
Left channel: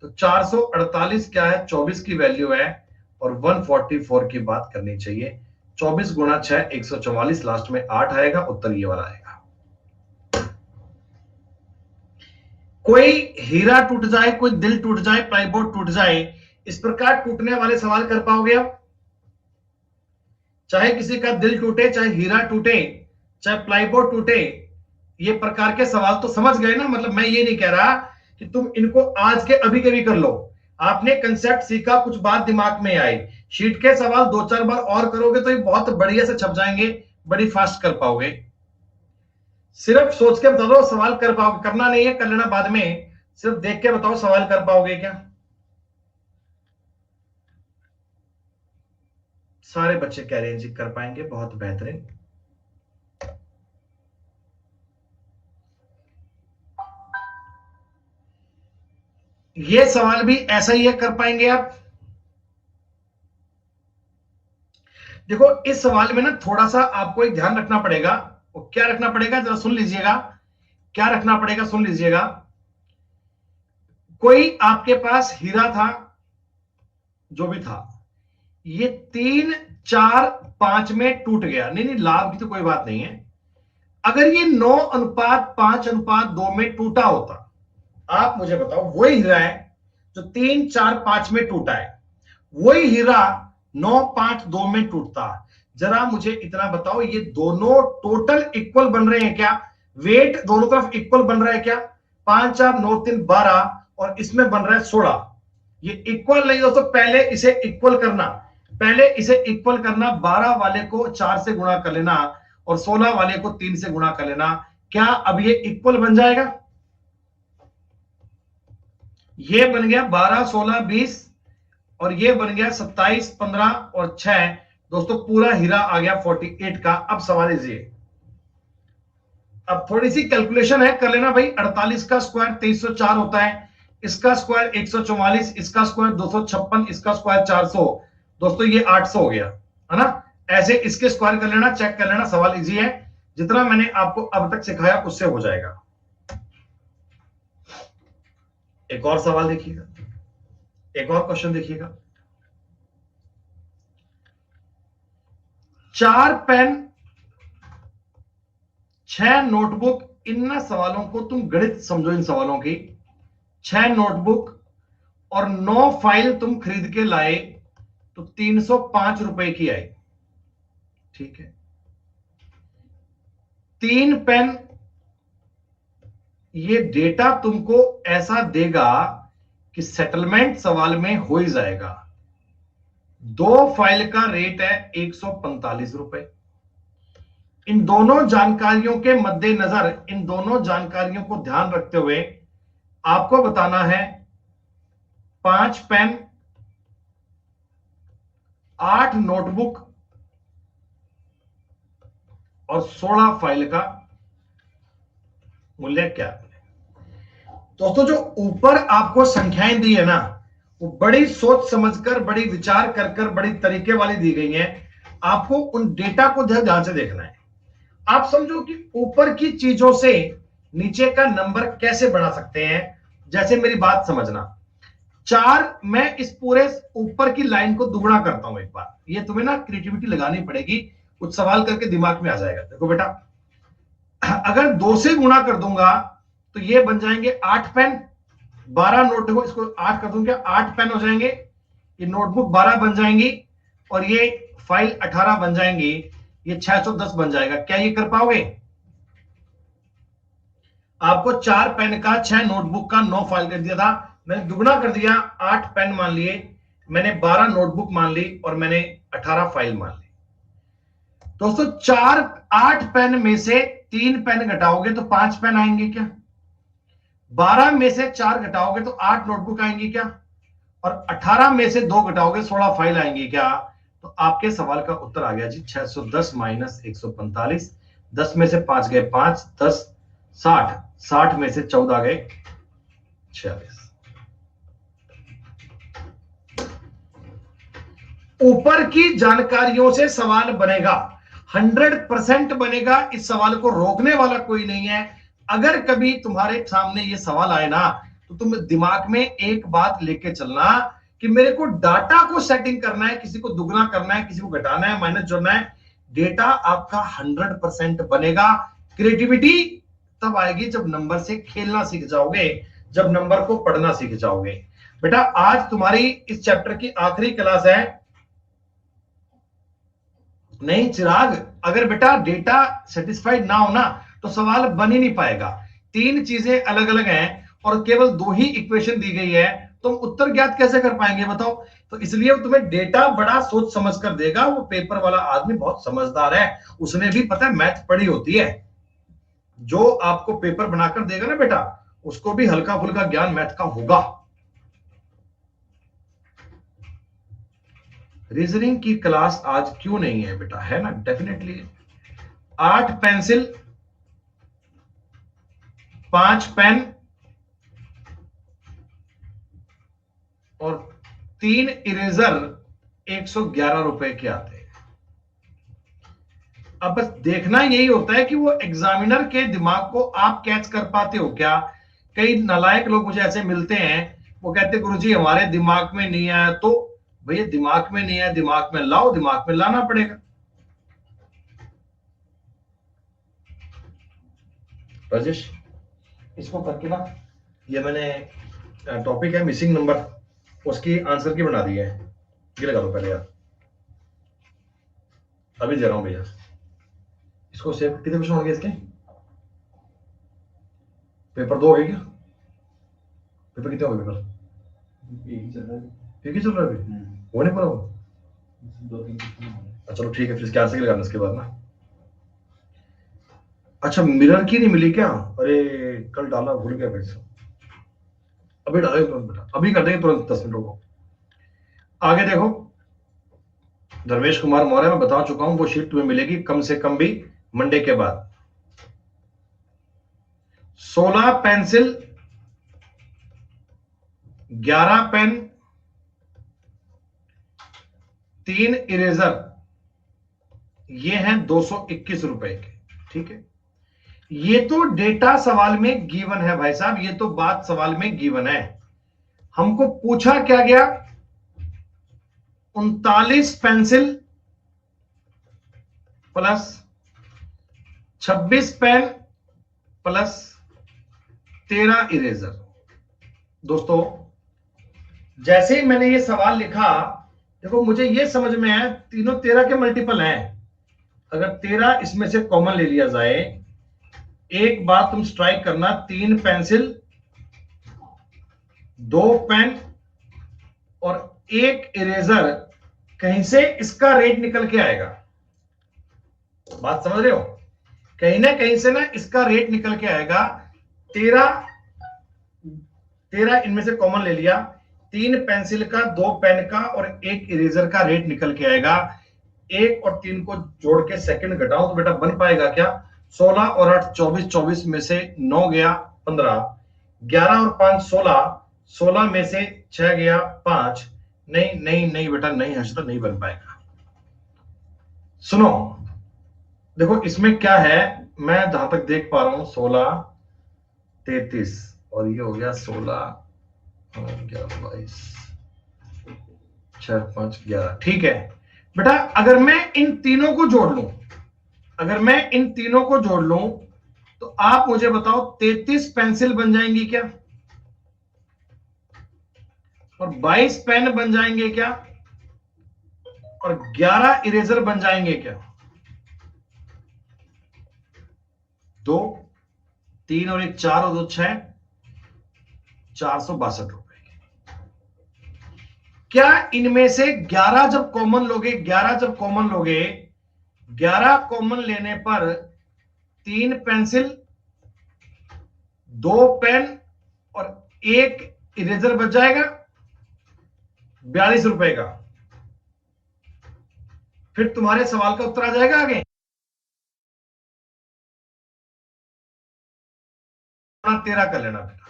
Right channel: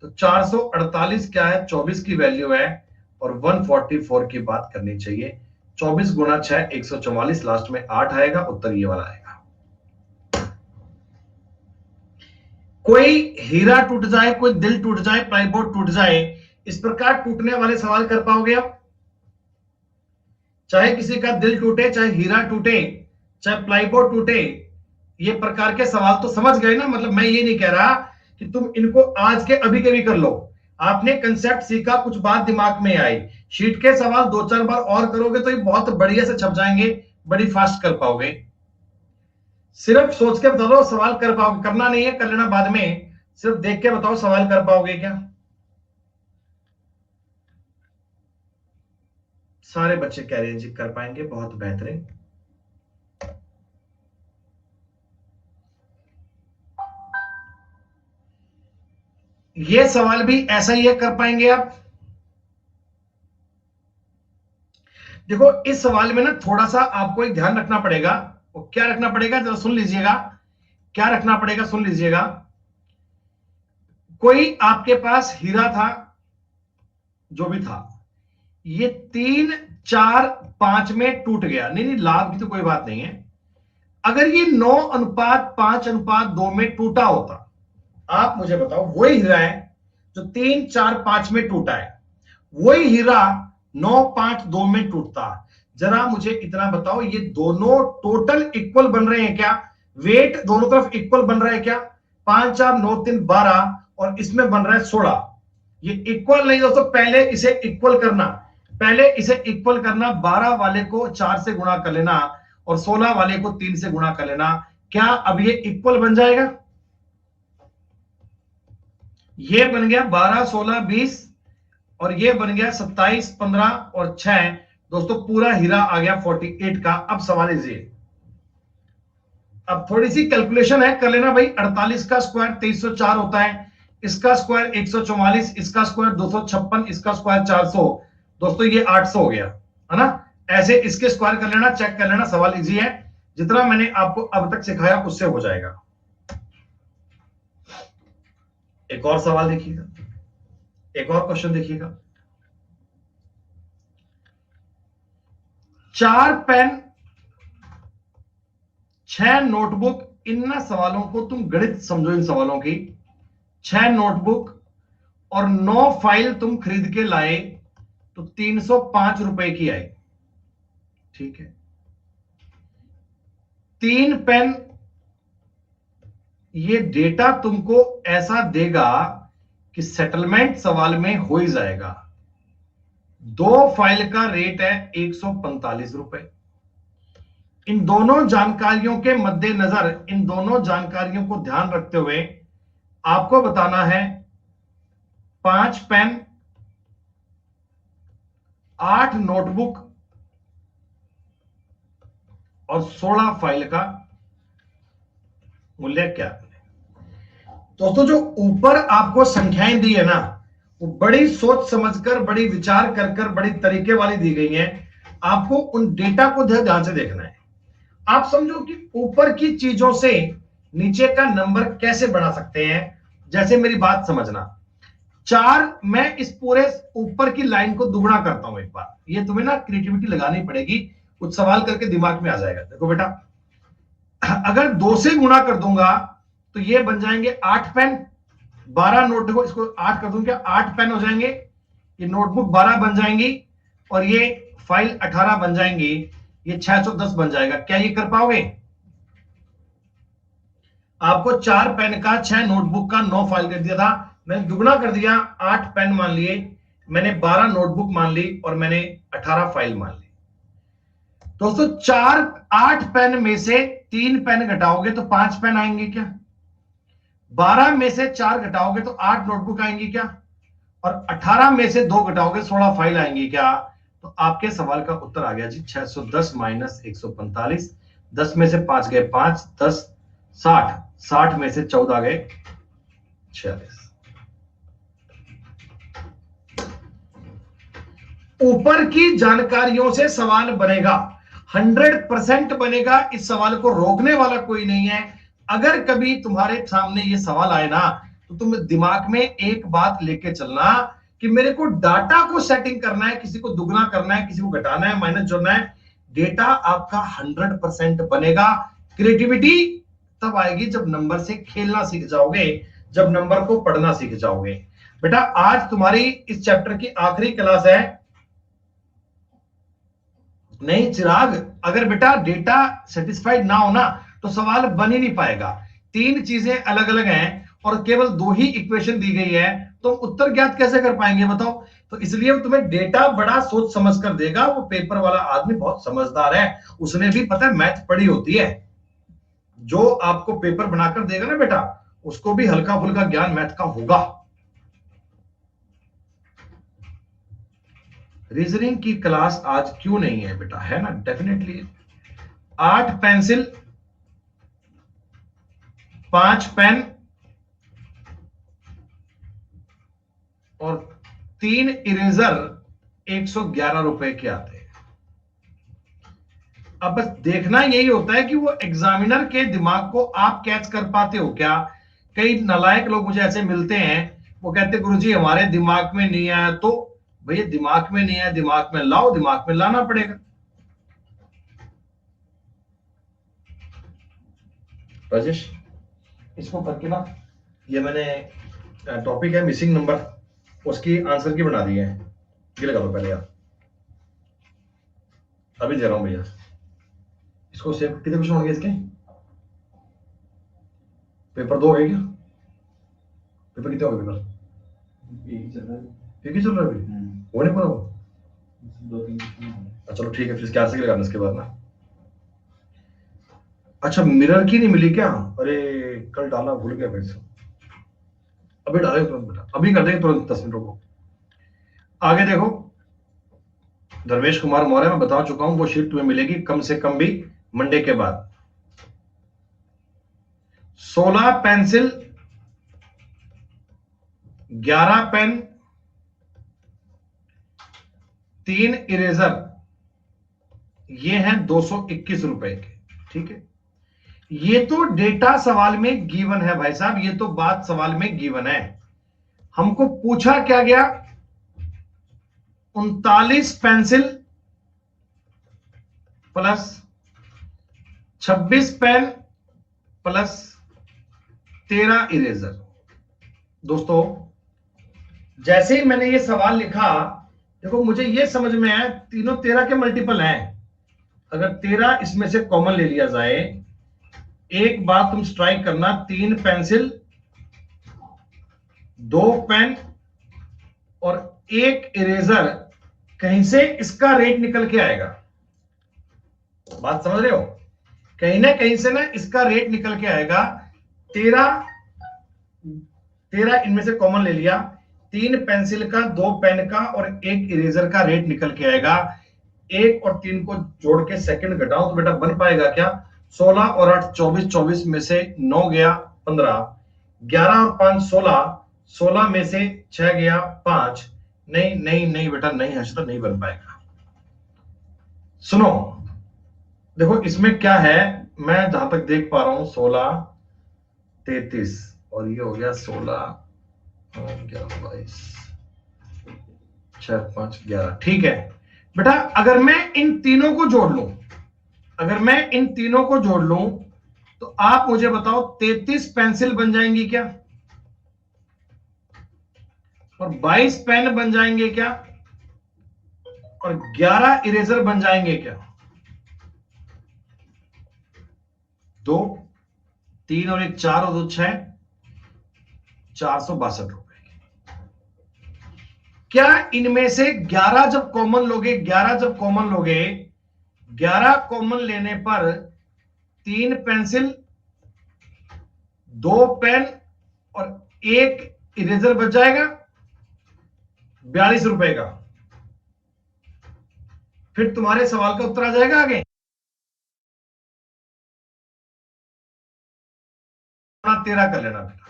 तो 448 क्या है? 24 की वैल्यू है और 144 की बात करनी चाहिए। 24 गुणा 6 144, लास्ट में 8 आएगा, उत्तर ये वाला आएगा। कोई हीरा टूट जाए, कोई दिल टूट जाए, प्लाईबोर्ड टूट जाए, इस प्रकार टूटने वाले सवाल कर पाओगे आप? चाहे किसी का दिल टूटे, चाहे हीरा टूटे, चाहे प्लाईबोर्ड टूटे, ये प्रकार के सवाल तो समझ गए ना। मतलब मैं ये नहीं कह रहा कि तुम इनको आज के अभी कभी कर लो, आपने कंसेप्ट सीखा, कुछ बात दिमाग में आई, शीट के सवाल 2-4 बार और करोगे तो ये बहुत बढ़िया से छप जाएंगे, बड़ी फास्ट कर पाओगे। सिर्फ सोच के बता दो सवाल कर पाओगे, करना नहीं है, कर लेना बाद में, सिर्फ देख के बताओ सवाल कर पाओगे क्या? सारे बच्चे कह रहे हैं जी कर पाएंगे, बहुत बेहतरीन। ये सवाल भी ऐसा ही है, कर पाएंगे आप। देखो इस सवाल में ना थोड़ा सा आपको एक ध्यान रखना पड़ेगा। वो क्या रखना पड़ेगा, जरा सुन लीजिएगा, क्या रखना पड़ेगा, सुन लीजिएगा। कोई आपके पास हीरा था, जो भी था, ये 3 4 5 में टूट गया, नहीं नहीं लाभ की तो कोई बात नहीं है। अगर ये 9:5:2 में टूटा होता, आप मुझे बताओ, वही हीरा है जो 3 4 5 में टूटा है, वही हीरा 9 5 2 में टूटता। जरा मुझे इतना बताओ, ये दोनों टोटल इक्वल बन रहे हैं क्या? वेट दोनों तरफ इक्वल बन रहा है क्या? 5 4 9 3 12 और इसमें बन रहा है 16। ये इक्वल नहीं दोस्तों, पहले इसे इक्वल करना, पहले इसे इक्वल करना। 12 वाले को 4 से गुणा कर लेना और 16 वाले को 3 से गुणा कर लेना। क्या अब ये इक्वल बन जाएगा? ये बन गया 12 16 20 और ये बन गया 27 15 और 6। दोस्तों पूरा हीरा आ गया 48 का। अब सवाल इजिए, अब थोड़ी सी कैलकुलेशन है, कर लेना भाई। 48 का स्क्वायर 2304 होता है, इसका स्क्वायर 144, इसका स्क्वायर 256, इसका स्क्वायर 400। दोस्तों ये 800 हो गया, है ना? ऐसे इसके स्क्वायर कर लेना, चेक कर लेना। सवाल इजी है, जितना मैंने आपको अब तक सिखाया उससे हो जाएगा। एक और सवाल देखिएगा, एक और क्वेश्चन देखिएगा। 4 पेन 6 नोटबुक, इन सवालों को तुम गणित समझो, इन सवालों की। 6 नोटबुक और 9 फाइल तुम खरीद के लाए तो 305 रुपए की आई, ठीक है। 3 पेन, ये डेटा तुमको ऐसा देगा कि सेटलमेंट सवाल में हो ही जाएगा। 2 फाइल का रेट है 145 रुपए। इन दोनों जानकारियों के मद्देनजर, इन दोनों जानकारियों को ध्यान रखते हुए आपको बताना है 5 पेन 8 नोटबुक और 16 फाइल का मूल्य क्या है। दोस्तों जो ऊपर आपको संख्याएं दी है ना, वो बड़ी सोच समझकर, बड़ी विचार कर कर, बड़ी तरीके वाली दी गई हैं। आपको उन डेटा को ध्यान से देखना है। आप समझो कि ऊपर की चीजों से नीचे का नंबर कैसे बढ़ा सकते हैं। जैसे मेरी बात समझना, 4, मैं इस पूरे ऊपर की लाइन को दुगुना करता हूं एक बार। ये तुम्हें ना क्रिएटिविटी लगानी पड़ेगी, कुछ सवाल करके दिमाग में आ जाएगा। देखो बेटा, अगर 2 से गुणा कर दूंगा तो ये बन जाएंगे 8 पेन। 12 नोट, देखो इसको 8 कर दूंगा, 8 पेन हो जाएंगे। ये नोटबुक 12 बन जाएंगी और ये फाइल 18 बन जाएंगी। ये 610 बन जाएगा। क्या ये कर पाओगे? आपको 4 पेन का, 6 नोटबुक का, 9 फाइल कर दिया था, मैंने दुगना कर दिया। 8 पेन मान लिए, मैंने 12 नोटबुक मान ली और मैंने 18 फाइल मान ली। दोस्तों 8 पेन में से 3 पेन घटाओगे तो 5 पेन आएंगे क्या? 12 में से 4 घटाओगे तो 8 नोटबुक आएंगी क्या? और 18 में से 2 घटाओगे 16 फाइल आएंगी क्या? तो आपके सवाल का उत्तर आ गया जी 610 माइनस 145। 10 में से 5 गए 5, 10 60, 60 में से 14 गए 46। ऊपर की जानकारियों से सवाल बनेगा, 100% बनेगा। इस सवाल को रोकने वाला कोई नहीं है। अगर कभी तुम्हारे सामने ये सवाल आए ना, तो तुम दिमाग में एक बात लेके चलना कि मेरे को डाटा को सेटिंग करना है, किसी को दुगना करना है, किसी को घटाना है, माइनस जोड़ना है। डेटा आपका 100% बनेगा। क्रिएटिविटी तब आएगी जब नंबर से खेलना सीख जाओगे, जब नंबर को पढ़ना सीख जाओगे। बेटा आज तुम्हारी इस चैप्टर की आखिरी क्लास है। नहीं चिराग, अगर बेटा डेटा सेटिस्फाइड ना हो ना तो सवाल बन ही नहीं पाएगा। 3 चीजें अलग अलग हैं और केवल 2 ही इक्वेशन दी गई है, तो उत्तर ज्ञात कैसे कर पाएंगे बताओ? तो इसलिए तुम्हें डेटा बड़ा सोच समझ कर देगा। वो पेपर वाला आदमी बहुत समझदार है, उसने भी पता है मैथ पढ़ी होती है। जो आपको पेपर बनाकर देगा ना बेटा, उसको भी हल्का फुल्का ज्ञान मैथ का होगा। रीजनिंग की क्लास आज क्यों नहीं है बेटा? है ना, डेफिनेटली। 8 पेंसिल, 5 पेन और 3 इरेजर 111 रुपए के आते हैं। अब बस देखना यही होता है कि वो एग्जामिनर के दिमाग को आप कैच कर पाते हो क्या। कई नालायक लोग मुझे ऐसे मिलते हैं, वो कहते गुरुजी हमारे दिमाग में नहीं आया। तो भैया दिमाग में नहीं आया, दिमाग में लाओ, दिमाग में लाना पड़ेगा। राजेश इसको करके ना, ये मैंने टॉपिक है मिसिंग नंबर, उसकी आंसर की बना दी है। ये लगा दो पहले यार। अभी दे रहा हूं भैया, इसको सेव। कितने क्वेश्चन होंगे इसके? पेपर 2 हो गए क्या? पेपर कितने हो गए? पेपर एक ही चल रहा है। एक ही चल रहा है अभी? हो नहीं पूरा वो? 2-3 क्वेश्चन। चलो ठीक है, फिर क्या से लगाना इसके बाद ना। अच्छा, मिरर की नहीं मिली क्या? अरे कल डालना भूल गया भाई साहब। अभी डालेंगे तुरंत बेटा, अभी कर देंगे तुरंत, 10 मिनटों को। आगे देखो, धर्मेश कुमार मौर्य, मैं बता चुका हूं, वो शीट तुम्हें मिलेगी कम से कम भी मंडे के बाद। 16 पेंसिल, 11 पेन, 3 इरेजर, ये हैं 221 रुपए के। ठीक है, ये तो डेटा सवाल में गिवन है भाई साहब, ये तो बात सवाल में गिवन है। हमको पूछा क्या गया? 39 pencil plus 26 pen plus 13 eraser. दोस्तों, जैसे ही मैंने ये सवाल लिखा, देखो मुझे ये समझ में आया तीनों 13 के मल्टीपल हैं। अगर 13 इसमें से कॉमन ले लिया जाए, एक बात तुम स्ट्राइक करना, 3 पेंसिल, 2 पेन और 1 इरेजर, कहीं से इसका रेट निकल के आएगा। बात समझ रहे हो? कहीं ना कहीं से ना इसका रेट निकल के आएगा। 13 इनमें से कॉमन ले लिया, 3 पेंसिल का, 2 पेन का और 1 इरेजर का रेट निकल के आएगा। 1 और 3 को जोड़ के सेकंड घटाओ तो बेटा बन पाएगा क्या? 16 और 8 24, 24 में से 9 गया 15, 11 और 5 16, 16 में से 6 गया 5। नहीं नहीं नहीं बेटा, नहीं हर्षिता, नहीं बन पाएगा। सुनो, देखो इसमें क्या है, मैं जहां तक देख पा रहा हूं 16 33 और ये हो गया 16 11 22 6 5 11। ठीक है बेटा, अगर मैं इन तीनों को जोड़ लूं, अगर मैं इन तीनों को जोड़ लूं तो आप मुझे बताओ 33 पेंसिल बन जाएंगी क्या? और 22 पेन बन जाएंगे क्या? और 11 इरेजर बन जाएंगे क्या? 2 3 और 1 4 और 2 6, 462 रुपए। क्या इनमें से 11 जब कॉमन लोगे, 11 जब कॉमन लोगे, 11 कॉमन लेने पर 3 पेंसिल, 2 पेन और 1 इरेजर बच जाएगा 42 रुपए का। फिर तुम्हारे सवाल का उत्तर आ जाएगा आगे। 13 कर लेना बेटा।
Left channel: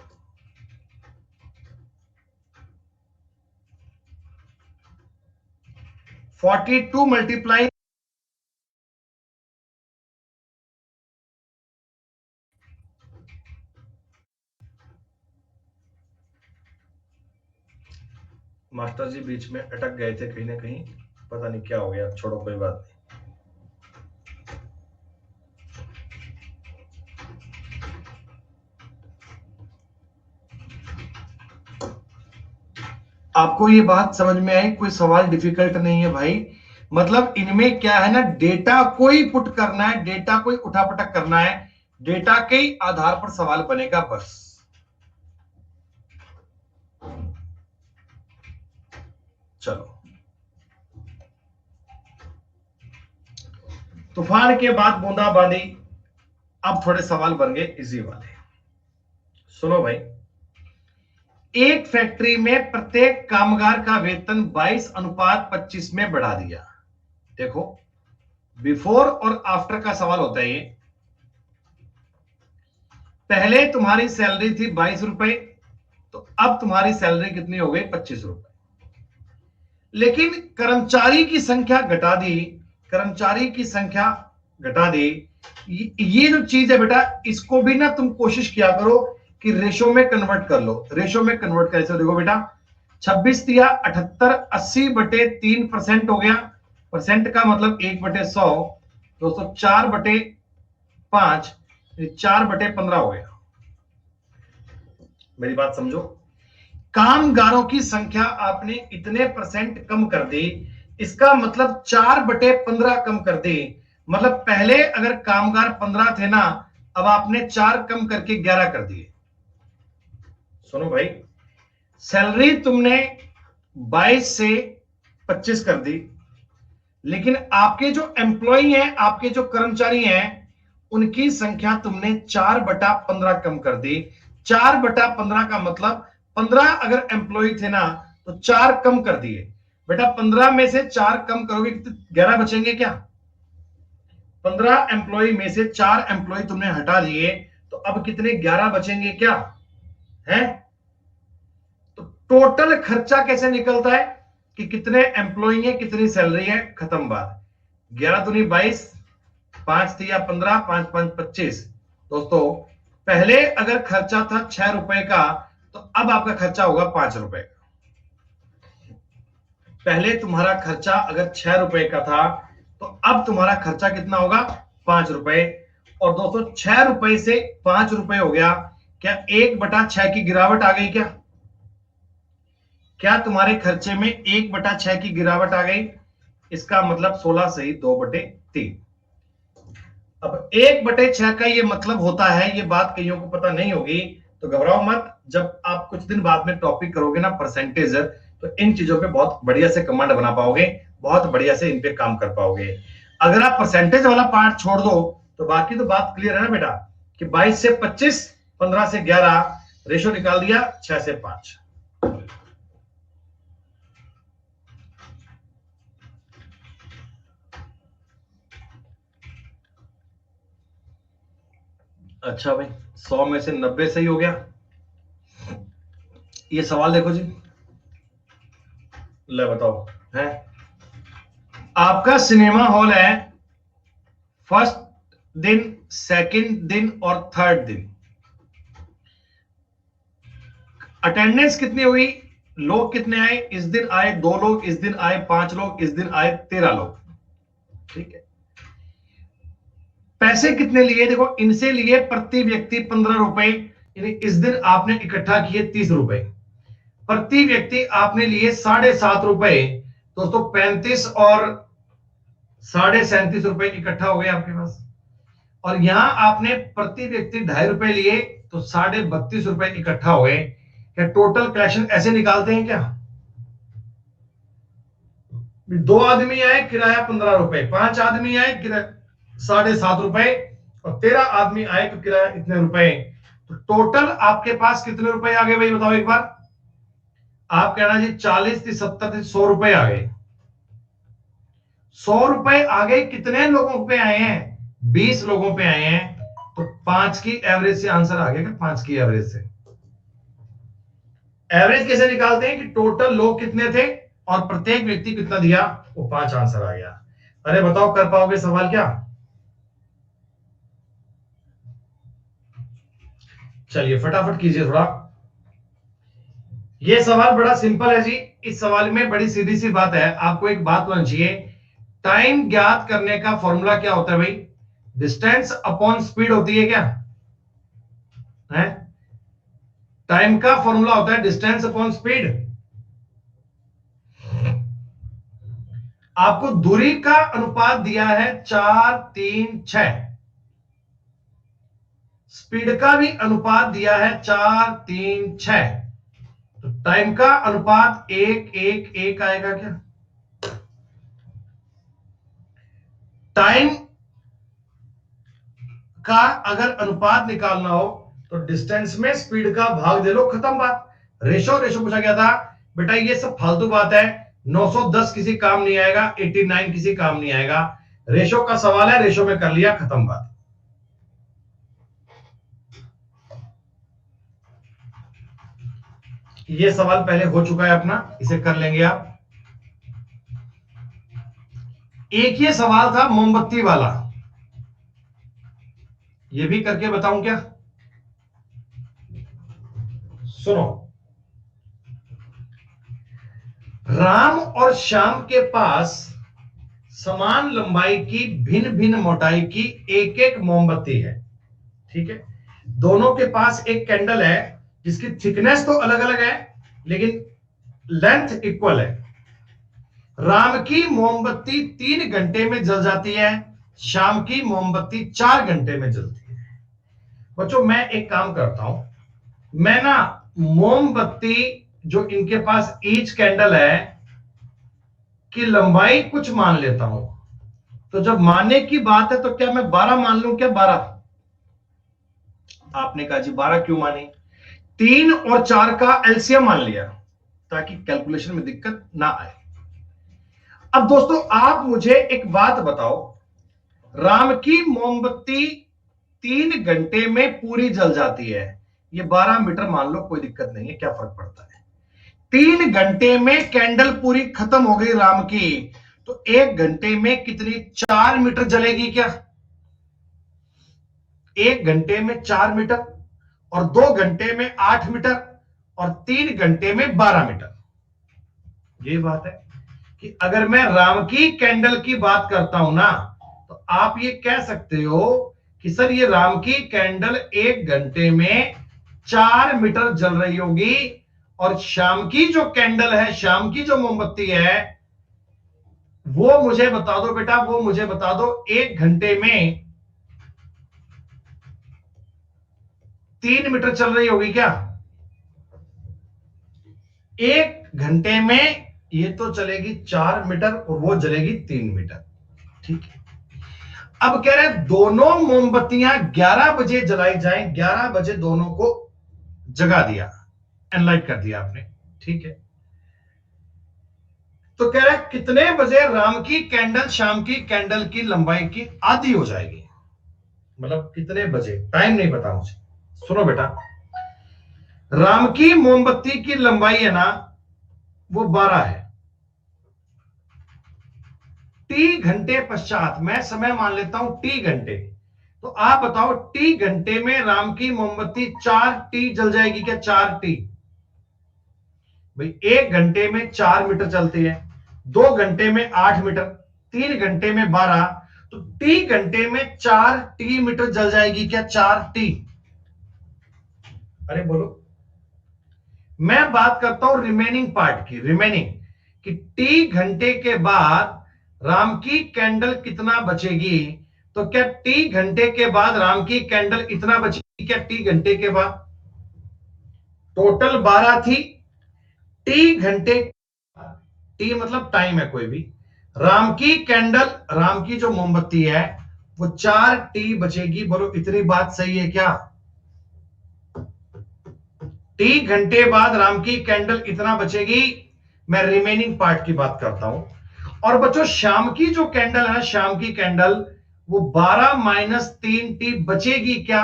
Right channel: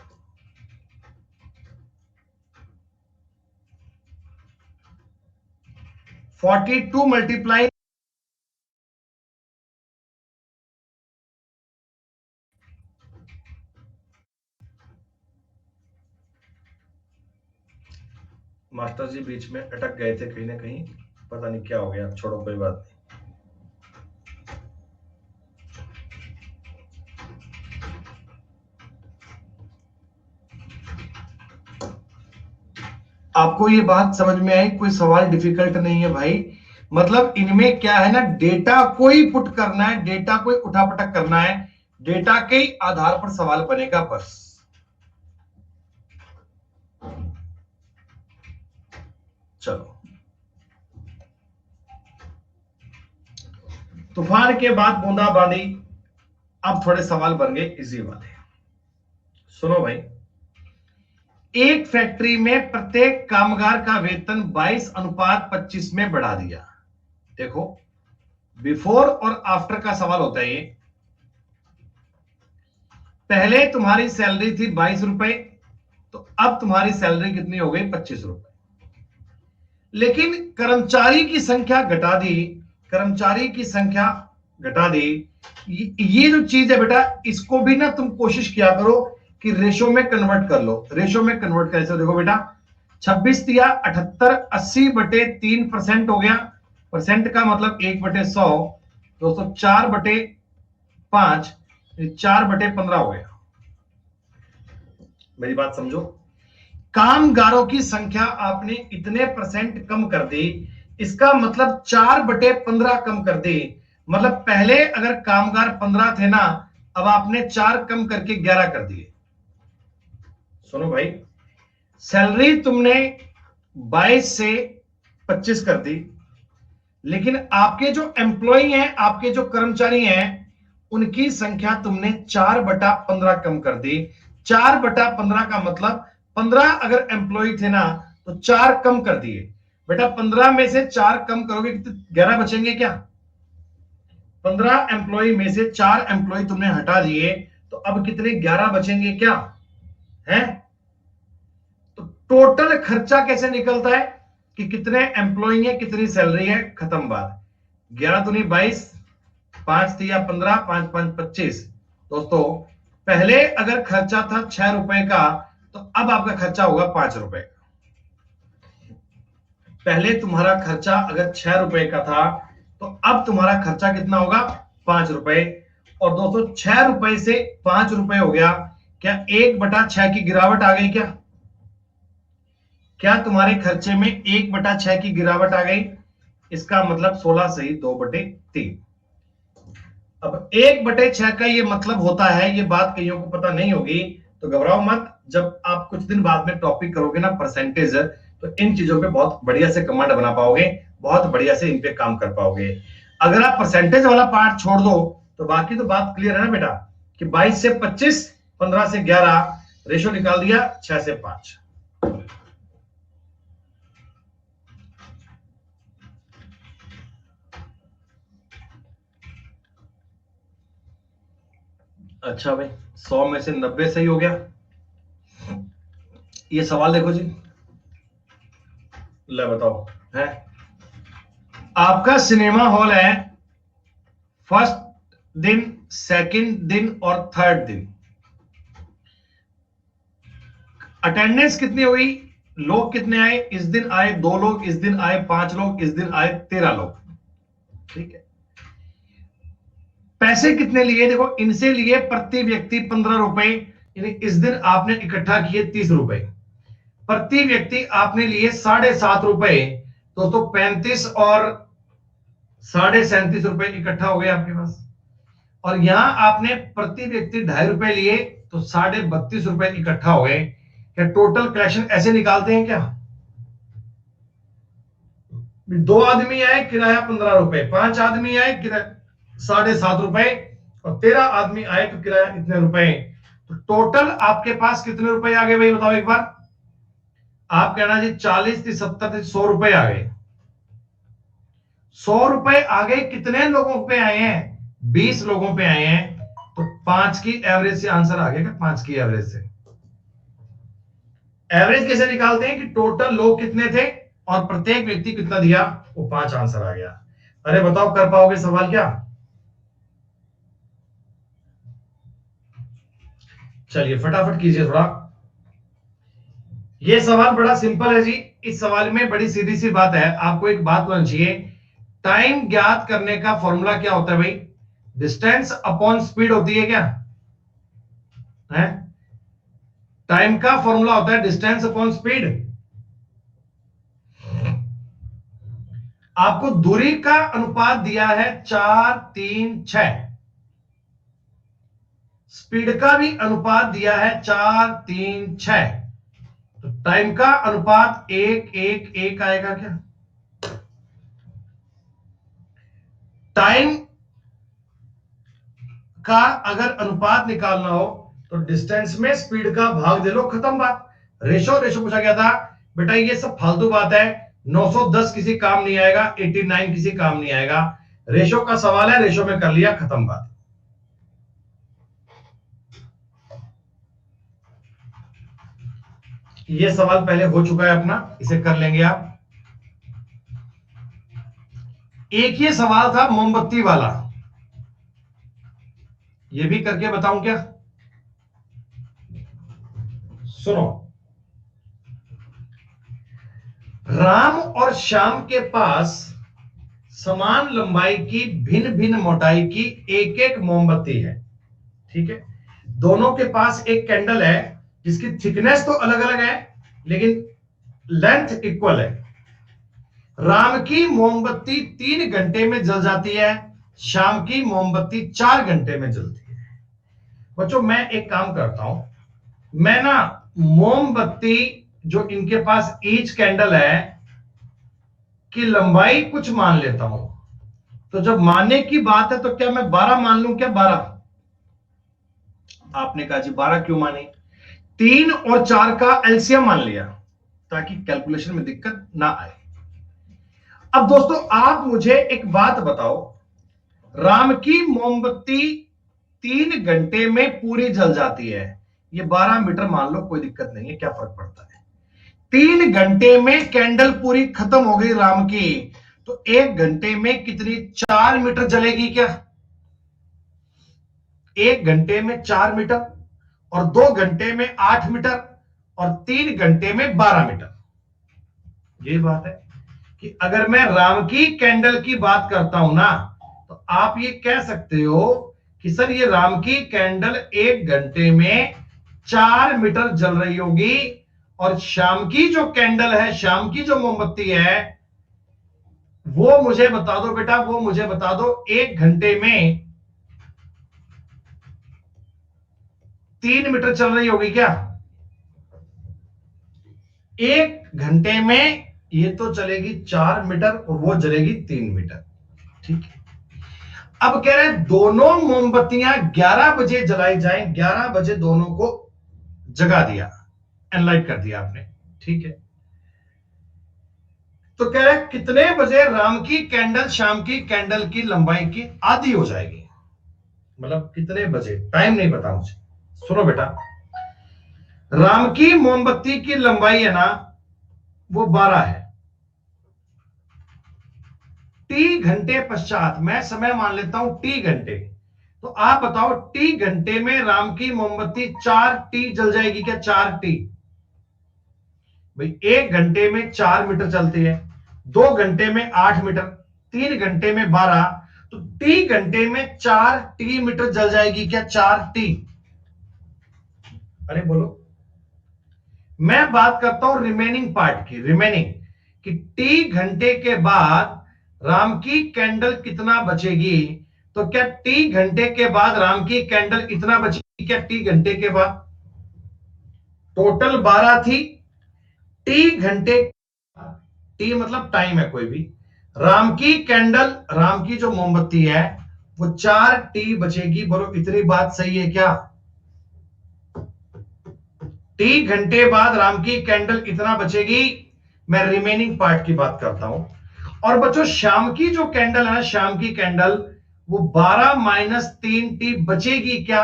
42 मल्टीप्लाई, मास्टर जी बीच में अटक गए थे कहीं ना कहीं, पता नहीं क्या हो गया, छोड़ो कोई बात नहीं। आपको ये बात समझ में आई? कोई सवाल डिफिकल्ट नहीं है भाई। मतलब इनमें क्या है ना, डेटा को ही पुट करना है, डेटा को ही उठापटक करना है, डेटा के ही आधार पर सवाल बनेगा बस। चलो, तूफान के बाद बूंदाबांदी, अब थोड़े सवाल बन गए इजी वाले। सुनो भाई, एक फैक्ट्री में प्रत्येक कामगार का वेतन 22:25 में बढ़ा दिया। देखो, बिफोर और आफ्टर का सवाल होता है ये। पहले तुम्हारी सैलरी थी 22 रुपए, तो अब तुम्हारी सैलरी कितनी हो गई? 25 रुपए। लेकिन कर्मचारी की संख्या घटा दी, कर्मचारी की संख्या घटा दी। ये जो चीज है बेटा, इसको भी ना तुम कोशिश किया करो कि रेशो में कन्वर्ट कर लो। रेशो में कन्वर्ट कैसे? देखो बेटा, 26 दिया 78, 80/3% हो गया। परसेंट का मतलब 1/100, दोस्तों 4/5, 4/15 हो गया। मेरी बात समझो, कामगारों की संख्या आपने इतने परसेंट कम कर दी इसका मतलब 4/15 कम कर दे। मतलब पहले अगर कामगार 15 थे ना, अब आपने 4 कम करके 11 कर दिए। सुनो भाई, सैलरी तुमने 22 से 25 कर दी, लेकिन आपके जो एम्प्लॉई हैं, आपके जो कर्मचारी हैं, उनकी संख्या तुमने 4/15 कम कर दी। 4/15 का मतलब 15 अगर एम्प्लॉय थे ना, तो 4 कम कर दिए। बेटा 15 में से 4 कम करोगे तो 11 बचेंगे क्या? 15 एम्प्लॉय में से 4 एम्प्लॉय तुमने हटा लिए, तो अब कितने 11 बचेंगे क्या है? तो टोटल खर्चा कैसे निकलता है कि कितने एम्प्लॉय है, कितनी सैलरी है, खत्म बात। 11 दूनी 22, 5 तिया 15, 5 5 25। दोस्तों पहले अगर खर्चा था 6 रुपए का, तो अब आपका खर्चा होगा 5 रुपए का। पहले तुम्हारा खर्चा अगर 6 रुपए का था, तो अब तुम्हारा खर्चा कितना होगा? 5 रुपए। और दोस्तों 6 रुपए से 5 रुपए हो गया, क्या 1/6 की गिरावट आ गई? क्या तुम्हारे खर्चे में 1/6 की गिरावट आ गई? इसका मतलब 16 सही 2/3। अब 1/6 का ये मतलब होता है, ये बात कईयों को पता नहीं होगी, तो घबराओ मत। जब आप कुछ दिन बाद में टॉपिक करोगे ना परसेंटेज, तो इन चीजों पे बहुत बढ़िया से कमांड बना पाओगे, बहुत बढ़िया से इन पे काम कर पाओगे। अगर आप परसेंटेज वाला पार्ट छोड़ दो, तो बाकी तो बात क्लियर है ना बेटा, कि 22 से 25, 15 से 11, रेशो निकाल दिया 6 से 5। अच्छा भाई, 100 में से 90 सही हो गया। ये सवाल देखो जी, ले बताओ है, आपका सिनेमा हॉल है, फर्स्ट दिन, सेकंड दिन और थर्ड दिन। अटेंडेंस कितनी हुई? लोग कितने आए? इस दिन आए 2 लोग, इस दिन आए 5 लोग, इस दिन आए 13 लोग। ठीक है। पैसे कितने लिए? देखो इनसे लिए प्रति व्यक्ति 15 रुपए, यानी इस दिन आपने इकट्ठा किए 30 रुपए। प्रति व्यक्ति आपने लिए 7.5 रुपए। दोस्तों 35 और 37.5 रुपए इकट्ठा हो गए आपके पास। और यहां आपने प्रति व्यक्ति 2.5 रुपए लिए, तो 32.5 रुपए इकट्ठा हो गए। क्या टोटल कलेक्शन ऐसे निकालते हैं क्या? 2 आदमी आए, किराया 15 रुपए, 5 आदमी आए, किराया 7.5 रुपए, और 13 आदमी आए तो किराया इतने रुपए। तो टोटल आपके पास कितने रुपए आ गए भाई बताओ एक बार? आप कहना जी 40 थी, 70 थी, 100 रुपए आ गए। 100 रुपए आ गए, कितने लोगों पे आए हैं? 20 लोगों पे आए हैं। तो 5 की एवरेज से आंसर आ गया क्या? 5 की एवरेज से। एवरेज कैसे निकालते हैं कि टोटल लोग कितने थे और प्रत्येक व्यक्ति कितना दिया, वो 5 आंसर आ गया। अरे बताओ कर पाओगे सवाल क्या? चलिए फटाफट कीजिए थोड़ा। ये सवाल बड़ा सिंपल है जी। इस सवाल में बड़ी सीधी सी बात है, आपको एक बात होनी चाहिए। टाइम ज्ञात करने का फॉर्मूला क्या होता है भाई? डिस्टेंस अपॉन स्पीड होती है क्या है? टाइम का फॉर्मूला होता है डिस्टेंस अपॉन स्पीड। आपको दूरी का अनुपात दिया है 4 3 6, स्पीड का भी अनुपात दिया है 4 3 6, तो टाइम का अनुपात 1 1 1 आएगा क्या? टाइम का अगर अनुपात निकालना हो, तो डिस्टेंस में स्पीड का भाग दे लो, खत्म बात। रेशो रेशो पूछा गया था बेटा, ये सब फालतू बात है। 910 किसी काम नहीं आएगा, 89 किसी काम नहीं आएगा। रेशो का सवाल है, रेशो में कर लिया, खत्म बात। ये सवाल पहले हो चुका है अपना, इसे कर लेंगे आप। एक ये सवाल था मोमबत्ती वाला, ये भी करके बताऊं क्या? सुनो, राम और श्याम के पास समान लंबाई की भिन्न भिन्न मोटाई की एक एक मोमबत्ती है। ठीक है, दोनों के पास एक कैंडल है जिसकी थिकनेस तो अलग अलग है, लेकिन लेंथ इक्वल है। राम की मोमबत्ती 3 घंटे में जल जाती है, शाम की मोमबत्ती 4 घंटे में जलती है। बच्चों मैं एक काम करता हूं, मैं ना मोमबत्ती जो इनके पास ईच कैंडल है की लंबाई कुछ मान लेता हूं। तो जब मानने की बात है तो क्या मैं 12 मान लूं क्या? 12। आपने कहा जी 12 क्यों माने? 3 और 4 का एलसीएम मान लिया ताकि कैलकुलेशन में दिक्कत ना आए। अब दोस्तों आप मुझे एक बात बताओ, राम की मोमबत्ती 3 घंटे में पूरी जल जाती है, ये 12 मीटर मान लो, कोई दिक्कत नहीं है, क्या फर्क पड़ता है। 3 घंटे में कैंडल पूरी खत्म हो गई राम की, तो 1 घंटे में कितनी? 4 मीटर जलेगी क्या? 1 घंटे में 4 मीटर, और 2 घंटे में 8 मीटर, और 3 घंटे में 12 मीटर। ये बात है कि अगर मैं राम की कैंडल की बात करता हूं ना, तो आप ये कह सकते हो कि सर ये राम की कैंडल 1 घंटे में 4 मीटर जल रही होगी, और शाम की जो कैंडल है, शाम की जो मोमबत्ती है, वो मुझे बता दो बेटा, वो मुझे बता दो 1 घंटे में 3 मीटर चल रही होगी क्या? 1 घंटे में ये तो चलेगी 4 मीटर और वो जलेगी 3 मीटर। ठीक है, अब कह रहे हैं दोनों मोमबत्तियां 11 बजे जलाई जाएं, 11 बजे दोनों को जगा दिया, एनलाइट कर दिया आपने। ठीक है, तो कह रहे हैं कितने बजे राम की कैंडल शाम की कैंडल की लंबाई की आधी हो जाएगी? मतलब कितने बजे, टाइम नहीं पता मुझे। सुनो बेटा, राम की मोमबत्ती की लंबाई है ना, वो 12 है। टी घंटे पश्चात, मैं समय मान लेता हूं टी घंटे, तो आप बताओ टी घंटे में राम की मोमबत्ती 4 टी जल जाएगी क्या? 4 टी। भाई 1 घंटे में 4 मीटर चलती है, 2 घंटे में 8 मीटर, 3 घंटे में 12, तो टी घंटे में 4 टी मीटर जल जाएगी क्या? 4 टी। अरे बोलो, मैं बात करता हूं रिमेनिंग पार्ट की, रिमेनिंग कि टी घंटे के बाद राम की कैंडल कितना बचेगी? तो क्या टी घंटे के बाद राम की कैंडल इतना बचेगी क्या? टी घंटे के बाद टोटल 12 थी, टी घंटे, टी मतलब टाइम है कोई भी, राम की कैंडल, राम की जो मोमबत्ती है वो 4 टी बचेगी। बोलो इतनी बात सही है क्या? टी घंटे बाद राम की कैंडल इतना बचेगी। मैं रिमेनिंग पार्ट की बात करता हूं। और बच्चों शाम की जो कैंडल है, शाम की कैंडल, वो 12 - 3 टी बचेगी क्या?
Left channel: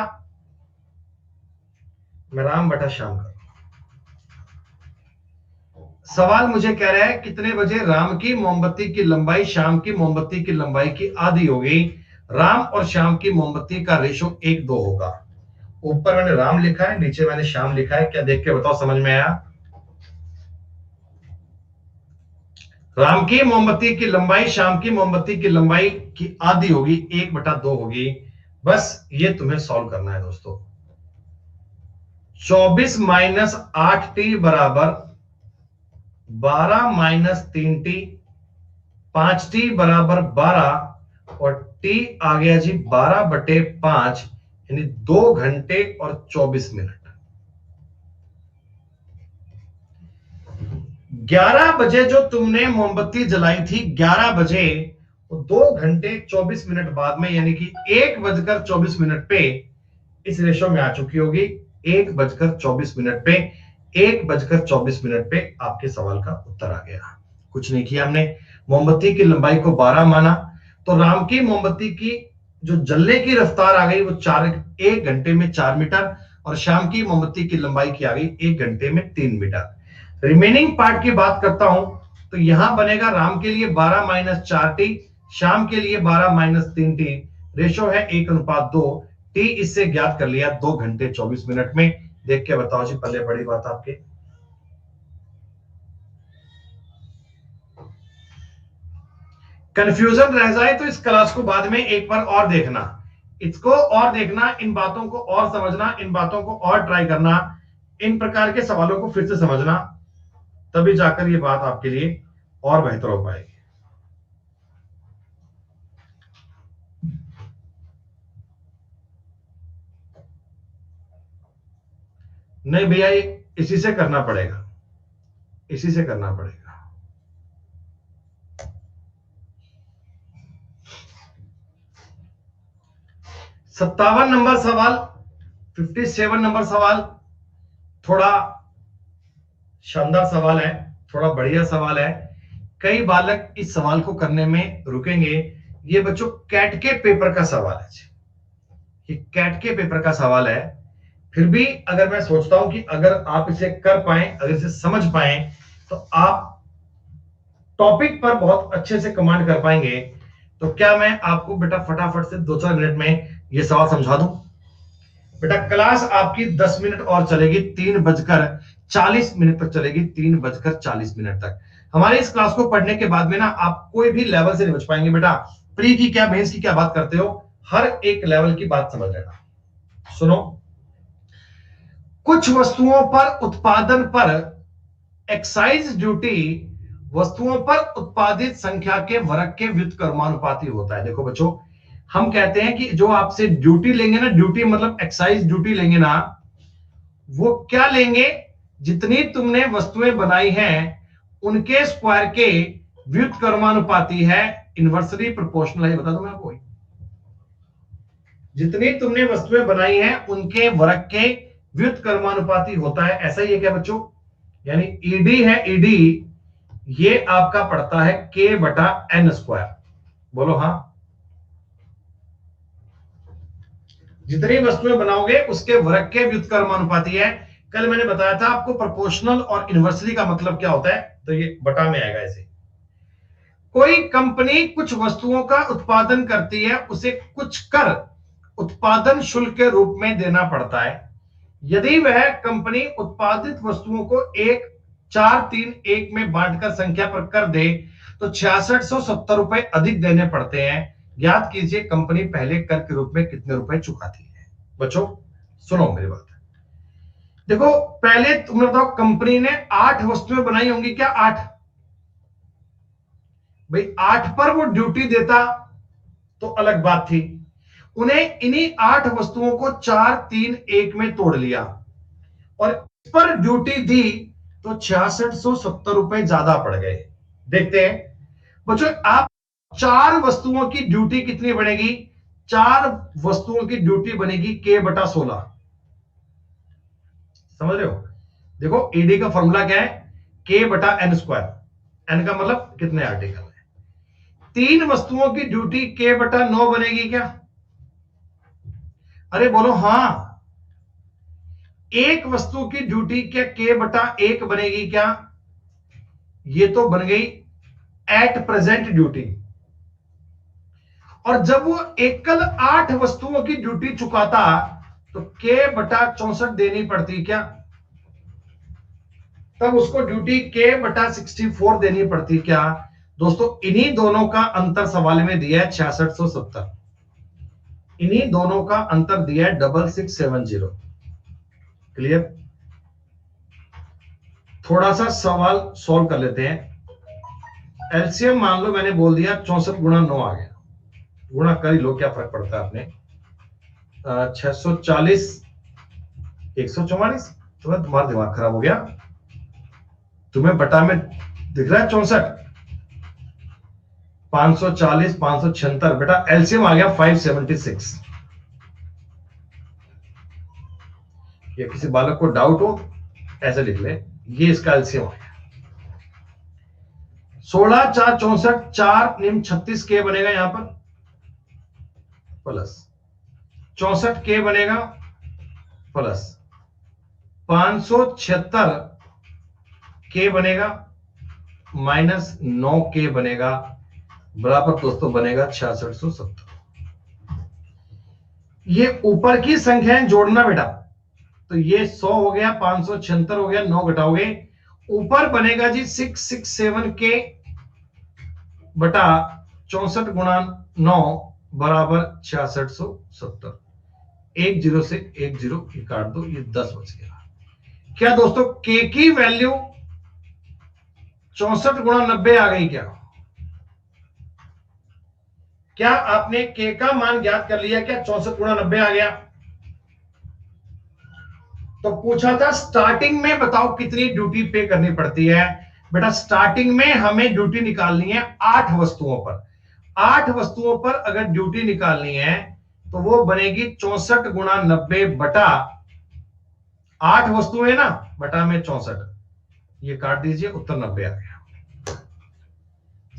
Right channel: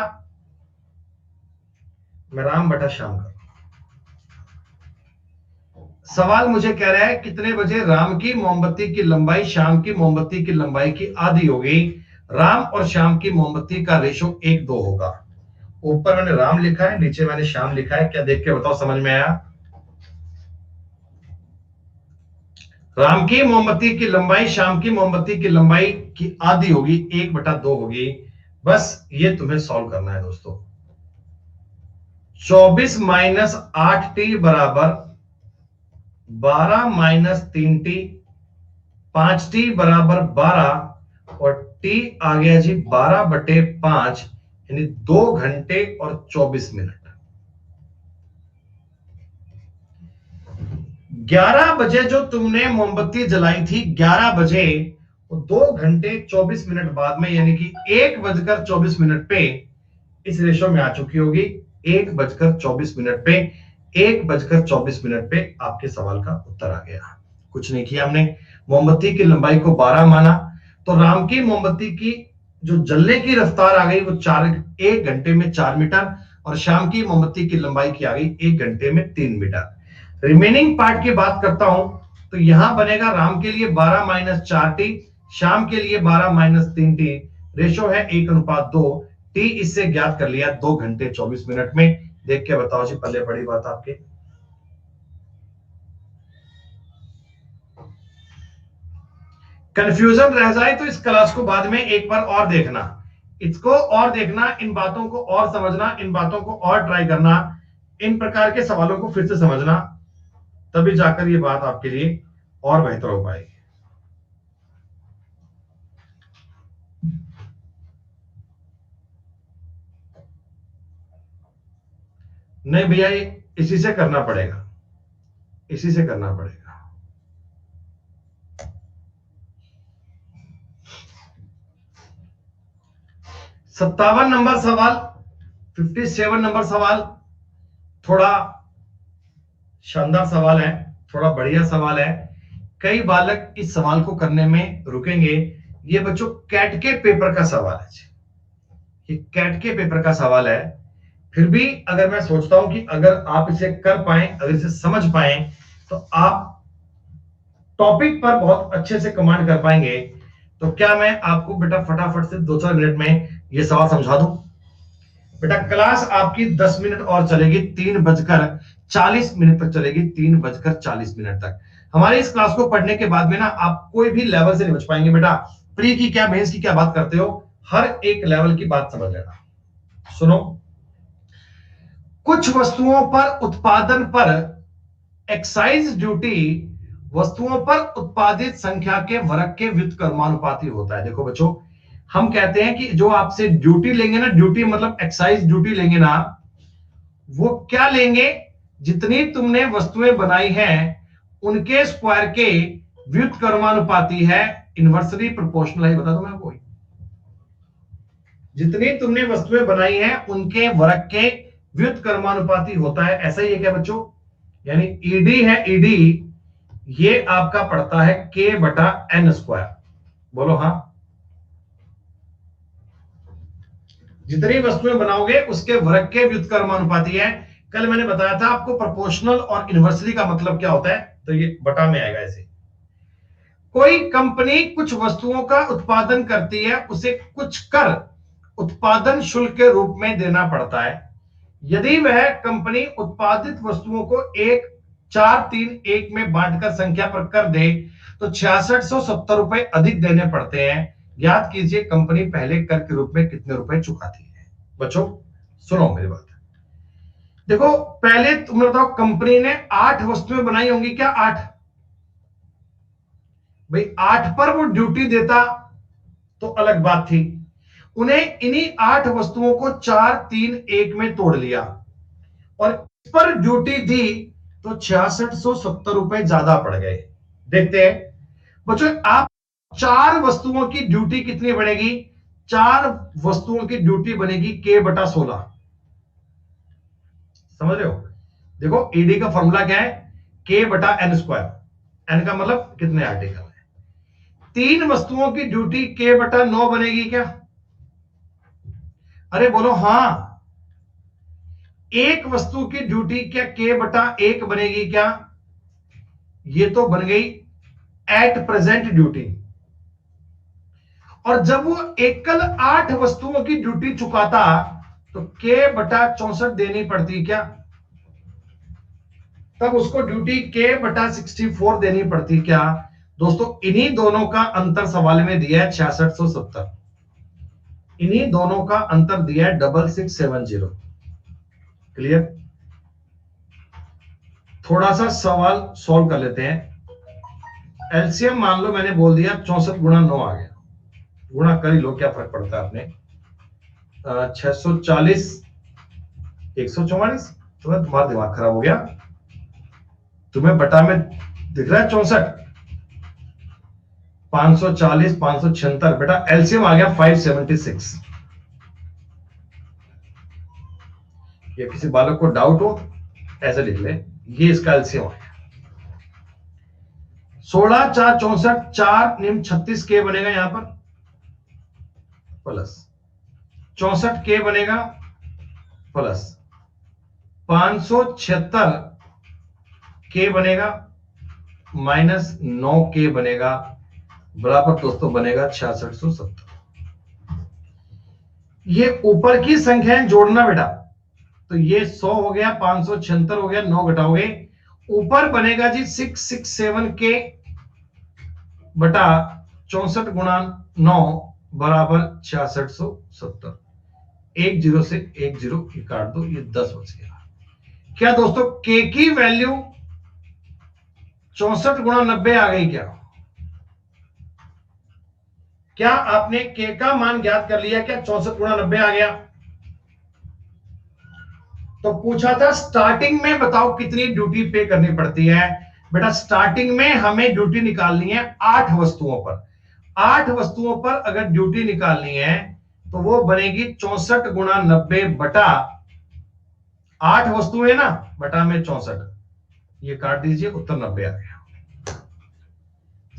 मैं राम बटा श्याम कर, सवाल मुझे कह रहा है कितने बजे राम की मोमबत्ती की लंबाई शाम की मोमबत्ती की लंबाई की आधी होगी? राम और श्याम की मोमबत्ती का रेशो 1:2 होगा। ऊपर मैंने राम लिखा है, नीचे मैंने श्याम लिखा है, क्या देख के बताओ समझ में आया? राम की मोमबत्ती की लंबाई शाम की मोमबत्ती की लंबाई की आधी होगी, 1/2 होगी। बस ये तुम्हें सॉल्व करना है दोस्तों। 24 - 8 टी बराबर 12 - 3 टी, 5 टी बराबर 12, और टी आ गया जी 12/5, यानी 2 घंटे और 24 मिनट। 11 बजे जो तुमने मोमबत्ती जलाई थी, 11 बजे, वो 2 घंटे 24 मिनट बाद में, यानी कि 1:24 पे इस रेशो में आ चुकी होगी। 1:24 पे, 1:24 पे आपके सवाल का उत्तर आ गया। कुछ नहीं किया हमने, मोमबत्ती की लंबाई को 12 माना, तो राम की मोमबत्ती की जो जलने की रफ्तार आ गई वो 1 घंटे में 4 मीटर, और शाम की मोमबत्ती की लंबाई की आ गई 1 घंटे में 3 मीटर। रिमेनिंग पार्ट की बात करता हूं, तो यहां बनेगा राम के लिए 12 - 4 टी, शाम के लिए 12 - 3 टी, रेशो है 1:2। टी इससे ज्ञात कर लिया 2 घंटे 24 मिनट में। देख के बताओ जी, पल्ले बड़ी बात आपके। कंफ्यूजन रह जाए तो इस क्लास को बाद में एक बार और देखना, इसको और देखना, इन बातों को और समझना, इन बातों को और ट्राई करना, इन प्रकार के सवालों को फिर से समझना, तभी जाकर ये बात आपके लिए और बेहतर हो पाएगी। नहीं भैया, ये इसी से करना पड़ेगा, इसी से करना पड़ेगा। 57 नंबर सवाल, 57 नंबर सवाल थोड़ा शानदार सवाल है, थोड़ा बढ़िया सवाल है। कई बालक इस सवाल को करने में रुकेंगे। ये बच्चों कैट के पेपर का सवाल है, ये कैट के पेपर का सवाल है। फिर भी अगर मैं सोचता हूं कि अगर आप इसे कर पाए, अगर इसे समझ पाए, तो आप टॉपिक पर बहुत अच्छे से कमांड कर पाएंगे। तो क्या मैं आपको बेटा फटाफट से 2-4 मिनट में ये सवाल समझा दूं? बेटा क्लास आपकी 10 मिनट और चलेगी, 3:40 तक चलेगी, 3:40 तक। हमारे इस क्लास को पढ़ने के बाद में ना आप कोई भी लेवल से नहीं बच पाएंगे बेटा। प्री की क्या, मेंस की क्या बात करते हो, हर एक लेवल की बात समझ लेना। सुनो, कुछ वस्तुओं पर उत्पादन पर एक्साइज ड्यूटी वस्तुओं पर उत्पादित संख्या के वर्ग के व्युत्क्रमानुपाती होता है। देखो बच्चों, हम कहते हैं कि जो आपसे ड्यूटी लेंगे ना, ड्यूटी मतलब एक्साइज ड्यूटी लेंगे ना, वो क्या लेंगे, जितनी तुमने वस्तुएं बनाई हैं उनके स्क्वायर के व्युत्क्रमानुपाती है, इनवर्सली प्रोपोर्शनल है। बता दो मैं आपको, जितनी तुमने वस्तुएं बनाई हैं उनके वर्ग के व्युत्क्रमानुपाती होता है। ऐसा ही है क्या बच्चों? यानी ईडी है, ईडी ये आपका पड़ता है k/n²। बोलो हाँ। जितनी वस्तुएं बनाओगे उसके वर्ग के व्युत्क्रमानुपाती है। कल मैंने बताया था आपको प्रोपोर्शनल और इनवर्सली का मतलब क्या होता है, तो ये बटा में आएगा। ऐसे कोई कंपनी कुछ वस्तुओं का उत्पादन करती है, उसे कुछ कर उत्पादन शुल्क के रूप में देना पड़ता है। यदि वह कंपनी उत्पादित वस्तुओं को 1, 4, 3, 1 में बांटकर संख्या पर कर दे तो 6670 रुपए अधिक देने पड़ते हैं। याद कीजिए कंपनी पहले कर के रूप में कितने रुपए चुकाती है। बच्चों सुनो मेरी बात, देखो पहले तुमने बताओ कंपनी ने 8 वस्तुएं बनाई होंगी क्या? 8 भाई, 8 पर वो ड्यूटी देता तो अलग बात थी। उन्हें इन्हीं 8 वस्तुओं को 4, 3, 1 में तोड़ लिया और इस पर ड्यूटी दी तो 6670 रुपए ज्यादा पड़ गए। देखते हैं बच्चों, आप 4 वस्तुओं की ड्यूटी कितनी बनेगी? 4 वस्तुओं की ड्यूटी बनेगी k/16। समझ रहे हो? देखो ईडी का फॉर्मूला क्या है, k/n²। n का मतलब कितने आर्टिकल है। 3 वस्तुओं की ड्यूटी k/9 बनेगी क्या? अरे बोलो हाँ। एक वस्तु की ड्यूटी क्या k/1 बनेगी क्या? ये तो बन गई एट प्रेजेंट ड्यूटी। और जब वो एकल 8 वस्तुओं की ड्यूटी चुकाता तो k/64 देनी पड़ती क्या? तब उसको ड्यूटी k/64 देनी पड़ती क्या? दोस्तों इन्हीं दोनों का अंतर सवाल में दिया है 6670। इन्हीं दोनों का अंतर दिया है 6670। क्लियर? थोड़ा सा सवाल सॉल्व कर लेते हैं। एलसीएम मान लो मैंने बोल दिया 64 × 9 आ गया, गुणा कर ही लो, क्या फर्क पड़ता है अपने। 640 144। तुम्हारा दिमाग खराब हो गया, तुम्हें बटा में दिख रहा है 64, 540 576। बेटा एलसीएम आ गया 576। या किसी बालक को डाउट हो ऐसे लिख ले, ये इसका एलसीएम आ गया। 16 4 64, 4 निम 36 के बनेगा यहां पर, प्लस 64 के बनेगा, प्लस 576 के बनेगा, माइनस 9 के बनेगा, बराबर दोस्तों बनेगा 6670। ये ऊपर की संख्याएं जोड़ना बेटा, तो ये 100 हो गया, 576 हो गया, 9 घटाओगे ऊपर बनेगा जी 667 के बटा 64 × 9 बराबर 6670। 1 0 से 1 0 काट दो, ये 10 बच गया। क्या दोस्तों के की वैल्यू 64 गुणा 90 आ गई क्या? क्या आपने के का मान ज्ञात कर लिया? क्या 64 गुणा 90 आ गया? तो पूछा था स्टार्टिंग में बताओ कितनी ड्यूटी पे करनी पड़ती है। बेटा स्टार्टिंग में हमें ड्यूटी निकालनी है 8 वस्तुओं पर। 8 वस्तुओं पर अगर ड्यूटी निकालनी है तो वो बनेगी 64 गुणा 90 बटा 8 वस्तुएं ना, बटा में 64, ये काट दीजिए, उत्तर 90 आ गया।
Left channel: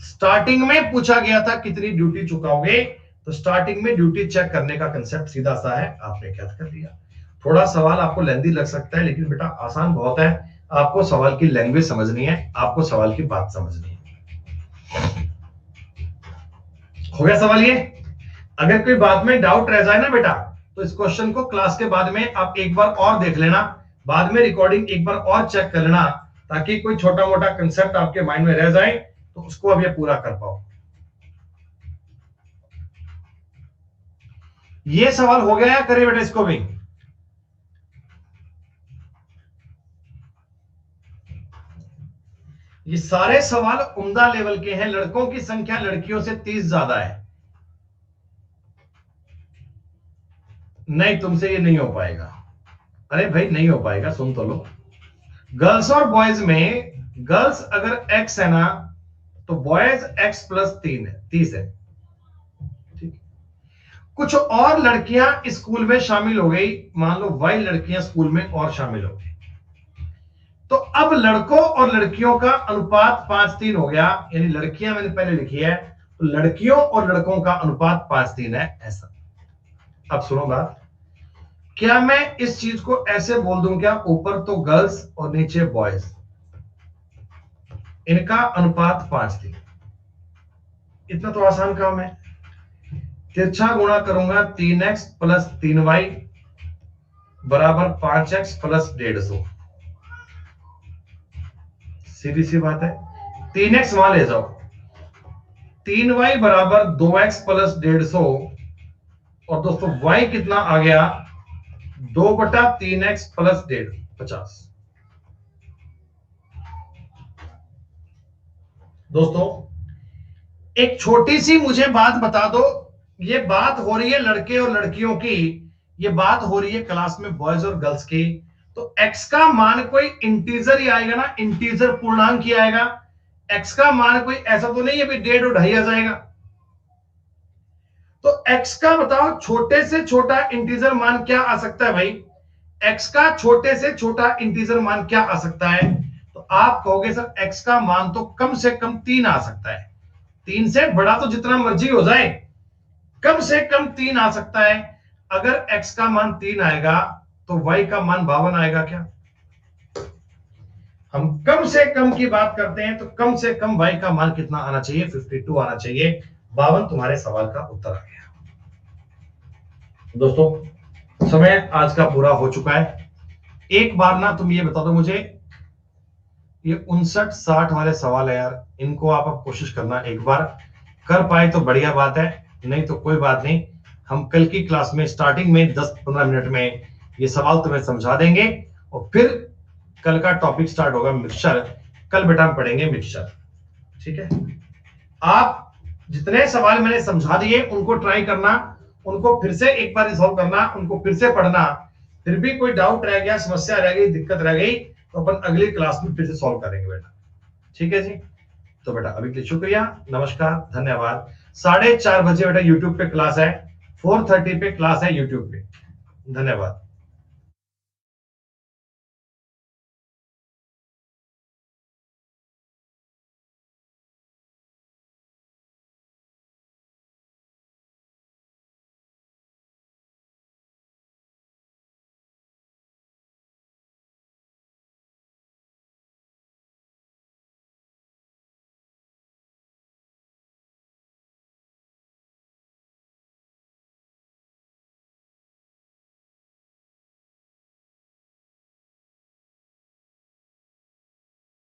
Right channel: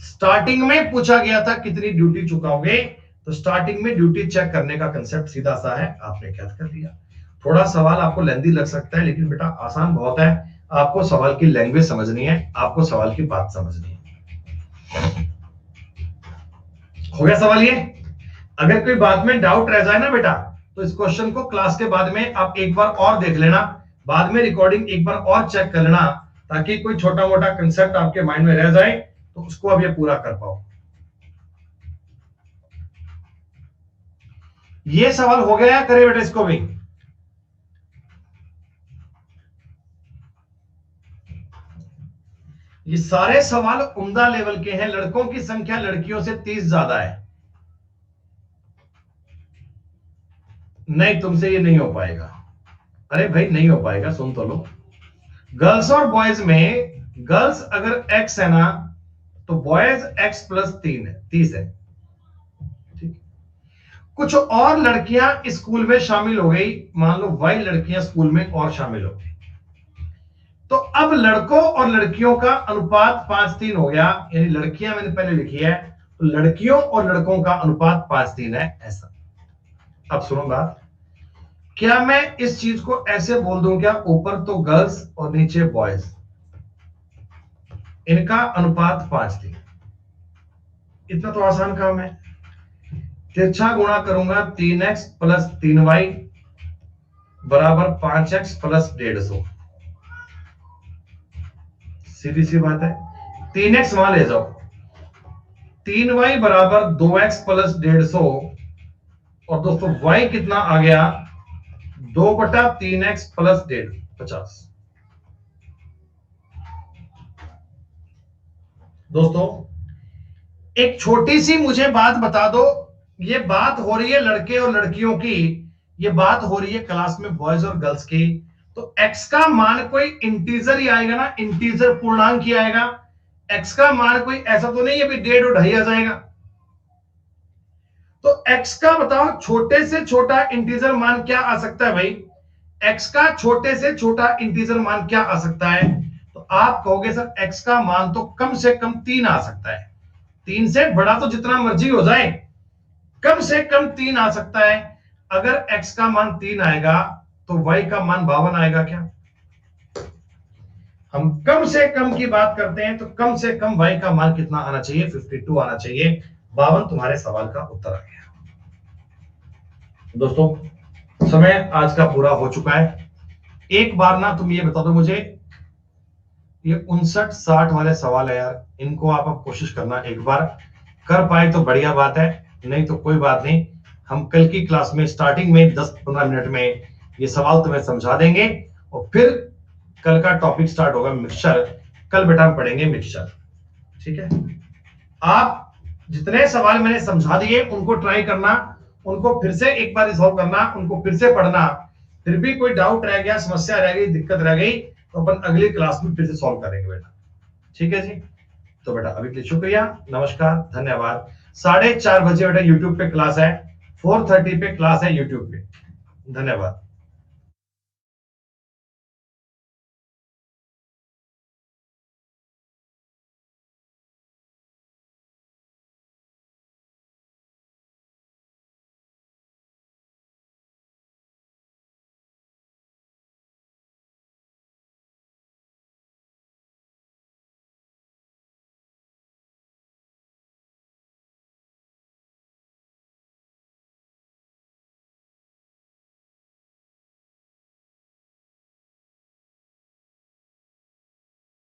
स्टार्टिंग में पूछा गया था कितनी ड्यूटी चुकाओगे, तो स्टार्टिंग में ड्यूटी चेक करने का कंसेप्ट सीधा सा है, आपने क्या कर दिया। थोड़ा सवाल आपको लेंदी लग सकता है, लेकिन बेटा आसान बहुत है। आपको सवाल की लैंग्वेज समझनी है, आपको सवाल की बात समझनी है। हो गया सवाल ये? अगर कोई बात में डाउट रह जाए ना बेटा, तो इस क्वेश्चन को क्लास के बाद में आप एक बार और देख लेना, बाद में रिकॉर्डिंग एक बार और चेक कर लेना, ताकि कोई छोटा मोटा कंसेप्ट आपके माइंड में रह जाए तो उसको अब ये पूरा कर पाओ। ये सवाल हो गया है, करे बेटा इसको भी। ये सारे सवाल उम्दा लेवल के हैं। लड़कों की संख्या लड़कियों से 30 ज्यादा है। नहीं, तुमसे ये नहीं हो पाएगा। अरे भाई नहीं हो पाएगा, सुन तो लो। गर्ल्स और बॉयज में, गर्ल्स अगर x है ना, तो बॉयज x प्लस 3 है, 30 है। ठीक। कुछ और लड़कियां स्कूल में शामिल हो गई, मान लो y लड़कियां स्कूल में और शामिल हो गई, तो अब लड़कों और लड़कियों का अनुपात 5:3 हो गया। यानी लड़कियां मैंने पहले लिखी है, तो लड़कियों और लड़कों का अनुपात 5:3 है, ऐसा। अब सुनो बात, क्या मैं इस चीज को ऐसे बोल दूं क्या, ऊपर तो गर्ल्स और नीचे बॉयज, इनका अनुपात 5:3, इतना तो आसान काम है। तिरछा गुणा करूंगा 3x प्लस 3y बराबर 5x प्लस 150, सीधी सी बात है। 3x वहां ले जाओ, 3y बराबर 2x प्लस 150, और दोस्तों y कितना आ गया, 2/3x प्लस 50। दोस्तों एक छोटी सी मुझे बात बता दो, ये बात हो रही है लड़के और लड़कियों की, ये बात हो रही है क्लास में बॉयज और गर्ल्स की, तो x का मान कोई इंटीजर ही आएगा ना, इंटीजर पूर्णांक ही आएगा। x का मान कोई ऐसा तो नहीं है भी 1.5 और 2.5 आ जाएगा। तो x का बताओ छोटे से छोटा इंटीजर मान क्या आ सकता है भाई, x का छोटे से छोटा इंटीजर मान क्या आ सकता है? तो आप कहोगे सर x का मान तो कम से कम 3 आ सकता है। 3 से बड़ा तो जितना मर्जी हो जाए, कम से कम 3 आ सकता है। अगर x का मान 3 आएगा तो y का मान 52 आएगा क्या? हम कम से कम की बात करते हैं, तो कम से कम y का मान कितना आना चाहिए, 52 आना चाहिए। 52 तुम्हारे सवाल का उत्तर आ गया। दोस्तों समय आज का पूरा हो चुका है। एक बार ना तुम ये बता दो मुझे, ये 59-60 वाले सवाल है यार, इनको आप कोशिश करना, एक बार कर पाए तो बढ़िया बात है, नहीं तो कोई बात नहीं। हम कल की क्लास में स्टार्टिंग में 10-15 मिनट में ये सवाल तुम्हें समझा देंगे, और फिर कल का टॉपिक स्टार्ट होगा मिक्सचर। कल बेटा हम पढ़ेंगे मिक्सचर, ठीक है। आप जितने सवाल मैंने समझा दिए उनको ट्राई करना, उनको फिर से एक बार रिसॉल्व करना, उनको फिर से पढ़ना। फिर भी कोई डाउट रह गया, समस्या रह गई, दिक्कत रह गई, तो अपन अगली क्लास में फिर से सॉल्व करेंगे बेटा, ठीक है जी। तो बेटा अभी के लिए शुक्रिया, नमस्कार, धन्यवाद। 4:30 बजे बेटा यूट्यूब पे क्लास है, 4:30 पे क्लास है यूट्यूब पे। धन्यवाद।